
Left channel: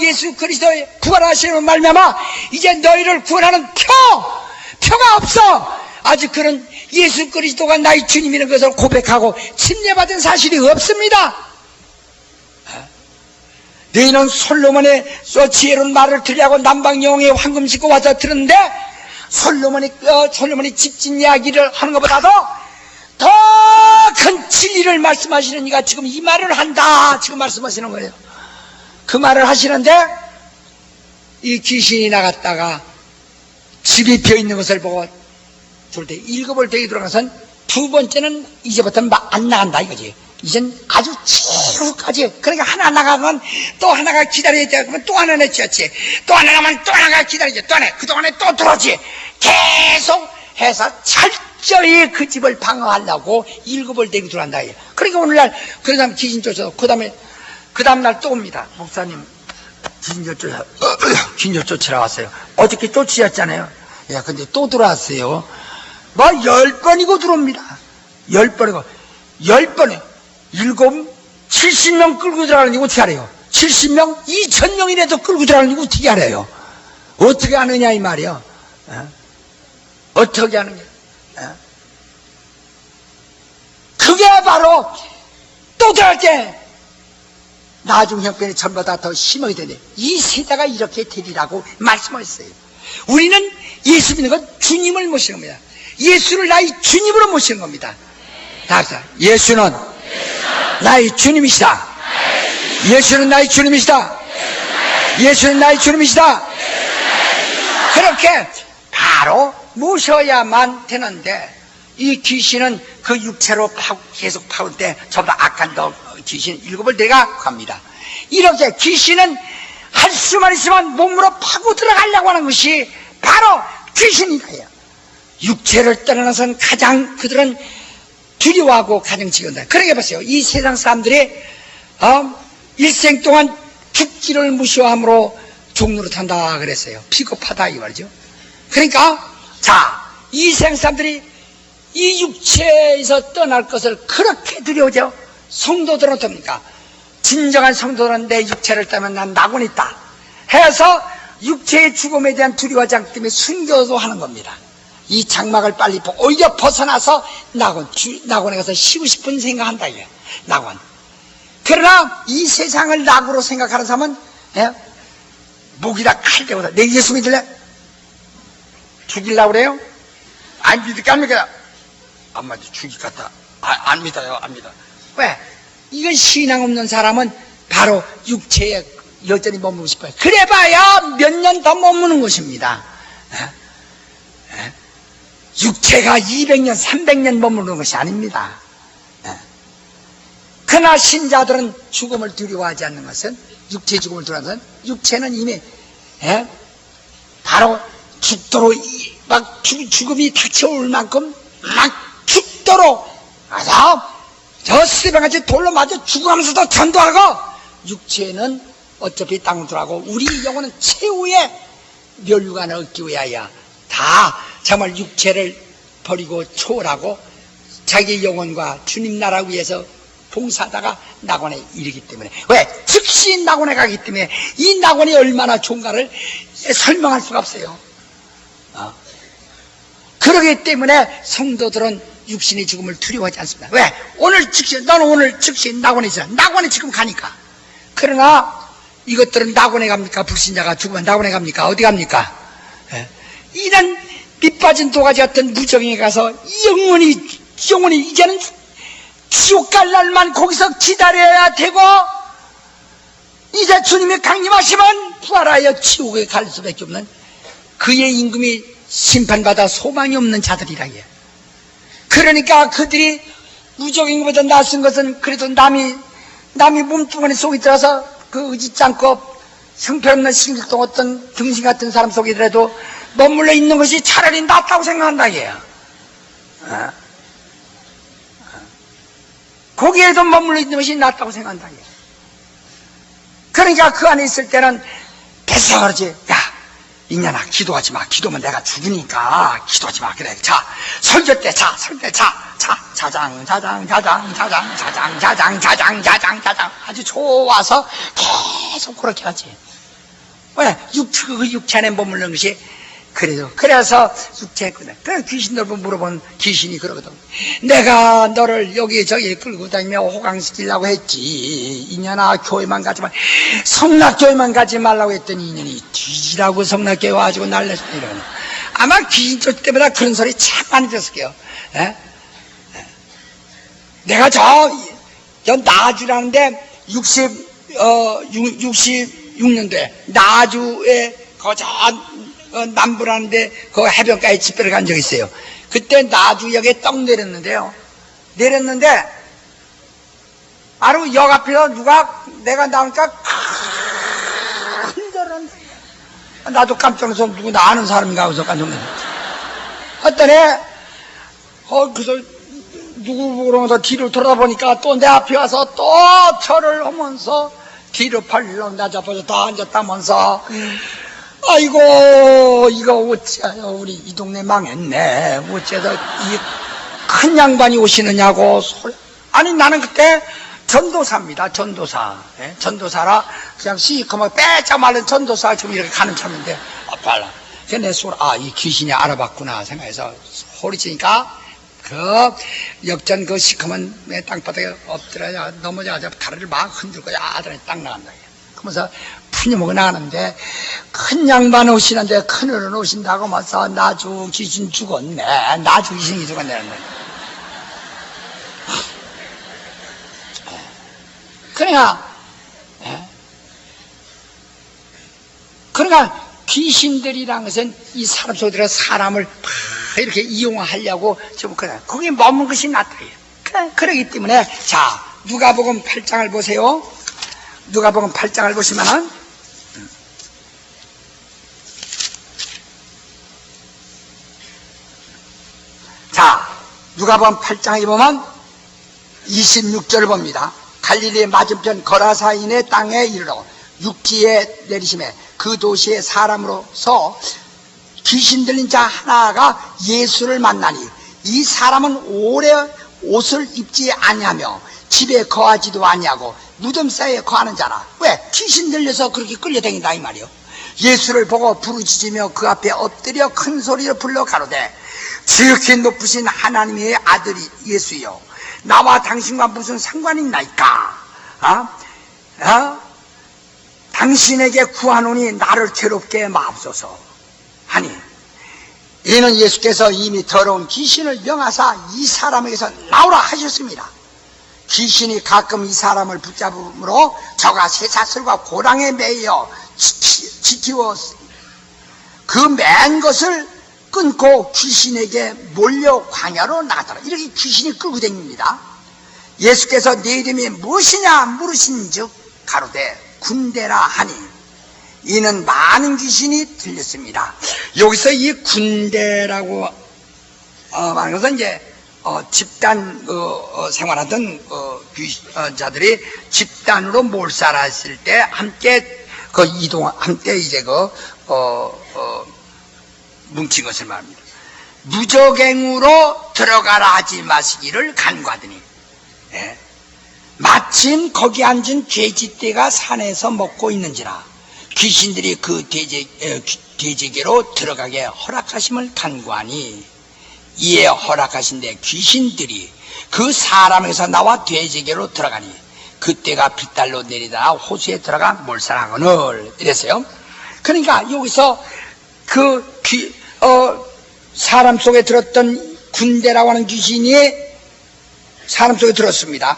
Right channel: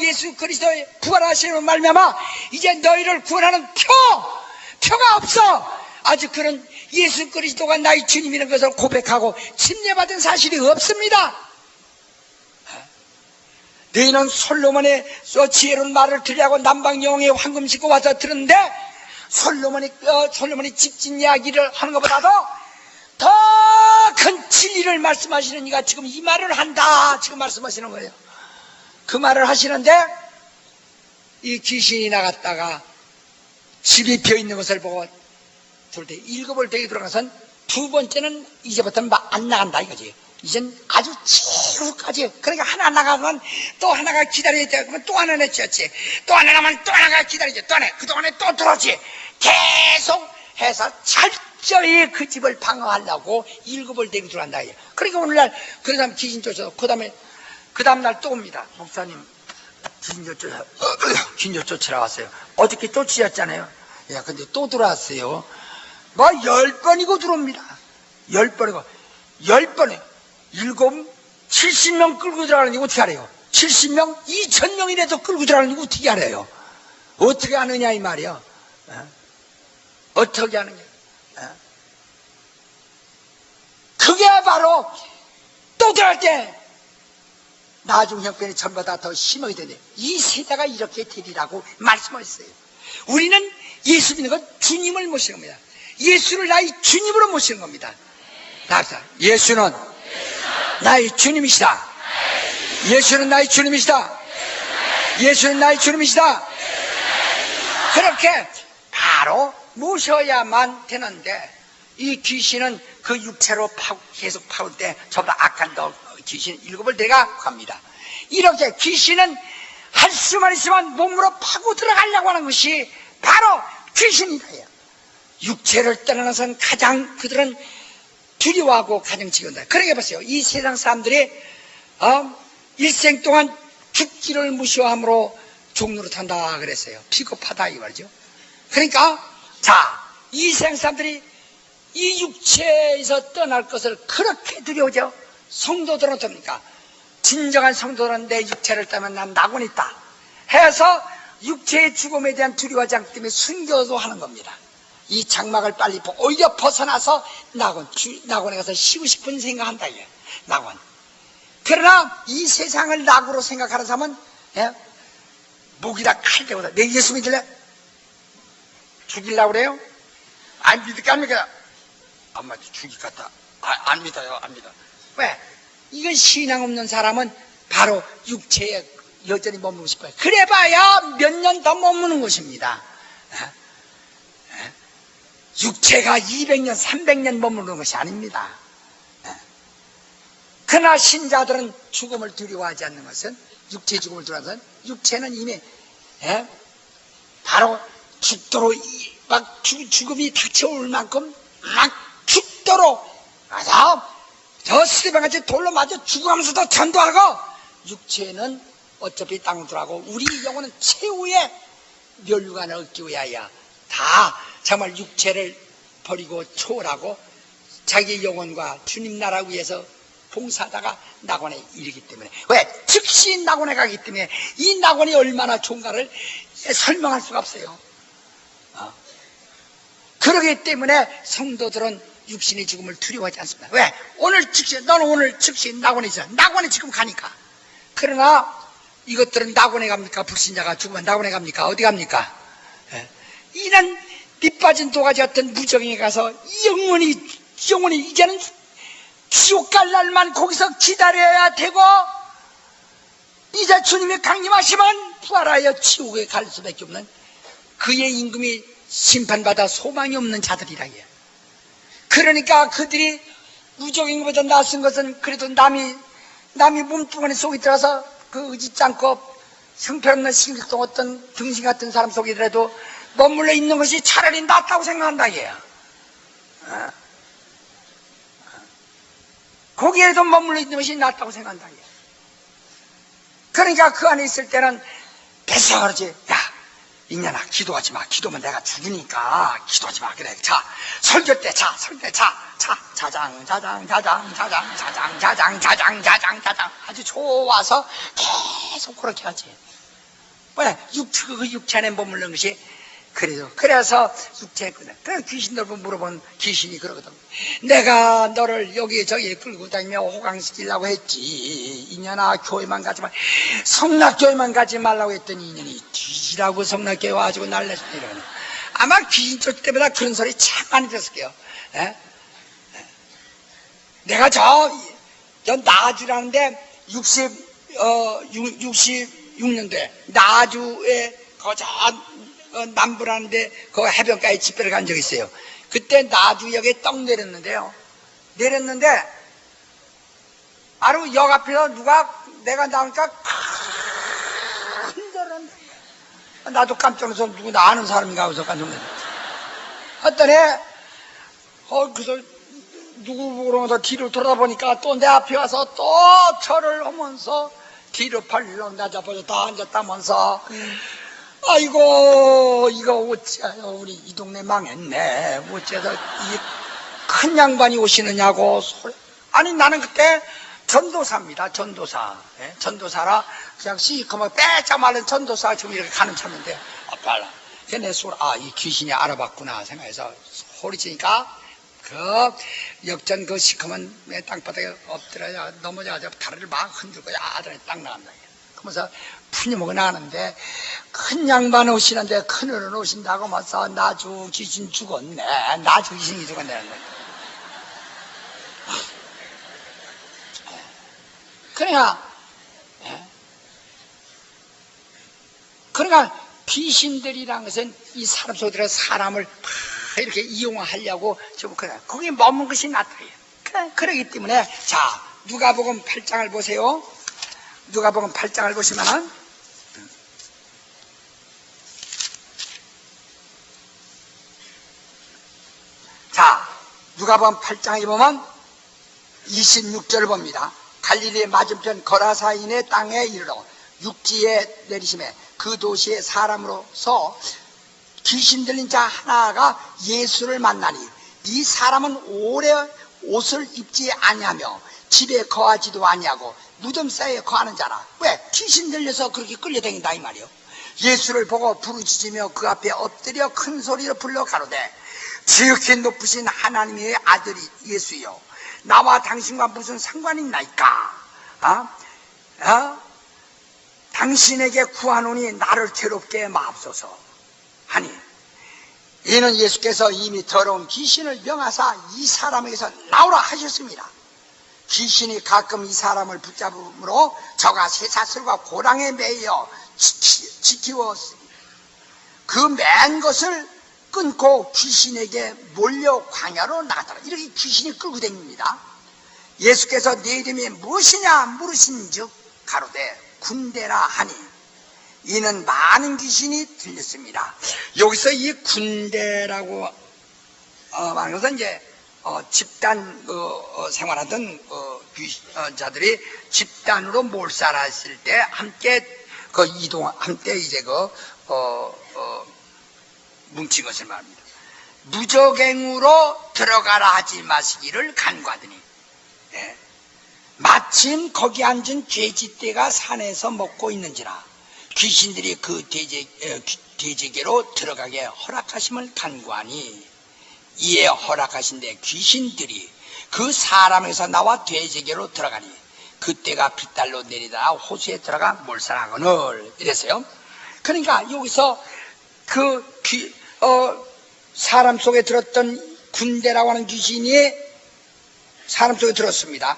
예수 그리스도의 부활하시는 말미암아 이제 너희를 구원하는 표가 없어. 아직 그런 예수 그리스도가 나의 주님이라는 것을 고백하고 침례받은 사실이 없습니다. 너희는 솔로몬의 지혜로운 말을 들으려고 남방영웅의 황금 싣고 와서 들었는데, 솔로몬이 집진 이야기를 하는 것보다도 더 큰 진리를 말씀하시는 이가 지금 이 말을 한다, 지금 말씀하시는 거예요. 그 말을 하시는데, 이 귀신이 나갔다가 집이 비어있는 것을 보고 둘 때 7을 되게 들어가선 두 번째는 이제부터는 안 나간다 이거지. 이젠 아주 최후까지. 그러니까 하나 나가면 또 하나가 기다려야 돼. 그러면 또 하나 내쫓지. 또 하나 나가면 또 하나가 기다리지. 또 하나, 그동안에 또 들어오지. 계속 해서 철저히 그 집을 방어하려고 7을 되게 들어간다. 그러니까 오늘날 그 다음 귀신 쫓아서 그 다음날 또 옵니다. 목사님, 귀신 쫓으러 왔어요. 어저께 쫓으셨잖아요. 근데 또 들어왔어요. 10번이고 들어옵니다. 10번이고. 10번에 70명 끌고 들어가는 게 어떻게 알아요? 70명, 2000명이라도 끌고 들어가는 게 어떻게 알아요? 어떻게 아느냐 이 말이요. 어떻게 아느냐. 그게 바로 또 들어갈 때 나중 형편이 전보다 더 심하게 되네. 이 세대가 이렇게 되리라고 말씀하셨어요. 우리는 예수 믿는 건 주님을 모시는 겁니다. 예수를 나의 주님으로 모시는 겁니다. 예수는 나의 주님이시다. 예수는 나의 주님이시다. 예수는 나의 주님이시다. 그렇게 바로 모셔야만 되는데, 이 귀신은 그 육체로 계속 파올 때 저보다 악한 귀신 7을 내가 갑니다. 이렇게 귀신은 할 수만 있으면 몸으로 파고 들어가려고 하는 것이 바로 귀신이다. 육체를 떠나서는 가장 그들은 두려워하고 가장 지근다. 그러게 보세요. 이 세상 사람들이 일생 동안 죽기를 무시함으로 종로를 탄다 그랬어요. 비겁하다 이 말이죠. 그러니까 이 세상 사람들이 이 육체에서 떠날 것을 그렇게 두려워져. 성도들은 어떻습니까? 진정한 성도들은 내 육체를 떠나면 난 낙원이 있다 해서 육체의 죽음에 대한 두려워하지 않기 때문에 순교도 하는 겁니다. 이 장막을 빨리 오히려 벗어나서 낙원에 가서 쉬고 싶은 생각한다. 낙원. 그러나 이 세상을 낙으로 생각하는 사람은 목이다 칼 대고다. 내 예수 믿을래? 죽이려고 그래요? 안 믿을까 안 믿을까? 안 믿어. 죽일 것 같아. 안 믿어요. 안 믿어. 왜? 이건 신앙 없는 사람은 바로 육체에 여전히 머무르고 싶어요. 그래봐야 몇 년 더 머무는 것입니다. 육체가 200년 300년 머무르는 것이 아닙니다. 그러나 신자들은 죽음을 두려워하지 않는 것은, 육체의 죽음을 두려워하는 것은, 육체는 이미 바로 죽도록 막 죽음이 닥쳐올 만큼 막 죽도록 저 스테반같이 돌로 맞아 죽어가면서도 전도하고, 육체는 어차피 땅으로 들어가고 우리 영혼은 최후의 멸류관을 얻기 위하여 다 정말 육체를 버리고 초월하고 자기 영혼과 주님 나라 위해서 봉사하다가 낙원에 이르기 때문에, 왜? 즉시 낙원에 가기 때문에 이 낙원이 얼마나 좋은가를 설명할 수가 없어요. 그러기 때문에 성도들은 육신의 죽음을 두려워하지 않습니다. 왜? 오늘 즉시, 너는 오늘 즉시 낙원에 있어. 낙원에 지금 가니까. 그러나 이것들은 낙원에 갑니까? 불신자가 죽으면 낙원에 갑니까? 어디 갑니까? 이런 밑빠진 도가지 같은 무정에 가서 영원히 이제는 지옥 갈 날만 거기서 기다려야 되고, 이제 주님이 강림하시면 부활하여 지옥에 갈 수밖에 없는 그의 임금이 심판받아 소망이 없는 자들이라 해요. 그러니까 그들이 무적인것보다 낯선 것은 그래도 남이 몸뚱아리 속에 들어서 그 의지치 않고 형편없는 신격동 어떤 등신 같은 사람 속이더라도 머물러 있는 것이 차라리 낫다고 생각한다 얘야. 거기에도 머물러 있는 것이 낫다고 생각한다 얘야. 그러니까 그 안에 있을 때는 뱃사 그러지. 야, 이년아, 기도하지 마. 기도면 내가 죽으니까 기도하지 마. 그래. 자, 설교 때 자장 아주 좋아서 계속 그렇게 하지. 왜? 육체 안에 머무르는 것이 그래서 육체에 그래. 그래서 귀신들 물어본 귀신이 그러거든. 내가 너를 여기저기 끌고 다니며 호강시키려고 했지. 이년아, 교회만 가지 마. 성락교회만 가지 말라고 했더니 이년이 뒤지라고 성락교회 와가지고 날렸어. 이러는. 아마 귀신 쫓을 때보다 그런 소리 참 많이 들었을 거예요. 내가 저 나주라는데 66년도에 나주에 남부라는데 그 해변가에 집회를 간 적이 있어요. 그때 나주역에 떡 내렸는데 바로 역 앞에서 내가 나오니까 큰절은 나도 깜짝 놀라서 누구 나 아는 사람인가 하고서 깜짝 놀랐어. 했더니 그래서 누구 그러면서 뒤를 돌아보니까 또 내 앞에 와서 또 절을 하면서 뒤로 팔로 나 잡아서 다 앉았다면서 아이고, 이거 어째요? 우리 이 동네 망했네. 어째서 이 큰 양반이 오시느냐고 소리. 아니, 나는 그때 전도사입니다. 전도사라 그냥 시커멓게 빼짝 마른 전도사가 지금 이렇게 가는 참인데, 빨라. 그래서 내 소리, 이 귀신이 알아봤구나 생각해서 소리치니까 그 역전 그 시커먼 땅바닥에 엎드려 넘어져가지고 다리를 막 흔들고 아들이 딱 나간다. 그러면서 푸념하고 나가는데 큰 양반 오시는데 큰 어른 오신다고 하면서 나주 귀신 죽었네. 나주 귀신이 죽었네. 그러니까 귀신들이란 것은 이 사람 속에 들어 사람을 이렇게 이용하려고 좀 그래. 거기에 머문 것이 나타나요. 그러기 때문에 자, 누가복음 8장을 보세요. 누가복음 8장을 보시면은 자, 누가복음 8장에 보면 26절을 봅니다. 갈릴리 맞은편 거라사인의 땅에 이르러 육지에 내리심에 그 도시의 사람으로서 귀신 들린 자 하나가 예수를 만나니 이 사람은 오래 옷을 입지 아니하며 집에 거하지도 아니하고 무덤 사이에 거하는 자라. 왜? 귀신 들려서 그렇게 끌려다닌다 이 말이요. 예수를 보고 부르짖으며 그 앞에 엎드려 큰 소리로 불러 가로되 지극히 높으신 하나님의 아들이 예수여, 나와 당신과 무슨 상관이 있나이까? 당신에게 구하노니 나를 괴롭게 마옵소서 하니, 이는 예수께서 이미 더러운 귀신을 명하사 이 사람에게서 나오라 하셨습니다. 귀신이 가끔 이 사람을 붙잡음으로 저가 쇠사슬과 고랑에 매여 지키워 그 맨 것을 끊고 귀신에게 몰려 광야로 나가더라. 이렇게 귀신이 끌고 다닙니다. 예수께서 네 이름이 무엇이냐 물으신즉 가로되 군대라 하니, 이는 많은 귀신이 들렸습니다. 여기서 이 군대라고 말하는 것은 이제 집단 생활하던 자들이 집단으로 몰살했을 때 함께 함께 이제 뭉친 것을 말합니다. 무적행으로 들어가라 하지 마시기를 간구하더니, 마침 거기 앉은 돼지떼가 산에서 먹고 있는지라 귀신들이 그 돼지에게로 들어가게 허락하심을 간구하니, 이에 허락하신데 귀신들이 그 사람에게서 나와 돼지에게로 들어가니 그때가 빗달로 내리다가 호수에 들어가 몰살하거늘 이랬어요. 그러니까 여기서 사람 속에 들었던 군대라고 하는 귀신이 사람 속에 들었습니다.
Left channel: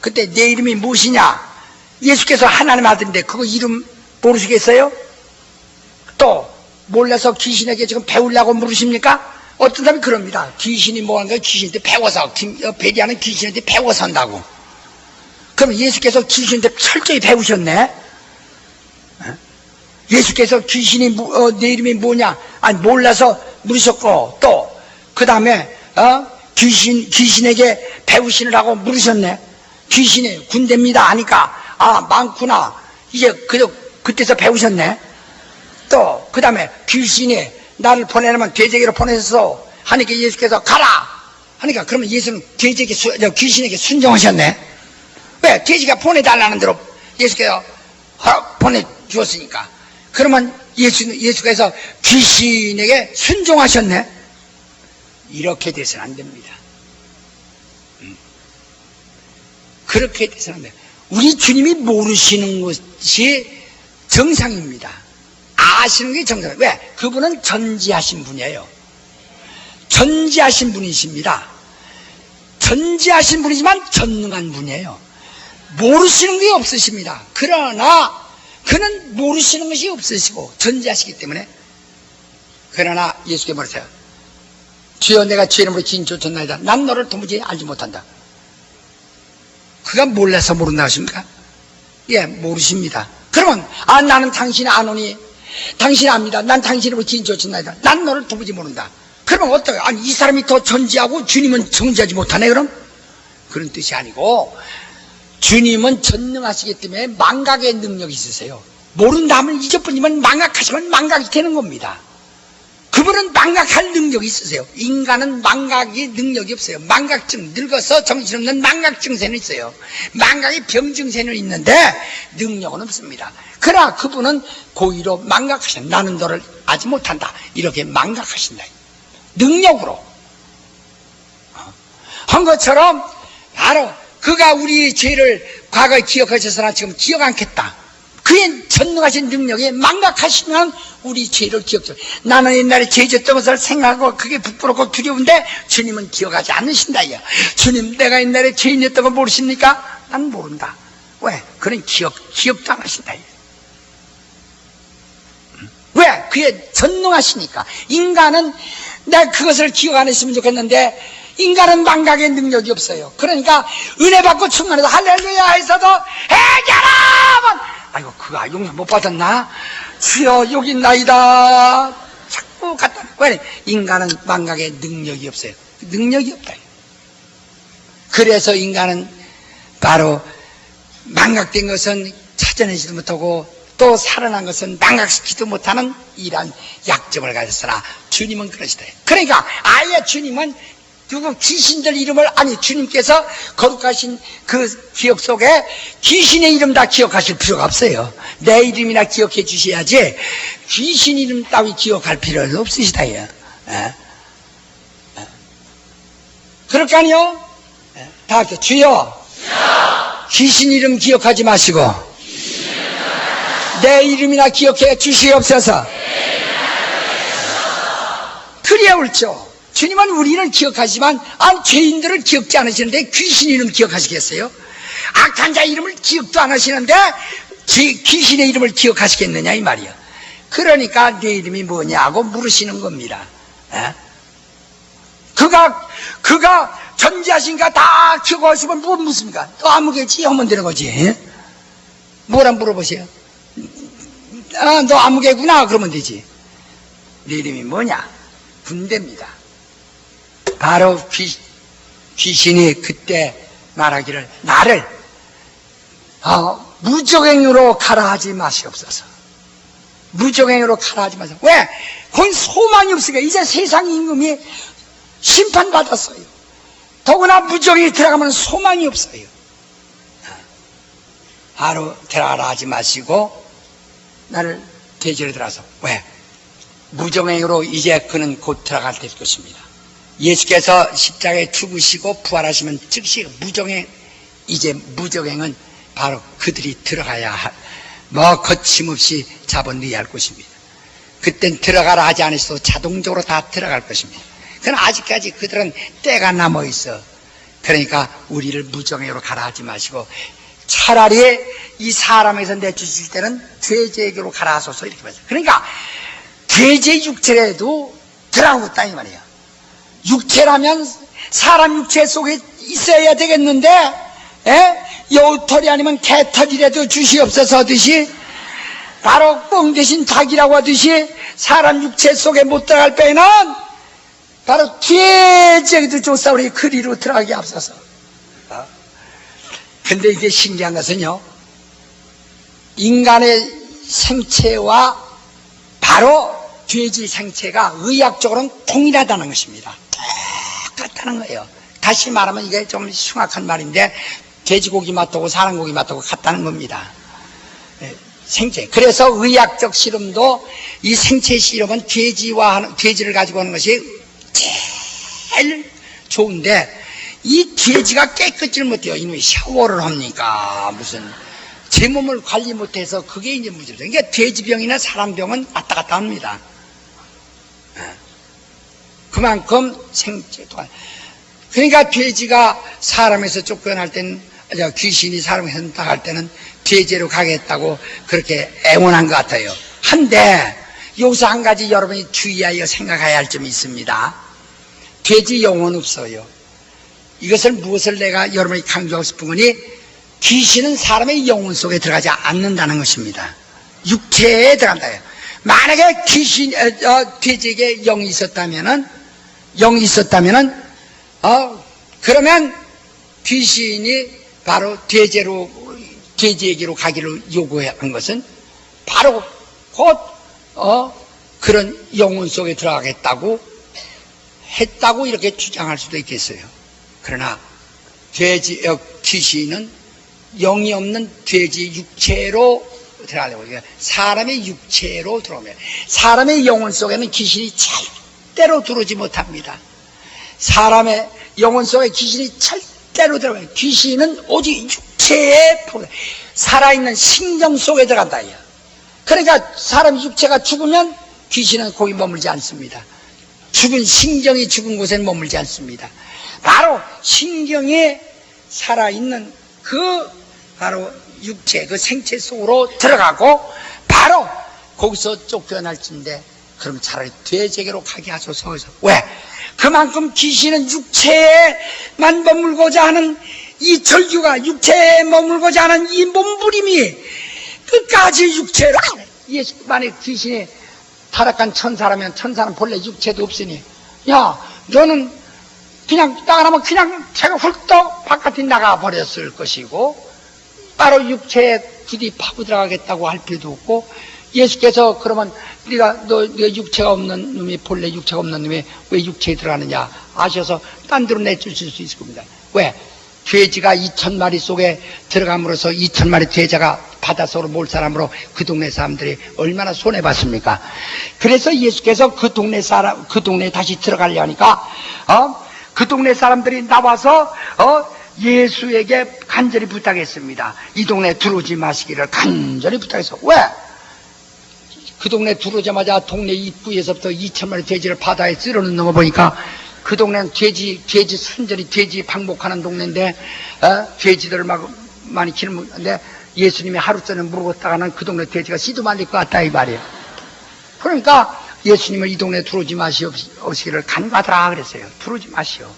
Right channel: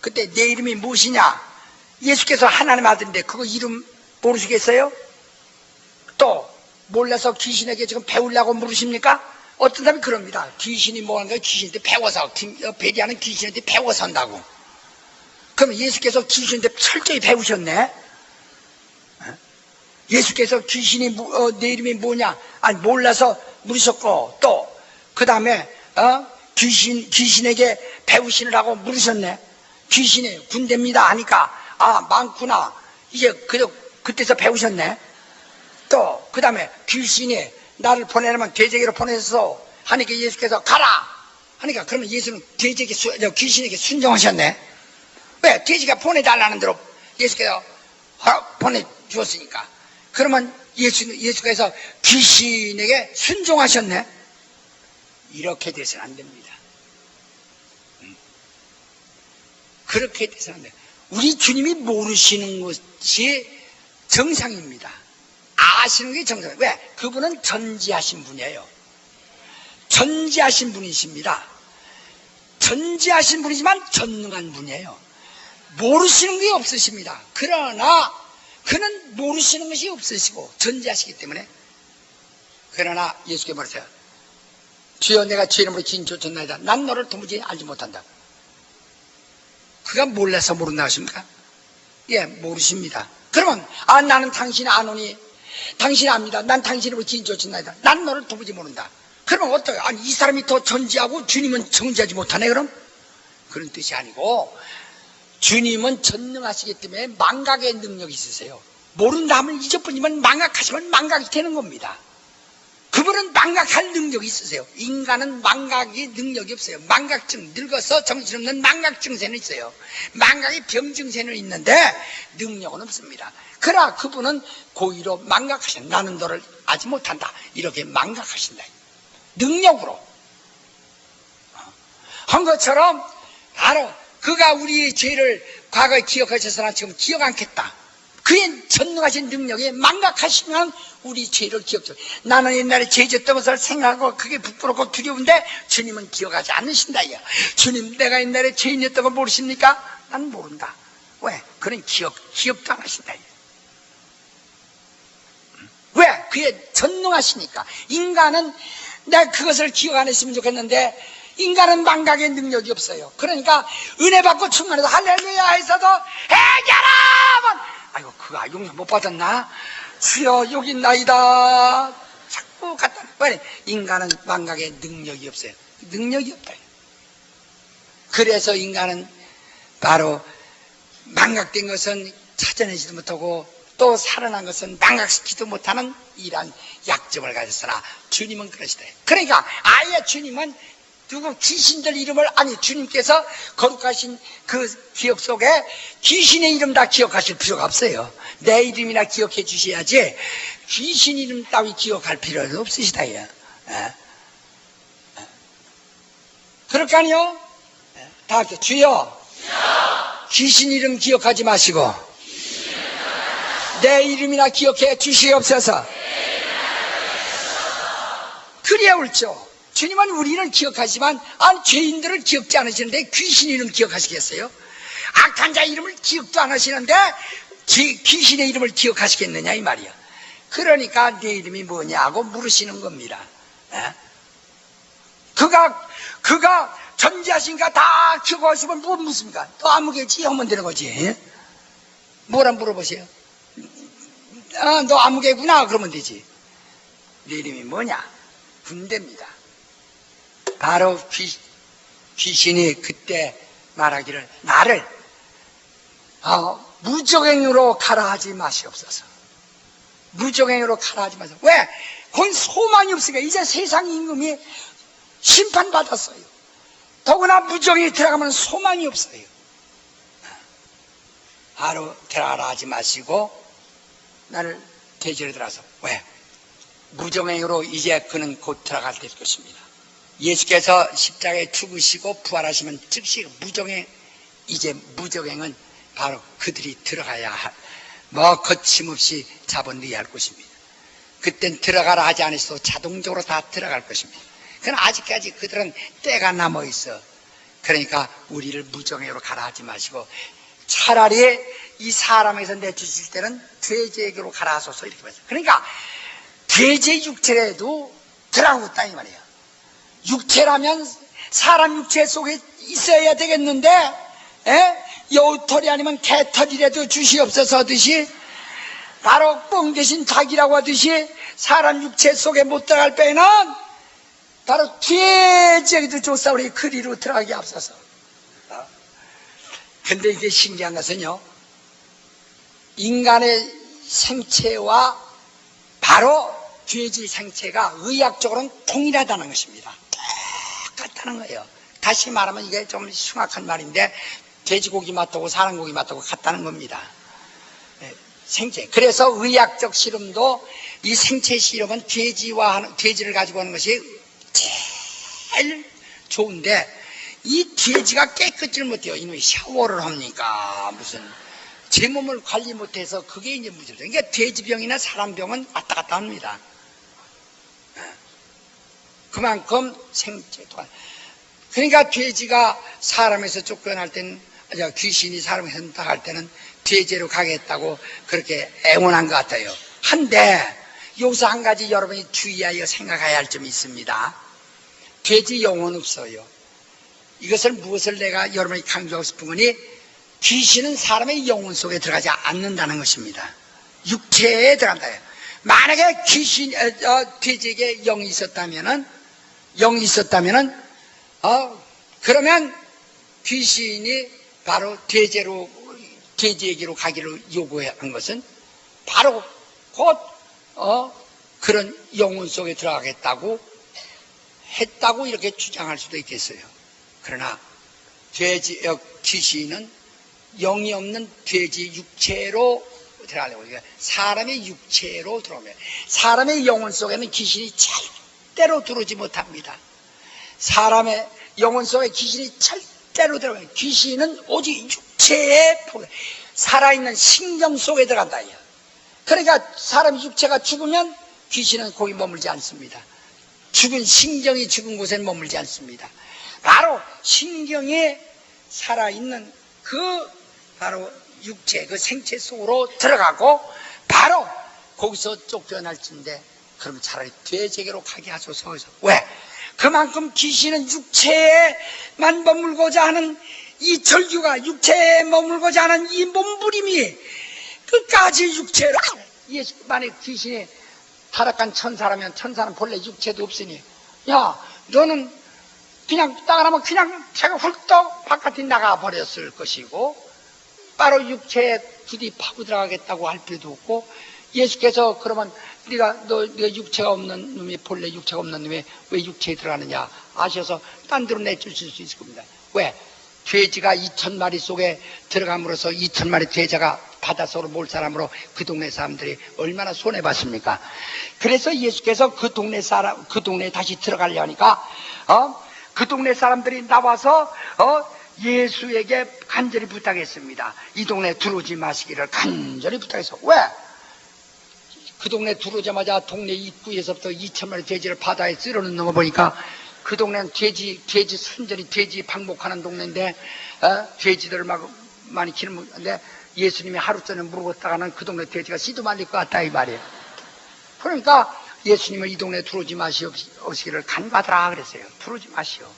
그때 내 이름이 무엇이냐? 예수께서 하나님 아들인데 그거 이름 모르시겠어요? 또 몰라서 귀신에게 지금 배우려고 물으십니까? 어떤 사람이 그럽니다. 귀신이 뭐하는 거야? 귀신한테 배워서, 배리하는 귀신한테 배워서 한다고. 그럼 예수께서 귀신한테 철저히 배우셨네? 예수께서 귀신이 내 이름이 뭐냐? 아니 몰라서 물으셨고, 또 그 다음에 귀신에게 배우시느라고 물으셨네. 귀신이 군대입니다 하니까 많구나 이제 그때서 배우셨네. 또 그 다음에 귀신이 나를 보내려면 돼지에게로 보내서 하니까 예수께서 가라 하니까, 그러면 예수는 귀신에게 순종하셨네. 왜? 돼지가 보내달라는 대로 예수께서 보내주었으니까. 그러면 예수께서 귀신에게 순종하셨네. 이렇게 돼서는 안 됩니다. 그렇게 돼서는 안 돼요. 우리 주님이 모르시는 것이 정상입니다. 아시는 게 정상이에요. 왜? 그분은 전지하신 분이에요. 전지하신 분이십니다. 전지하신 분이지만 전능한 분이에요. 모르시는 게 없으십니다. 그러나 그는 모르시는 것이 없으시고 전지하시기 때문에, 그러나 예수께 말하세요. 주여 내가 주의 이름으로 지인 쫓았나이다. 난 너를 도무지 알지 못한다. 그가 몰라서 모른다 하십니까? 예, 모르십니다. 그러면 나는 당신이 아노니, 당신이 압니다. 난 당신 이름으로 지인 쫓았나이다. 난 너를 도무지 모른다. 그러면 어떡해요? 아니 이 사람이 더 전지하고 주님은 정지하지 못하네 그럼? 그런 뜻이 아니고, 주님은 전능하시기 때문에 망각의 능력이 있으세요. 모른다 하면 잊어버리면, 망각하시면 망각이 되는 겁니다. 그분은 망각할 능력이 있으세요. 인간은 망각의 능력이 없어요. 망각증, 늙어서 정신없는 망각증세는 있어요. 망각의 병증세는 있는데 능력은 없습니다. 그러나 그분은 고의로 망각하신다. 나는 너를 알지 못한다. 이렇게 망각하신다. 능력으로 한 것처럼 바로 그가 우리 죄를 과거에 기억하셨으나 지금 기억 않겠다. 그의 전능하신 능력에 망각하시면 우리 죄를 기억해요. 나는 옛날에 죄 졌던 것을 생각하고 그게 부끄럽고 두려운데 주님은 기억하지 않으신다. 주님 내가 옛날에 죄인이었던 거 모르십니까? 난 모른다. 왜? 그는 기억도 안 하신다. 왜? 그의 전능하시니까. 인간은 내가 그것을 기억 안 했으면 좋겠는데 인간은 망각의 능력이 없어요. 그러니까 은혜 받고 충만해서 할렐루야 해서도 해결하면 아이고 그가 용서 못 받았나? 주여 여기 있나이다. 자꾸 갖다. 왜? 인간은 망각의 능력이 없어요. 능력이 없다. 그래서 인간은 바로 망각된 것은 찾아내지도 못하고 또 살아난 것은 망각시키지도 못하는 이러한 약점을 가졌으나 주님은 그러시다. 그러니까 아예 주님은 누구 귀신들 이름을, 아니 주님께서 거룩하신 그 기억 속에 귀신의 이름 다 기억하실 필요가 없어요. 내 이름이나 기억해 주셔야지 귀신 이름 따위 기억할 필요는 없으시다. 그럴 거 아니요? 다 합쳐. 주여 귀신 이름 기억하지 마시고 내 이름이나 기억해 주시옵소서. 그래야 옳죠. 주님은 우리를 기억하지만 죄인들을 기억지 않으시는데 귀신 이름 기억하시겠어요? 악한 자 이름을 기억도 안 하시는데 귀신의 이름을 기억하시겠느냐 이 말이야. 그러니까 내 이름이 뭐냐고 물으시는 겁니다. 에? 그가 존재하신가 다 기억하시면 뭐 묻습니까? 또 아무개지 하면 되는 거지. 에? 뭐라 물어보세요. 너 아무개구나 그러면 되지. 내 이름이 뭐냐? 군대입니다. 바로 귀신이 그때 말하기를 나를 무적행으로 가라 하지 마시옵소서. 무적행으로 가라 하지 마세요. 왜? 그건 소망이 없으니까. 이제 세상 임금이 심판받았어요. 더구나 무적행에 들어가면 소망이 없어요. 바로 들어가라 하지 마시고 나를 대지로 들어가서. 왜? 무적행으로 이제 그는 곧 들어갈 될 것입니다. 예수께서 십자가에 죽으시고 부활하시면 즉시 무적행, 이제 무적행은 바로 그들이 들어가야 할, 거침없이 잡아넣어야 할 것입니다. 그땐 들어가라 하지 않으셔도 자동적으로 다 들어갈 것입니다. 그러나 아직까지 그들은 때가 남아 있어. 그러니까 우리를 무적행으로 가라 하지 마시고 차라리 이 사람에서 내주실 때는 죄제에게로 가라 하소서 이렇게 말해요. 그러니까 죄제 육체라도 들어가고 있다 이 말이에요. 육체라면 사람 육체 속에 있어야 되겠는데 여우털이 아니면 개털이라도 주시옵소서 하듯이 바로 뻥 대신 닭이라고 하듯이 사람 육체 속에 못 들어갈 때에는 바로 죄제에도 조사 우리 그리로 들어가게 앞서서. 근데 이게 신기한 것은요, 인간의 생체와 바로 죄지 생체가 의학적으로는 동일하다는 것입니다. 똑같다는 거예요. 다시 말하면 이게 좀 흉악한 말인데 돼지고기 맛하고 사람 고기 맛하고 같다는 겁니다. 생체. 그래서 의학적 실험도 이 생체 실험은 돼지를 가지고 하는 것이 제일 좋은데 이 돼지가 깨끗질 못해요. 이놈이 샤워를 합니까? 무슨 제 몸을 관리 못해서 그게 이제 문제죠. 그러니까 돼지병이나 사람병은 왔다 갔다 합니다. 그만큼 생체도. 그러니까 돼지가 사람에서 쫓겨날 때는, 귀신이 사람에서 나갈 때는 돼지로 가겠다고 그렇게 애원한 것 같아요. 한데 여기서 한 가지 여러분이 주의하여 생각해야 할 점이 있습니다. 돼지 영혼 없어요. 이것을 무엇을 내가 여러분이 강조하고 싶은 거니, 귀신은 사람의 영혼 속에 들어가지 않는다는 것입니다. 육체에 들어간다요. 만약에 돼지에게 영이 있었다면은 그러면 귀신이 바로 돼지에게로 가기를 요구한 것은 바로 곧 그런 영혼 속에 들어가겠다고 했다고 이렇게 주장할 수도 있겠어요. 그러나 귀신은 영이 없는 돼지 육체로 들어가려고, 사람의 육체로 들어오면 사람의 영혼 속에는 귀신이 절대로 들어오지 못합니다. 사람의 영혼 속에 귀신이 절대로 들어가요. 귀신은 오직 육체에 살아있는 신경 속에 들어간다. 그러니까 사람 육체가 죽으면 귀신은 거기 머물지 않습니다. 죽은 신경이 죽은 곳에 머물지 않습니다. 바로 신경에 살아있는 바로 육체, 그 생체 속으로 들어가고 바로 거기서 쫓겨날진데, 그럼 차라리 돼지에게로 가게 하소서. 왜? 그만큼 귀신은 육체에만 머물고자 하는 이 절규가, 육체에 머물고자 하는 이 몸부림이 끝까지 육체로, 만약 귀신이 타락한 천사라면 천사는 본래 육체도 없으니, 야, 너는 그냥 나가라면 그냥 제가 훌떡 바깥에 나가버렸을 것이고, 바로 육체에 부디 파고 들어가겠다고 할 필요도 없고, 예수께서 그러면 네가 육체가 없는 놈이, 본래 육체가 없는 놈이 왜 육체에 들어가느냐 아셔서 딴 데로 내주실 수 있을 겁니다. 왜? 돼지가 2,000마리 속에 들어감으로써 2,000마리 돼지가 바닷속으로 몰 사람으로 그 동네 사람들이 얼마나 손해봤습니까? 그래서 예수께서 그 동네에 다시 들어가려 하니까 그 동네 사람들이 나와서 예수에게 간절히 부탁했습니다. 이 동네 들어오지 마시기를 간절히 부탁했어. 왜? 그 동네 들어오자마자 동네 입구에서부터 2,000마리 돼지를 바다에 쓸어넣는 거 보니까 그 동네는 돼지 순전히 돼지 방목하는 동네인데, 돼지들을 막 많이 키우는데, 예수님이 하루 전에 물었다가는 그 동네 돼지가 씨도 말릴 것 같다, 이 말이에요. 그러니까 예수님은 이 동네에 들어오지 마시기를 간과하라 그랬어요. 들어오지 마시오.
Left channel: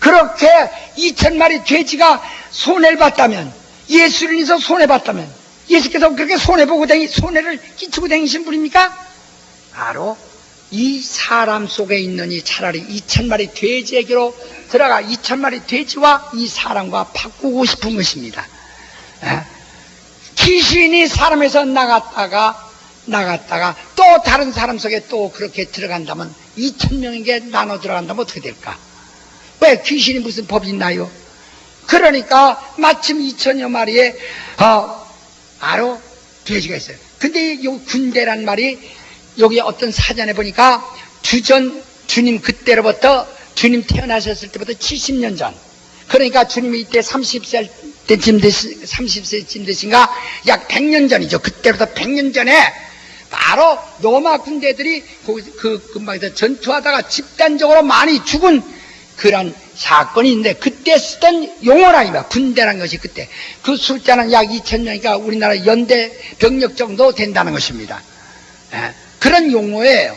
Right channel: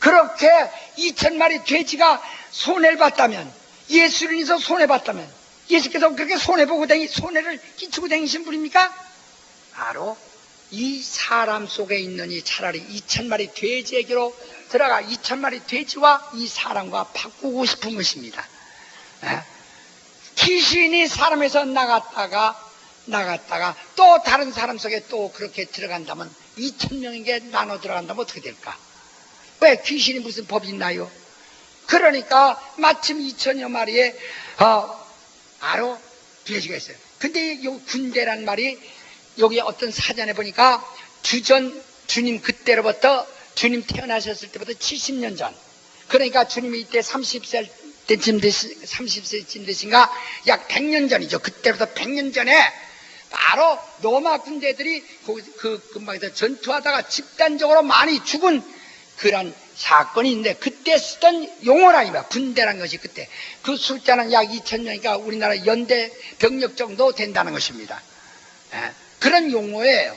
그렇게 2,000마리 돼지가 손해를 봤다면, 예수를 인해서 손해봤다면, 예수께서 그렇게 손해를 끼치고 다니신 분입니까? 바로 이 사람 속에 있느니 차라리 2,000마리 돼지에게로 들어가 2,000마리 돼지와 이 사람과 바꾸고 싶은 것입니다. 귀신이 사람에서 나갔다가 또 다른 사람 속에 또 그렇게 들어간다면 2,000명에게 나눠 들어간다면 어떻게 될까? 왜? 귀신이 무슨 법이 있나요? 그러니까 마침 2,000여 마리의 바로 돼지가 있어요. 근데 이 군대란 말이 여기 어떤 사전에 보니까 주님 그때로부터 주님 태어나셨을 때부터 70년 전, 그러니까 주님이 이때 30세쯤 되신가 약 100년 전이죠. 그때부터 100년 전에 바로 로마 군대들이 그 근방에서 전투하다가 집단적으로 많이 죽은 그런 사건이 있는데, 그때 쓰던 용어라니까. 군대라는 것이 그때 그 숫자는 약 2,000명이니까 우리나라 연대 병력 정도 된다는 것입니다. 그런 용어예요.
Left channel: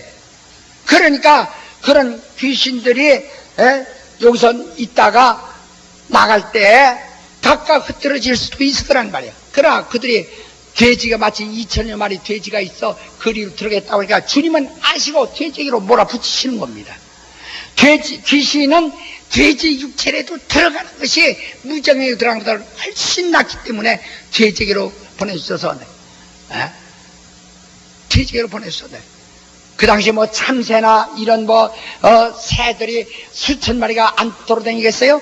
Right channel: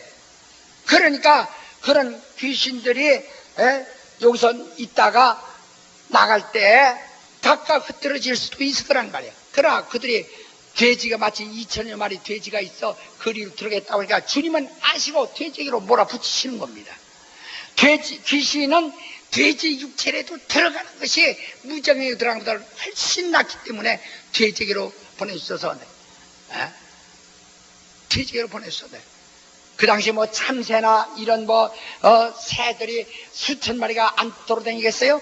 그러니까 그런 귀신들이 여기서 있다가 나갈 때 각각 흩어질 수도 있을 거란 말이에요. 그러나 그들이 돼지가 마치 2,000여 마리 돼지가 있어 거리로 들어가겠다고 하니까 주님은 아시고 돼지에게로 몰아붙이시는 겁니다. 귀신은 돼지 육체에도 들어가는 것이 무정에 들어가는 것보다 훨씬 낫기 때문에 돼지에게로 보내주셔서 돼지에게로 보내주셔서 그 당시 뭐 참새나 이런 새들이 수천 마리가 안 돌아다니겠어요?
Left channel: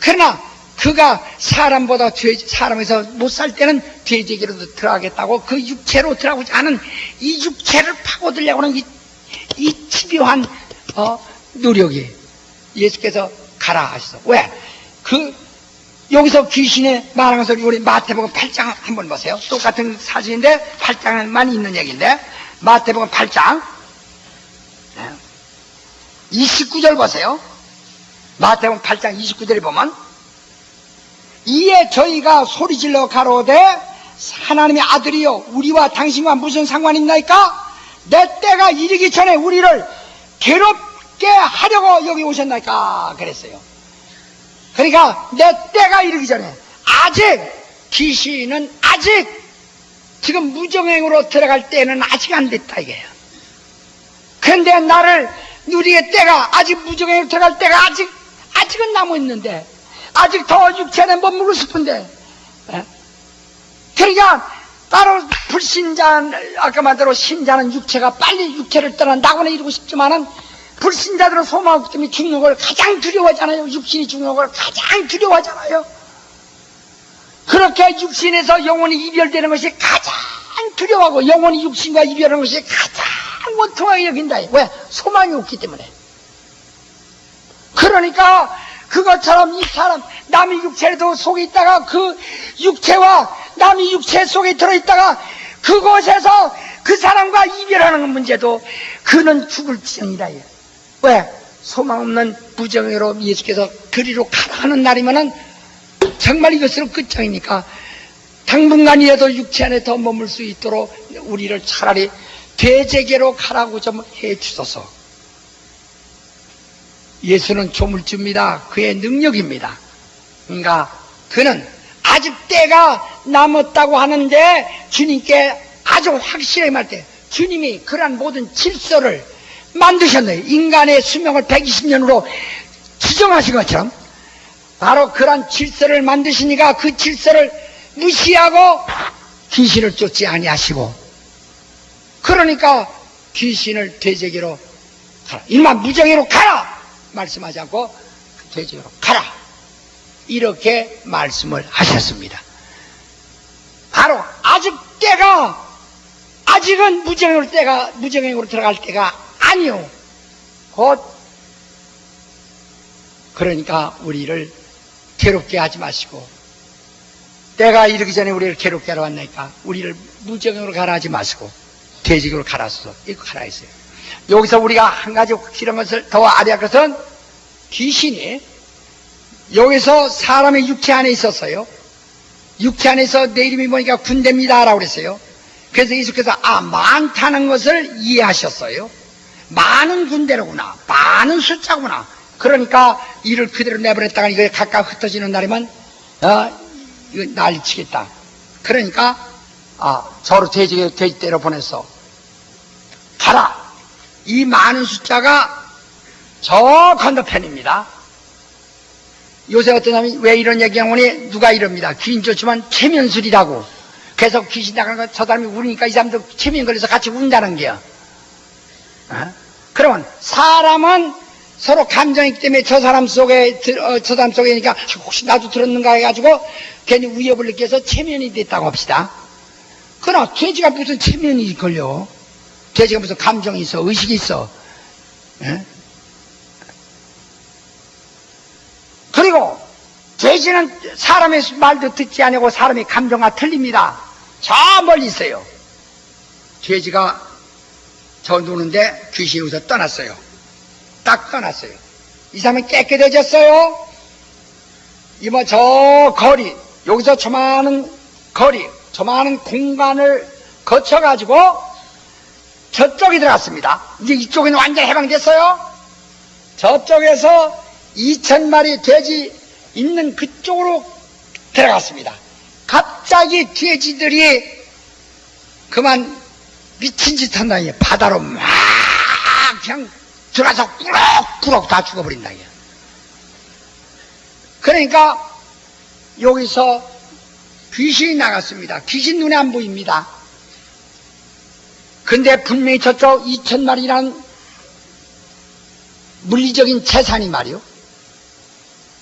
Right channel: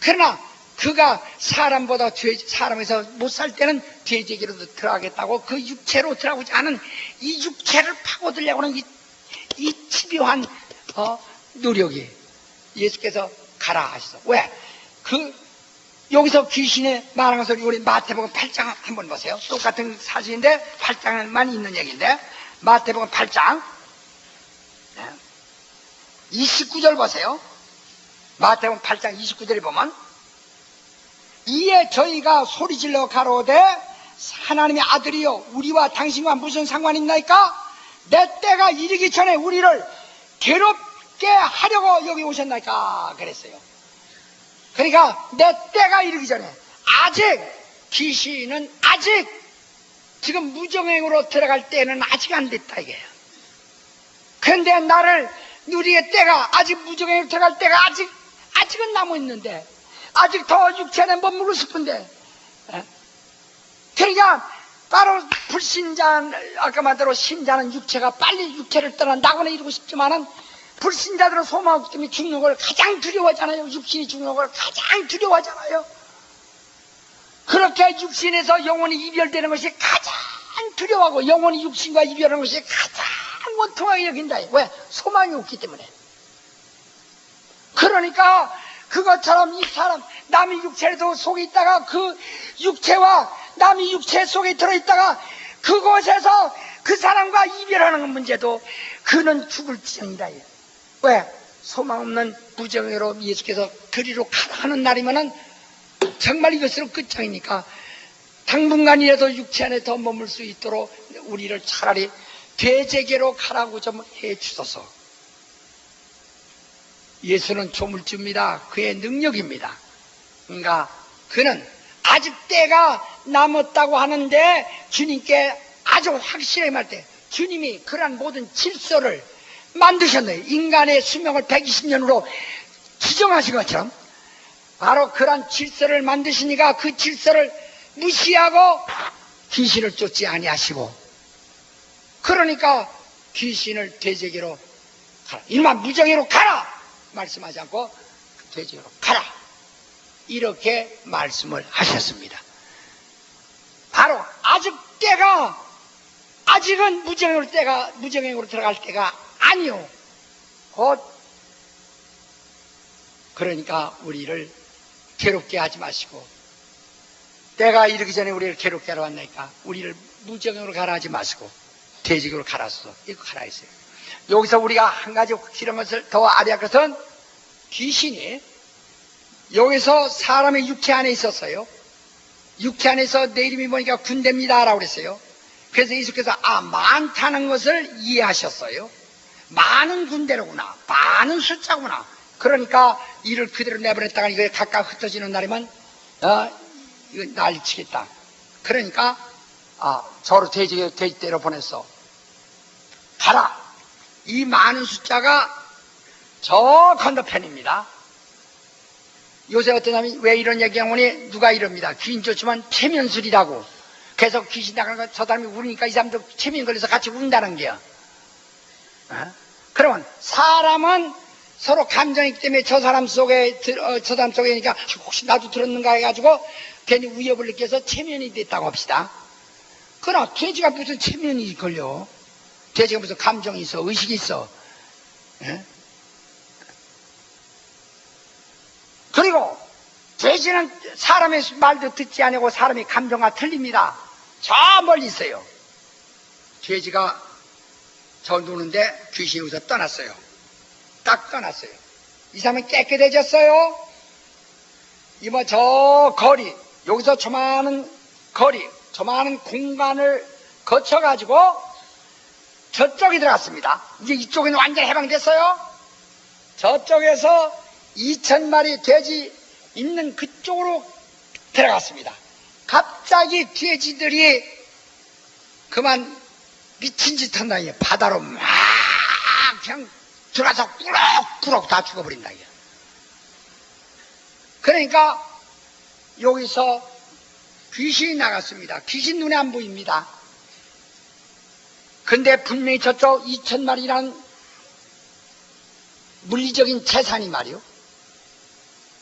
그러나 그가 사람보다 사람에서 못 살 때는 돼지에게로 들어가겠다고 그 육체로 들어가고자 하는 이 육체를 파고들려고 하는 이 집요한 노력이 예수께서 가라 하셨어. 왜? 여기서 귀신의 말하는 소리 우리 마태복음 8장 한번 보세요. 똑같은 사진인데 8장만 있는 얘기인데 마태복음 8장 29절 보세요. 마태복음 8장 29절에 보면 이에 저희가 소리질러 가로되 하나님의 아들이여 우리와 당신과 무슨 상관이 있나이까? 내 때가 이르기 전에 우리를 괴롭게 하려고 여기 오셨나이까? 그랬어요. 그러니까 내 때가 이르기 전에 귀신은 아직 지금 무정행으로 들어갈 때는 아직 안 됐다 이게요. 그런데 나를 누리의 때가 아직 무정행으로 들어갈 때가 아직은 남아 있는데 아직 더 육체 안에 머물고 싶은데 그러니까 바로 불신자, 아까 말대로 신자는 육체가 빨리 육체를 떠나 낙원에 이루고 싶지만은 불신자들은 소망하기 때문에 죽는 걸 가장 두려워하잖아요. 육신이 죽는 걸 가장 두려워하잖아요. 그렇게 육신에서 영혼이 이별되는 것이 가장 두려워하고 영혼이 육신과 이별하는 것이 가장 원통하게 여긴다. 왜? 소망이 없기 때문에. 그러니까 그것처럼 이 사람 남의 육체에도 속에 있다가 그 육체와 남의 육체 속에 들어있다가 그곳에서 그 사람과 이별하는 문제도 그는 죽을지니라. 왜? 소망 없는 부정으로 예수께서 그리로 가라 하는 날이면은 정말 이것으로 끝장이니까 당분간이라도 육체 안에 더 머물 수 있도록 우리를 차라리 대제계로 가라고 좀 해주소서. 예수는 조물주입니다. 그의 능력입니다. 그러니까 그는 아직 때가 남았다고 하는데 주님께 아주 확실하게 말할 때 주님이 그러한 모든 질서를 만드셨네요. 인간의 수명을 120년으로 지정하신 것처럼 바로 그러한 질서를 만드시니까 그 질서를 무시하고 귀신을 쫓지 아니하시고 그러니까 귀신을 돼지에게로 가라. 이놈아 무정에로 가라! 말씀하지 않고 돼지에게로 가라. 이렇게 말씀을 하셨습니다. 바로 아직은 무정행으로 들어갈 때가 아니요. 곧 그러니까 우리를 괴롭게 하지 마시고, 때가 이르기 전에 우리를 괴롭게 하러 왔으니까 우리를 무정으로 가라 하지 마시고 돼지로 갈아서 이거 가라 했어요. 여기서 우리가 한 가지 확실한 것을 더 알아야 할 것은, 귀신이 여기서 사람의 육체 안에 있었어요. 육체 안에서 내 이름이 뭐니까 군대입니다 라고 그랬어요. 그래서 예수께서 많다는 것을 이해하셨어요. 많은 군대로구나, 많은 숫자구나. 그러니까 이를 그대로 내버렸다가 이거 각각 흩어지는 날이면 이거 난리치겠다. 그러니까 저로 돼지대로 보내서 가라. 이 많은 숫자가 저 건너편입니다. 요새 어떤 사람이 왜 이런 얘기하면 누가 이럽니다. 귀신 좋지만 최면술이라고. 그래서 귀신 나가는 거 저 사람이 울으니까 이 사람도 최면 걸려서 같이 운다는 게요. 그러면 사람은 서로 감정이기 때문에 저 사람 속에니까 혹시 나도 들었는가 해가지고 괜히 위협을 느껴서 체면이 됐다고 합시다. 그러나 돼지가 무슨 체면이 걸려? 돼지가 무슨 감정이 있어, 의식이 있어. 그리고 돼지는 사람의 말도 듣지 않고 사람의 감정과 틀립니다. 저 멀리 있어요. 돼지가 저 노는데 귀신이 여기서 떠났어요. 딱 떠났어요. 이 사람은 깨끗해졌어요. 이번 저 거리, 여기서 조만한 거리, 조만한 공간을 거쳐가지고 저쪽에 들어갔습니다. 이제 이쪽에는 완전 해방됐어요. 저쪽에서 2000마리 돼지 있는 그쪽으로 들어갔습니다. 갑자기 돼지들이 그만 미친 짓 한다. 바다로 막 그냥 들어가서 꾸럭꾸럭 다 죽어버린다. 그러니까 여기서 귀신이 나갔습니다. 귀신 눈에 안 보입니다. 근데 분명히 저쪽 2000마리라는 물리적인 재산이 말이요,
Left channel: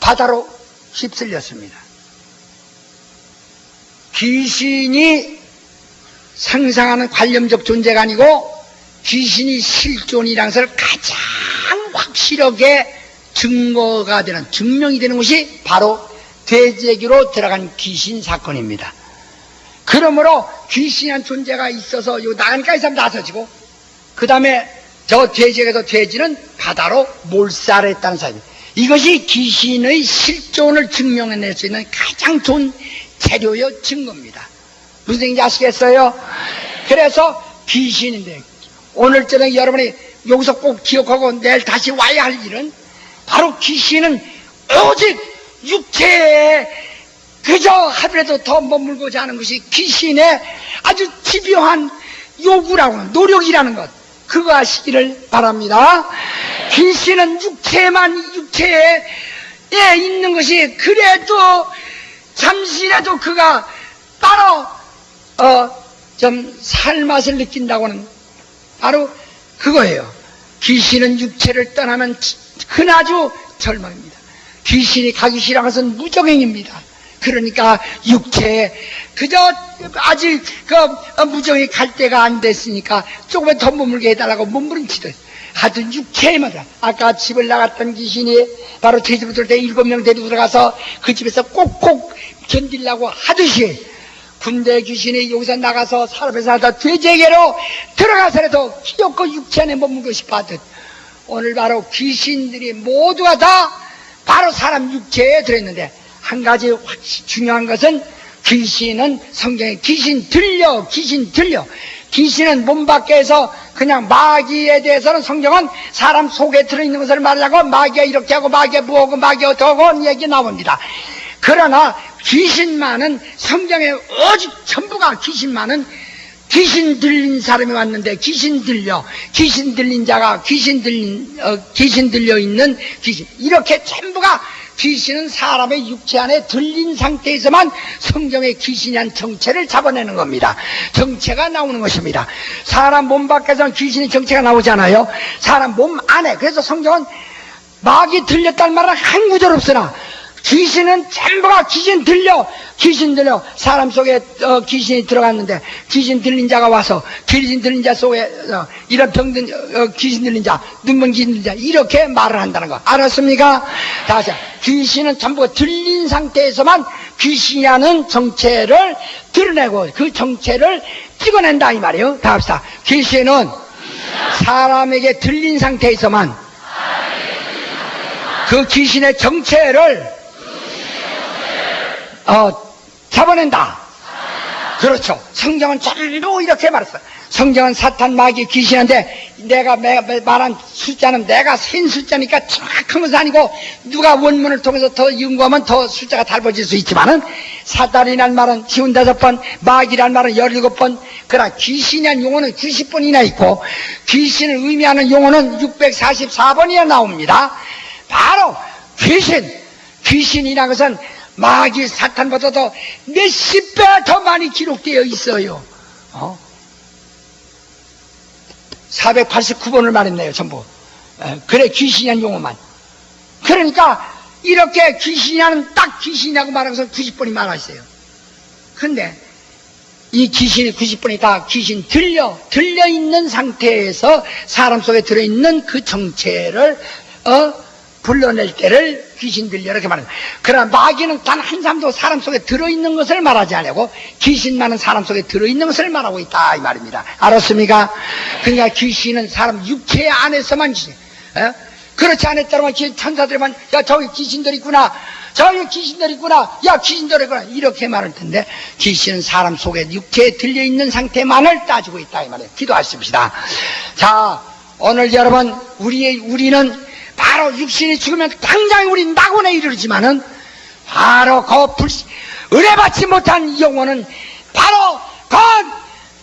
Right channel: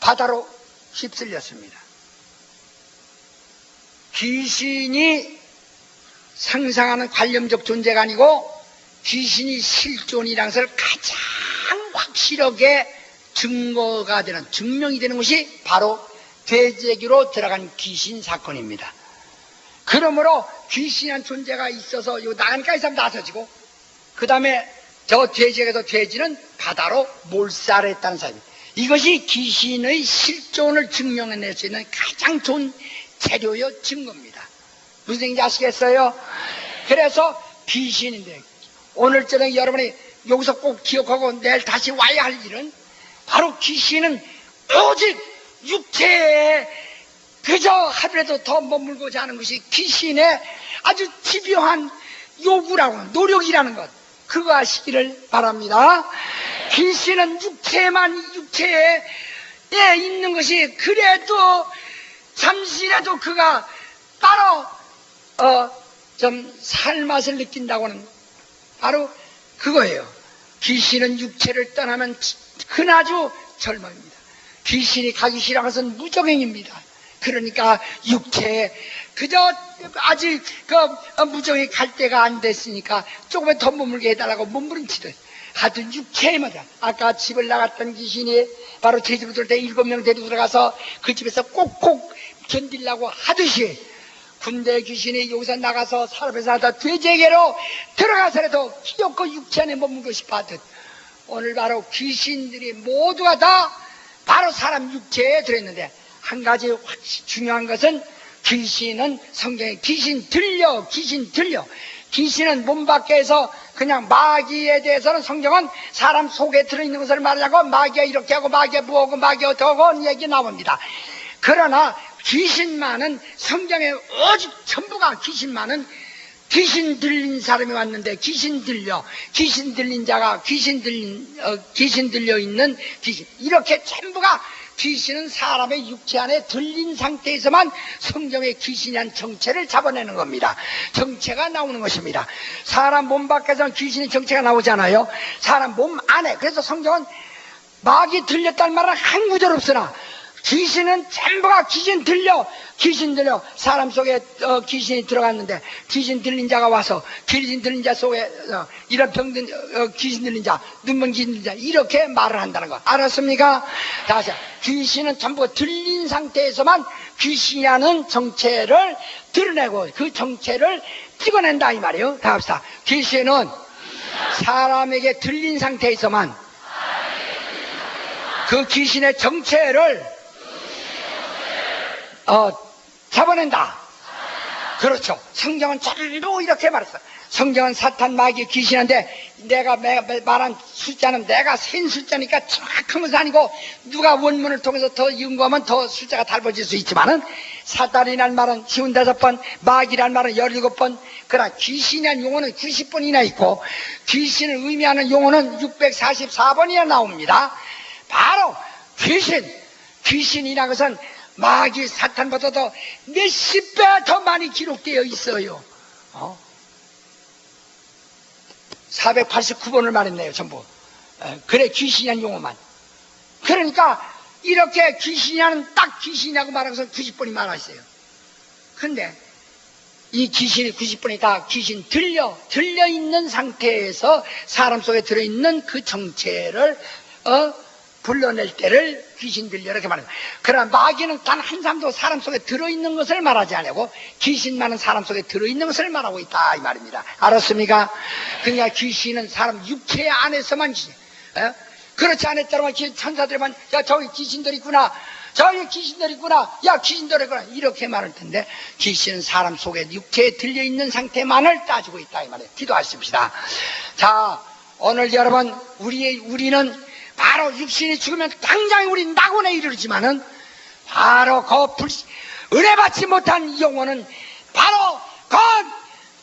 바다로 휩쓸렸습니다. 귀신이 상상하는 관념적 존재가 아니고 귀신이 실존이라는 것을 가장 확실하게 증거가 되는, 증명이 되는 것이 바로 돼지에게로 들어간 귀신 사건입니다. 그러므로 귀신이란 존재가 있어서 요 나가니까 이 사람 나서지고, 그 다음에 저 돼지에게서 돼지는 바다로 몰살했다는 사실입니다. 이것이 귀신의 실존을 증명해낼 수 있는 가장 좋은 재료요 증거입니다. 무슨 얘기인지 아시겠어요? 그래서 귀신인데 오늘 저녁에 여러분이 여기서 꼭 기억하고 내일 다시 와야 할 일은, 바로 귀신은 오직 육체에 그저 하루라도 더 머물고자 하는 것이 귀신의 아주 집요한 요구라고, 노력이라는 것, 그거 하시기를 바랍니다. 귀신은 육체에 있는 것이, 그래도 잠시라도 그가 바로 좀 살맛을 느낀다고는 바로 그거예요. 귀신은 육체를 떠나면 그나주 절망입니다. 귀신이 가기 싫어하는 것은 무정행입니다. 그러니까 육체에 그저 아직 무정이 갈 때가 안 됐으니까 조금만 더 머물게 해달라고 몸부림치듯 하여튼 육체에만. 아까 집을 나갔던 귀신이 바로 제 집으로 들어올 때 7명 데리고 들어가서 그 집에서 꼭꼭 견디려고 하듯이, 군대 귀신이 여기서 나가서 사람에서 하다 돼지에게로 들어가서라도 기어코 육체 안에 머물고 싶어 하듯, 오늘 바로 귀신들이 모두가 다 바로 사람 육체에 들어있는데, 한 가지 중요한 것은 귀신은 성경에 귀신 들려. 귀신은 몸 밖에서 그냥 마귀에 대해서는 성경은 사람 속에 들어있는 것을 말하고 마귀가 이렇게 하고 마귀가 뭐하고 마귀가 어떠하고 얘기 나옵니다. 그러나 귀신만은 성경에 오직 전부가 귀신만은 귀신 들린 사람이 왔는데 귀신 들린 자가 귀신 들려 있는 귀신, 이렇게 전부가 귀신은 사람의 육체 안에 들린 상태에서만 성경의 귀신이란 정체를 잡아내는 겁니다. 정체가 나오는 것입니다. 사람 몸 밖에서는 귀신의 정체가 나오잖아요. 사람 몸 안에. 그래서 성경은 마귀 들렸다는 말은 한 구절 없으나 귀신은 전부가 귀신 들려 사람 속에 귀신이 들어갔는데 귀신 들린 자가 와서 귀신 들린 자 속에 이런 병든 귀신 들린 자, 눈먼 귀신 들린 자 이렇게 말을 한다는 거 알았습니까? 다시 귀신은 전부 들린 상태에서만 귀신이라는 정체를 드러내고 그 정체를 찍어낸다 이 말이에요. 다 합시다. 귀신은 사람에게 들린 상태에서만 그 귀신의 정체를 잡아낸다. 그렇죠. 성경은 전부 이렇게 말했어. 성경은 사탄, 마귀, 귀신한테 내가 말한 숫자는 내가 센 숫자니까 정확한 것은 아니고 누가 원문을 통해서 더 연구하면 더 숫자가 달라질 수 있지만은 사탄이란 말은 55번, 마귀란 말은 17번, 그러나 귀신이란 용어는 90번이나 있고 귀신을 의미하는 용어는 644번이나 나옵니다. 바로 귀신이라는 것은 마귀 사탄보다도 몇십 배 더 많이 기록되어 있어요. 489번을 말했네요 전부. 그래 귀신이라는 용어만. 그러니까 이렇게 귀신이라는 딱 귀신이라고 말하는 것은 90번이 많아있어요. 근데 이 귀신이 90번이 다 귀신 들려있는 상태에서 사람 속에 들어있는 그 정체를 불러낼 때를 귀신 들려 이렇게 말합니다. 그러나 마귀는 단 한 사람도 사람 속에 들어있는 것을 말하지 않고 귀신만은 사람 속에 들어있는 것을 말하고 있다 이 말입니다. 알았습니까? 그러니까 귀신은 사람 육체 안에서만 귀신. 그렇지 않았다면 천사들만 야 저기 귀신들 있구나, 저기 귀신들 있구나, 야 귀신들 있구나 이렇게 말할 텐데 귀신은 사람 속에 육체에 들려있는 상태만을 따지고 있다 이 말이에요. 기도하십시다. 자, 오늘 여러분 우리는 바로 육신이 죽으면 당장 우리 낙원에 이르지만은 바로 은혜받지 못한 영혼은 바로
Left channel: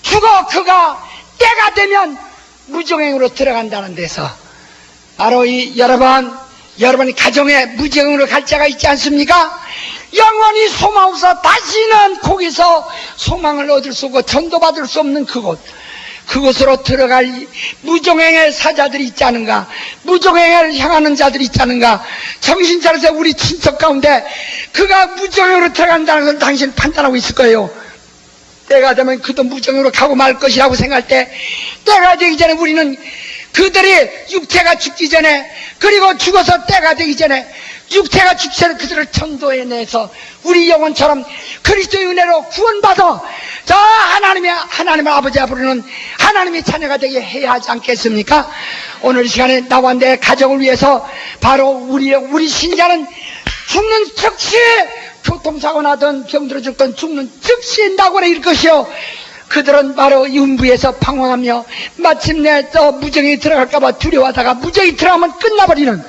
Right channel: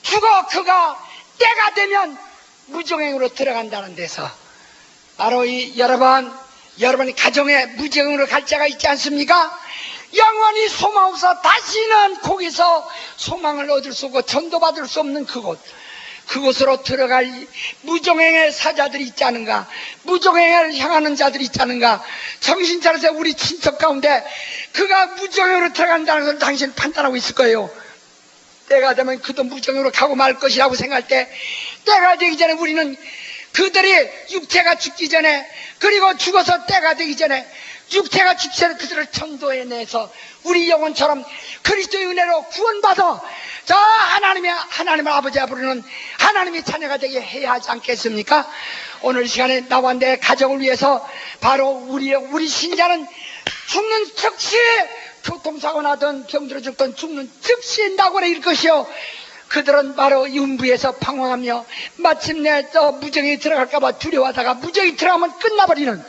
죽어 그가 때가 되면 무정행으로 들어간다는 데서 바로 여러분이 가정에 무정행으로 갈 자가 있지 않습니까? 영원히 소망 없어 다시는 거기서 소망을 얻을 수 없고 전도받을 수 없는 그곳으로 들어갈 무종행의 사자들이 있지 않은가? 무종행을 향하는 자들이 있지 않은가? 정신 차려서 우리 친척 가운데 그가 무종행으로 들어간다는 걸 당신 판단하고 있을 거예요. 때가 되면 그도 무종행으로 가고 말 것이라고 생각할 때 때가 되기 전에 우리는 그들이 육체가 죽기 전에 그리고 죽어서 때가 되기 전에 육체가 죽기 전에 그들을 전도해내서 우리 영혼처럼 그리스도의 은혜로 구원받아 저 하나님의 아버지 앞으로는 하나님의 자녀가 되게 해야 하지 않겠습니까? 오늘 이 시간에 나와 내 가정을 위해서 바로 우리 신자는 죽는 즉시 교통사고 나든 병들어 죽든 죽는 즉시 낙원에 이를 것이요 그들은 바로 윤부에서 방황하며 마침내 또 무정이 들어갈까봐 두려워하다가 무정이 들어가면 끝나버리는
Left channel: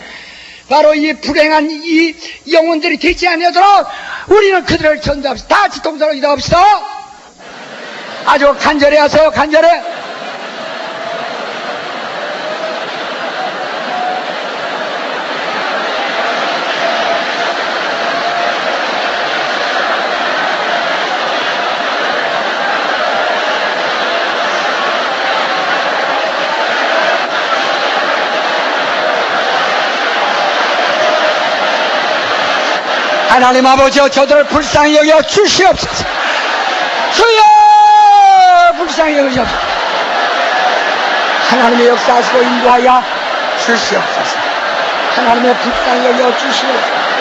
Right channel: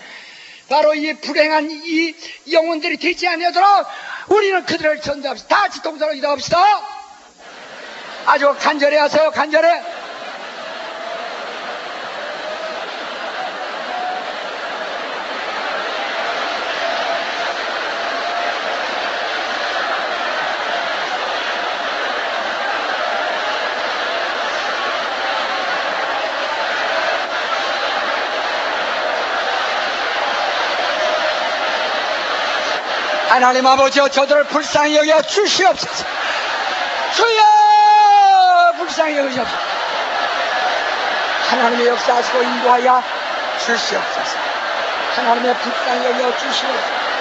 바로 이 불행한 이 영혼들이 되지 않도록 우리는 그들을 전도합시다. 다 같이 동서로 기도합시다. 아주 간절히 하세요. 간절히. 하나님 아버지여 저들을 불쌍히 여겨 주시옵소서. 주여 불쌍히 여겨 주시옵소서. 하나님의 역사하시고 인도하여 주시옵소서. 하나님의 불쌍히 여겨 주시옵소서.